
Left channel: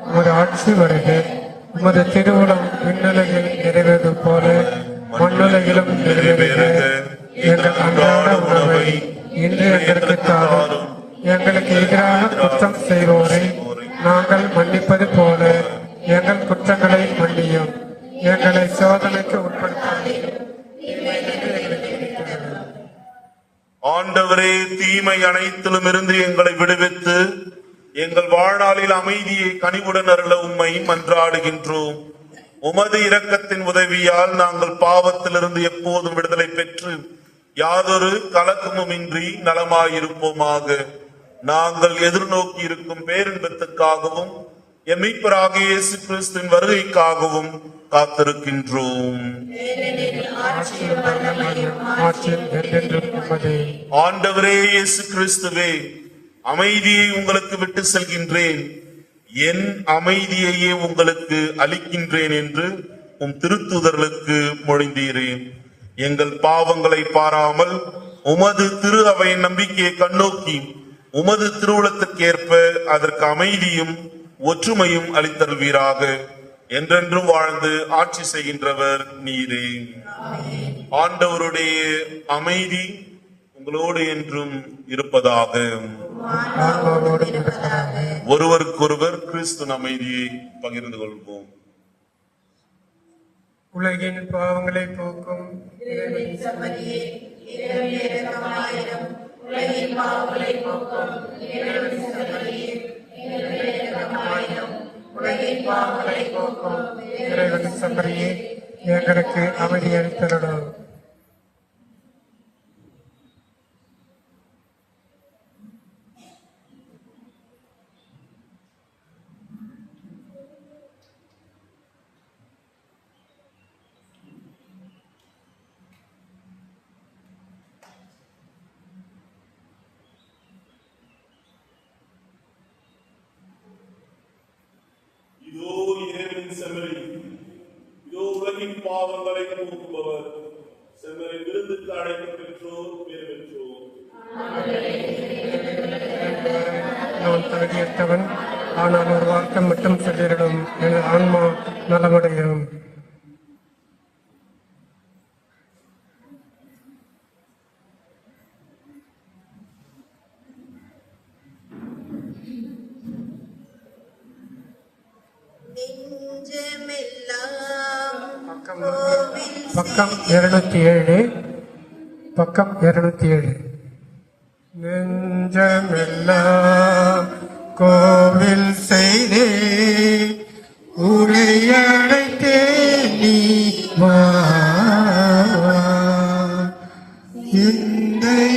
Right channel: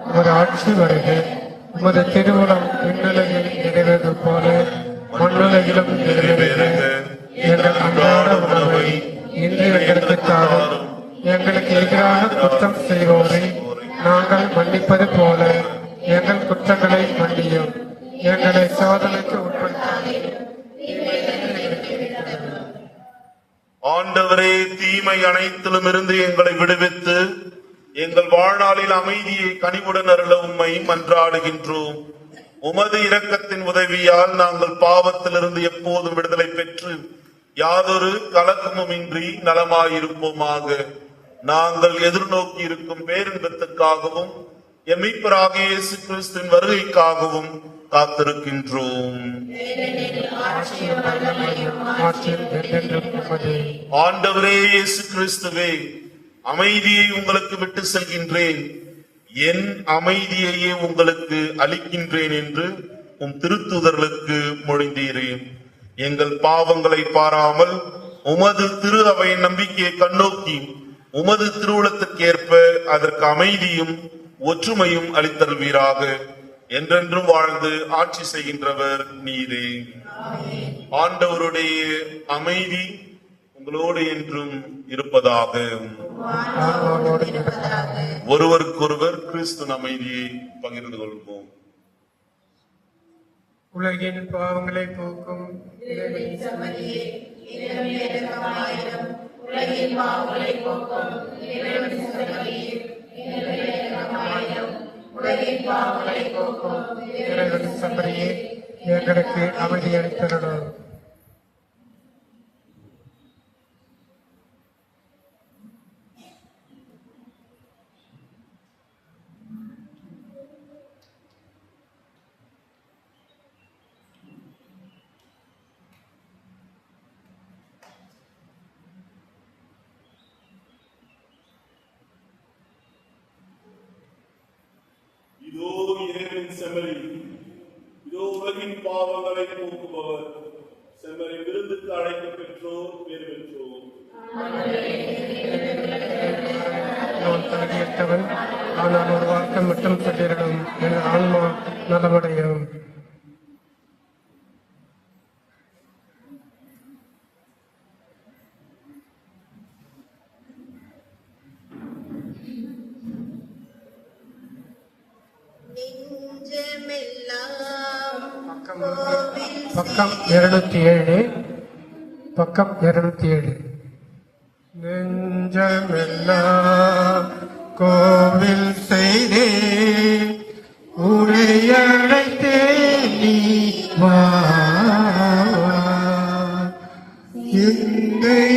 உமது ஆட்சி வருக. உமது திருவுளம் விண்ணுலகில் நிறைவேறுவது போல மண்ணுலகிலும் நிறைவேறுக. எங்கள் அன்றாட உணவை இன்று எங்களுக்கு தாரும். எங்களுக்கு எதிராக குற்றம் செய்வோரை நாங்கள் மன்னிப்பது போல எங்கள் குற்றங்களை மன்னியும். எங்களை சோதனைக்கு உட்படுத்தாதீரும். ஆண்டவரே, தீமை அனைத்திலும் இருந்து எங்களை விடுவித்து எங்கள் வாழ்நாளில் அமைதியை கனிவுடன் அருள உம்மை மன்றாடுகின்றோம். உமது இரக்கத்தின் உதவியால் நாங்கள் பாவத்திலிருந்து எப்போதும் விடுதலை பெற்று யாதொரு கலக்கமுமின்றி நலமாயிருப்போமாக. நாங்கள் எதிர்நோக்கி இருக்கும் பேரின்பத்துக்காகவும் எம்மிப்பராகிய இயேசு கிறிஸ்துவின் வருகைக்காகவும் காத்திருக்கின்றோம். ஆட்சியும் என்றென்றும் உமதே. ஆண்டவரே இயேசு கிறிஸ்துவே, அமைதியை உங்களுக்கு விட்டு செல்கின்றேன், என் அமைதியையே உங்களுக்கு அளிக்கின்றேன் என்று உம் திருத்தூதர்களுக்கு மொழிந்தீரேன். எங்கள் பாவங்களை பாராமல் உமது திரு அவையின் நம்பிக்கையை கண்ணோக்கி உமது திருவுளத்திற்கேற்ப அதற்கு அமைதியும் ஒற்றுமையும் அளித்தருள்வீராக. என்றென்றும் வாழ்ந்து ஆட்சி செய்கின்றவர் நீரே. ஆண்டவருடைய அமைதி உங்களோடு என்றும் இருப்பதாக. ஒருவருக்கொருவர் கிறிஸ்துவின் அமைதியை பகிர்ந்து கொள்வோம். உலகின் பாவங்களை போக்கும் இறைவனின் சமரியே எங்களுக்கு அமைதி அளித்தருளும். இதோ இறைவனின் செம்மறி, இதோ உலகின் பாவங்களை போக்குபவர். செம்மறி விருந்துக்கு அழைக்க பெற்றோர் பேர் பெற்றோர். நான் தகுதியற்றவன், ஆனால் ஒரு வார்த்தை மட்டும் சொல்லிடும், என் ஆன்மா நலமடையும். பக்கம் 207 பக்கம் 207. நெஞ்சமெல்லாம் கோவில் செய்தே உடையடைத்தே நீ வா.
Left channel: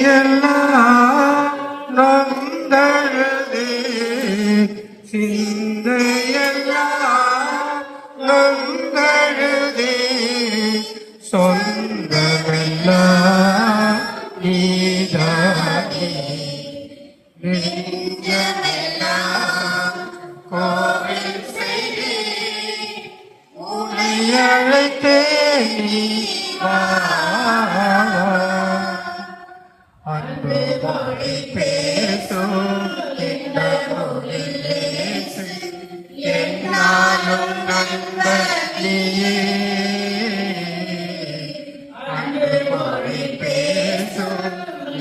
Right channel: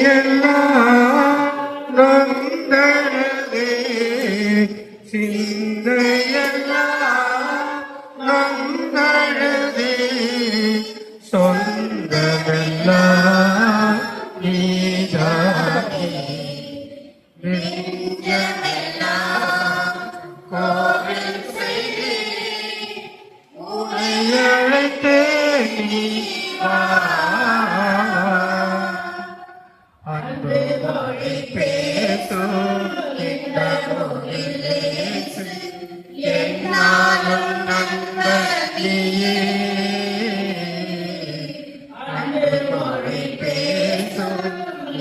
இன்றையெல்லாம் நொந்தழுதே சிந்தையெல்லாம் நொந்தழுதே சொந்தமெல்லாம் நீதானே. நெஞ்சமெல்லாம் கோவில் செய்தே உன்னை அழைத்தே நீ வா. அன்பு மொழி பேசும் இந்த மொழியில் இயேசு என்னாலும் நண்பனியே. அன்பு மொழி பேசும்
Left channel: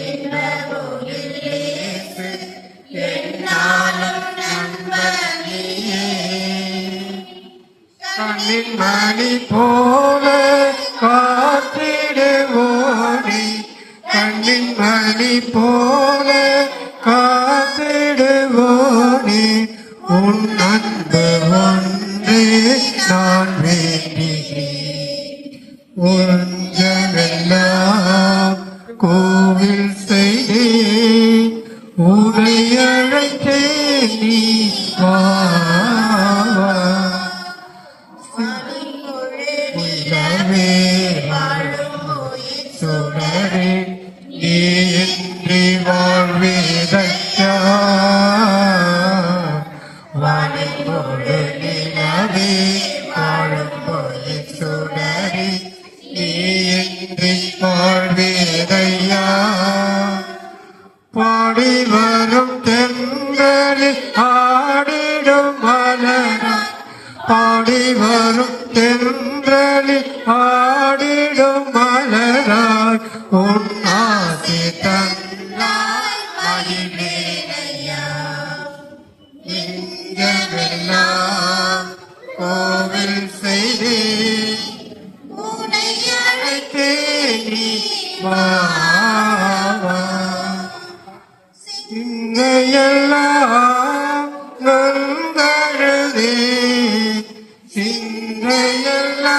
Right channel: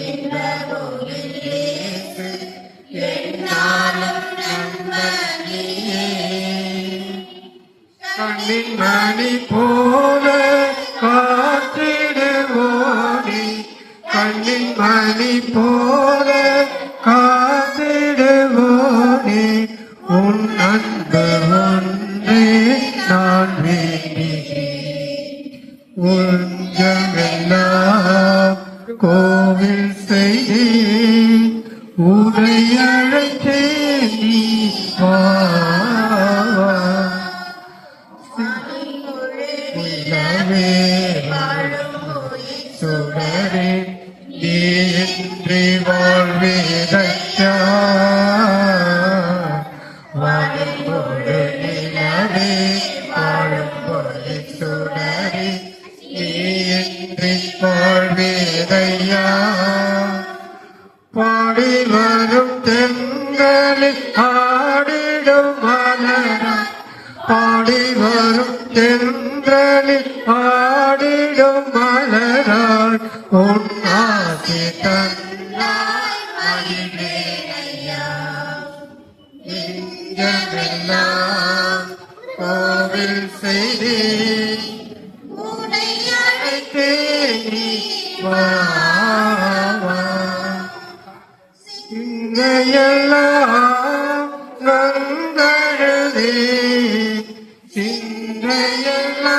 இந்த மொழியில் இயேசு என்னாலும் நண்பனியே. கண்ணின் மணி போல காத்திடுவோனே, கண்ணின் மணி போல காத்திடுவோனே, உன் அன்பு ஒன்றே நான் வேண்டுகிறேன். உஞ்சமெல்லாம் கோவில் செய்தேன் உன்னை அழைத்தேன் நீ வா. நிலவே சுடரே நீ இன்றி வாழ்வேதையா. வாழும்போது நிலவே வாழும்போது சுடரே நீ இன்றி வாழ்வேதையா. பாடி வரும் தென்றலில் ஆடிடும் மலரா, பாடி வரும் தென்றலில் ஆடிடும் மலராய் உன் ஆசி தந்தாய் மகிழ்வேனையா. நெஞ்சமெல்லாம் கோவில் செய்தே உன்னை அழைத்தே நீ வா. சிந்தையெல்லாம் நொந்தழுதே சிந்தையெல்லாம்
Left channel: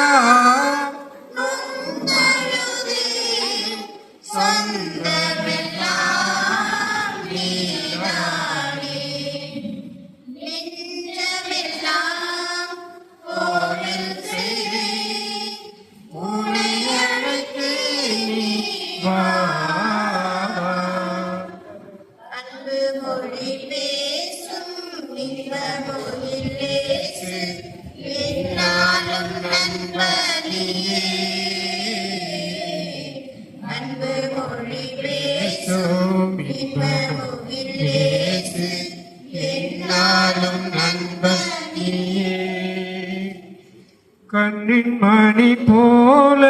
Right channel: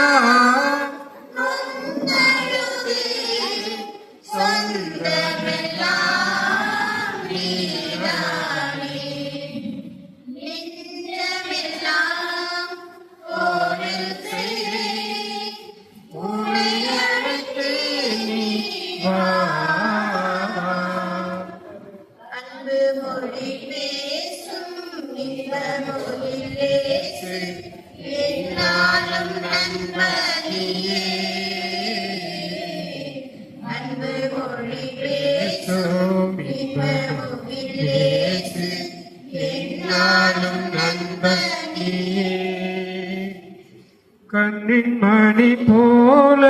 நொந்தழுதே சொந்தமெல்லாம் நீதானே. நெஞ்சமெல்லாம் கோவில் செய்தே உன்னை அழைத்தே நீ வா. அன்பு மொழி பேசும் இந்த மொழியில் இயேசு என்னாலும் நண்பனியே. அன்பு மொழி பேசும் இந்த மொழியில் இயேசு என்னாலும் நண்பனியே. கண்ணின் மணி போல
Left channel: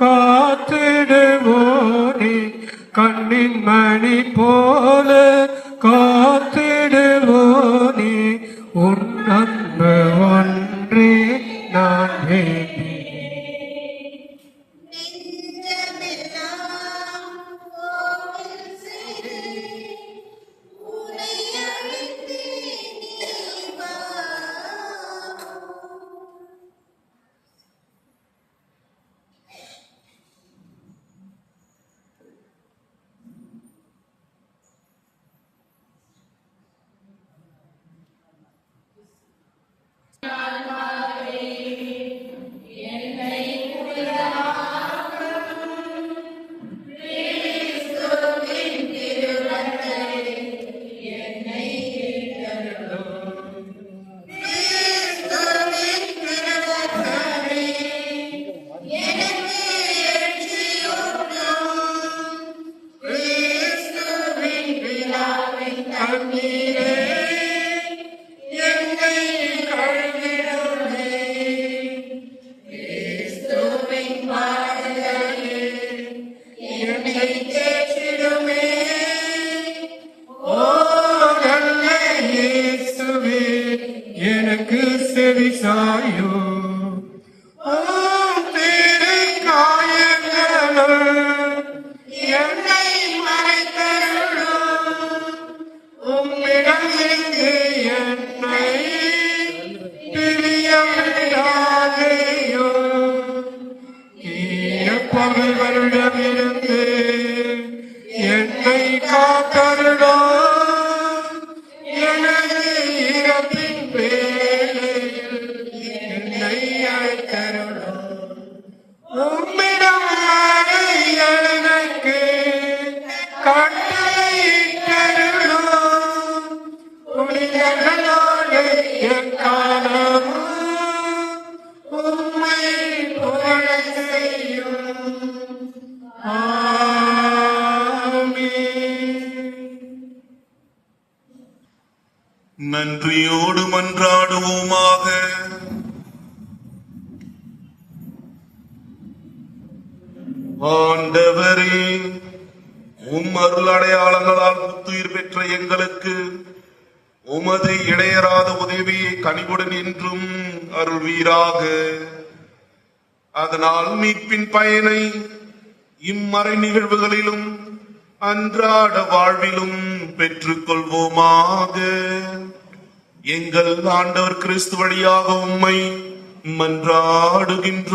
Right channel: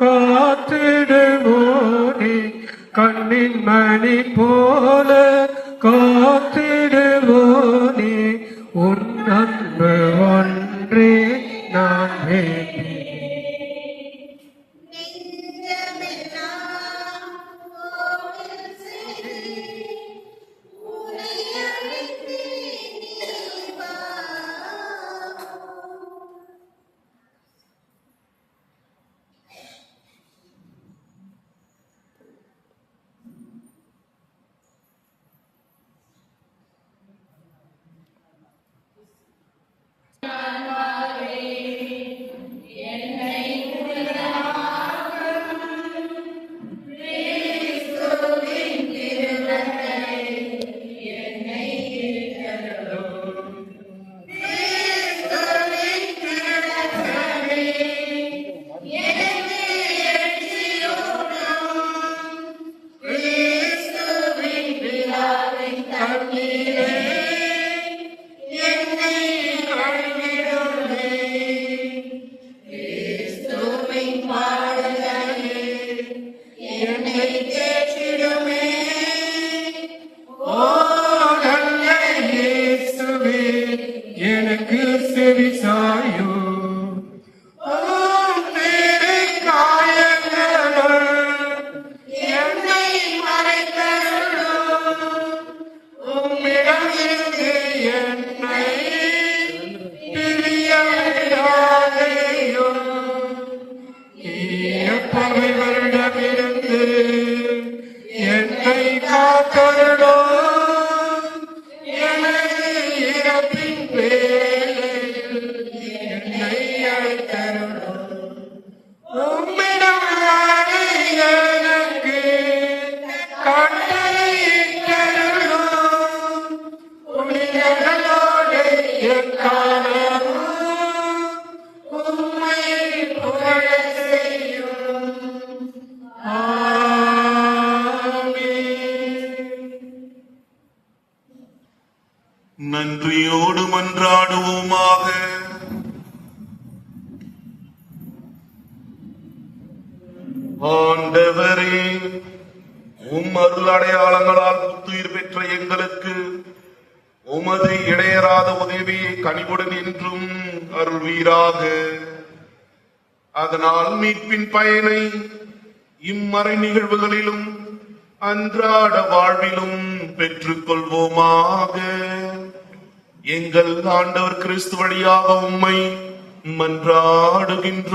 காத்திடுவோனே, கண்ணின் மணி போல காத்திடுவோனே, உன் அன்பு ஒன்றே நான் வேண்டி. எனக்கு செவி சாயும் என்னை மறைத்தருளும், உம்மிடமிருந்து என்னை பிரியாதையும், பகல்களிடமிருந்து என்னை காத்தருளும், எனது இறப்பின் வேளையில் என்னை அழைத்தருளும், உம்மிடமாக எனக்கு கட்டளையிட்டருளும், புனிதர்களோடு எக்காலமும் உம்மை புகழச் செய்யும். நன்றியோடு மன்றாடுவோமாக. ஆண்டவரே, உம் அருள் அடையாளங்களால் புத்துயிர் பெற்ற எங்களுக்கு உமது இடையராத உதவியை கனிவுடன் என்றும் அருள்வீராக. அதனால் மீட்பின் பயனை இம்மறை நிகழ்வுகளிலும் அன்றாட வாழ்விலும் பெற்றுக் கொள்வோமாக. எங்கள் ஆண்டவர் கிறிஸ்து வழியாக உம்மை மன்றாடுகின்றோம்.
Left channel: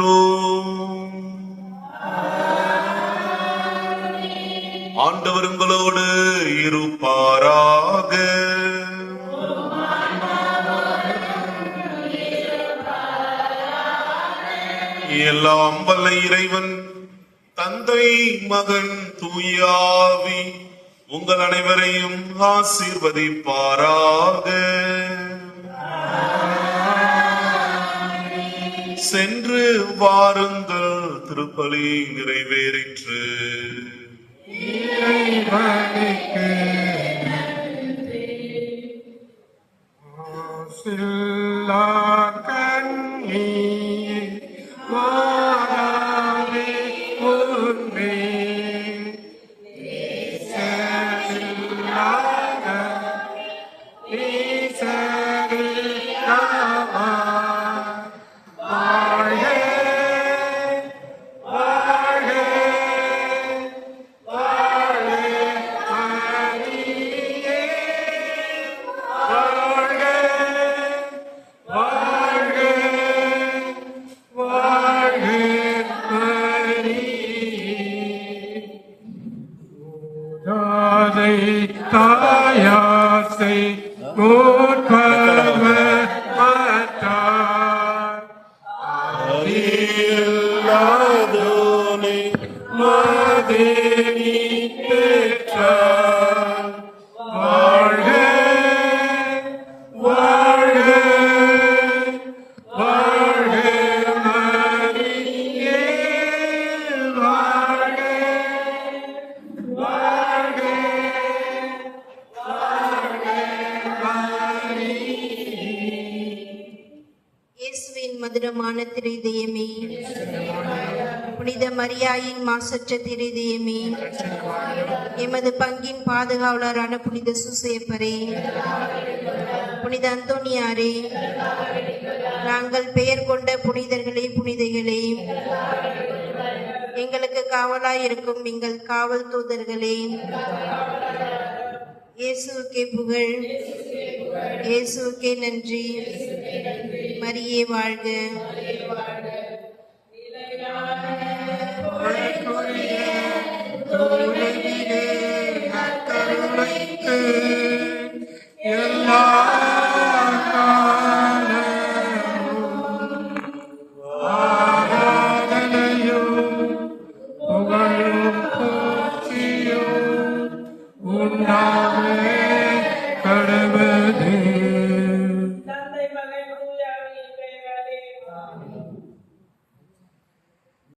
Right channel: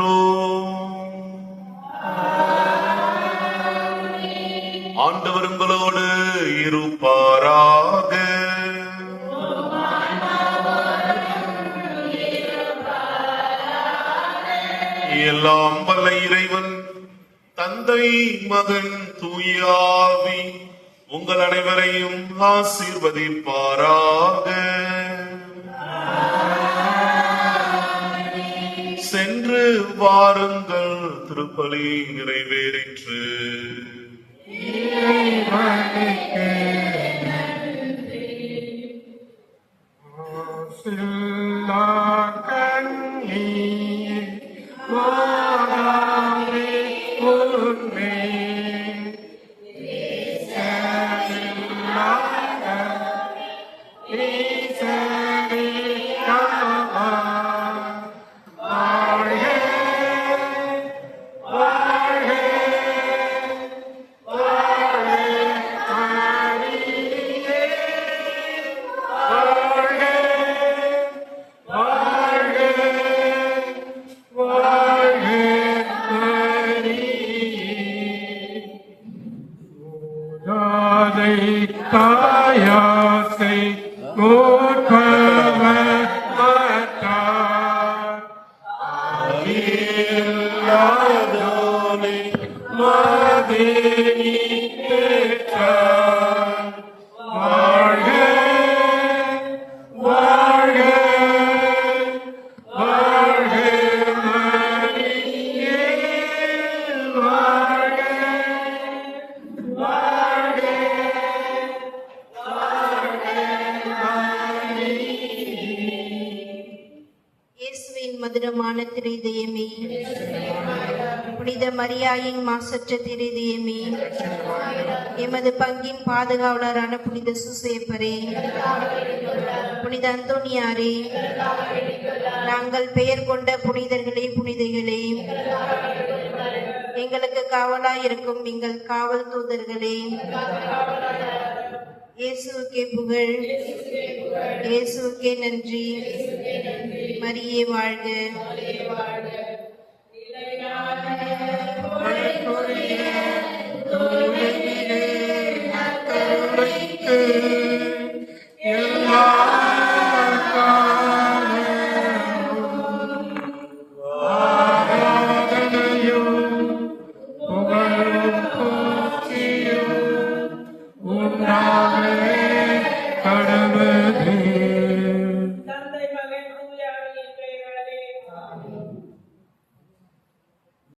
ஆண்டவர் உங்களோடு இருப்பாராக. எல்லாம் வல்ல இறைவன் தந்தை, மகன், தூயாவி உங்கள் அனைவரையும் ஆசீர்வதிப்பாராக. சென்று வாருங்கள், திருப்பலி நிறைவேறிற்று. தாயாசை கோர்பவர் மாட்டார். இல்லாதோனே மாதேவி பெற்றார். வாழ்க வாழ்க வாழ்க மரியே, வாழ்க வாழ்க வாழ்க மதுரமான திருதயமே, புனித மரியாயின் மாசற்ற திருதயமே, எமது பங்கின் பாதுகாவலரான புனித சூசேப்பரே, புனித அந்தோனியாரே, நாங்கள் பெயர் கொண்ட புனிதர்களே புனிதைகளே, எங்களுக்கு காவலாயிருக்கும் எங்கள் காவல் தூதர்களே, இயேசுவுக்கே புகழ், இயேசுவுக்கே நன்றி, மரியே வாழ்க. கடவுளே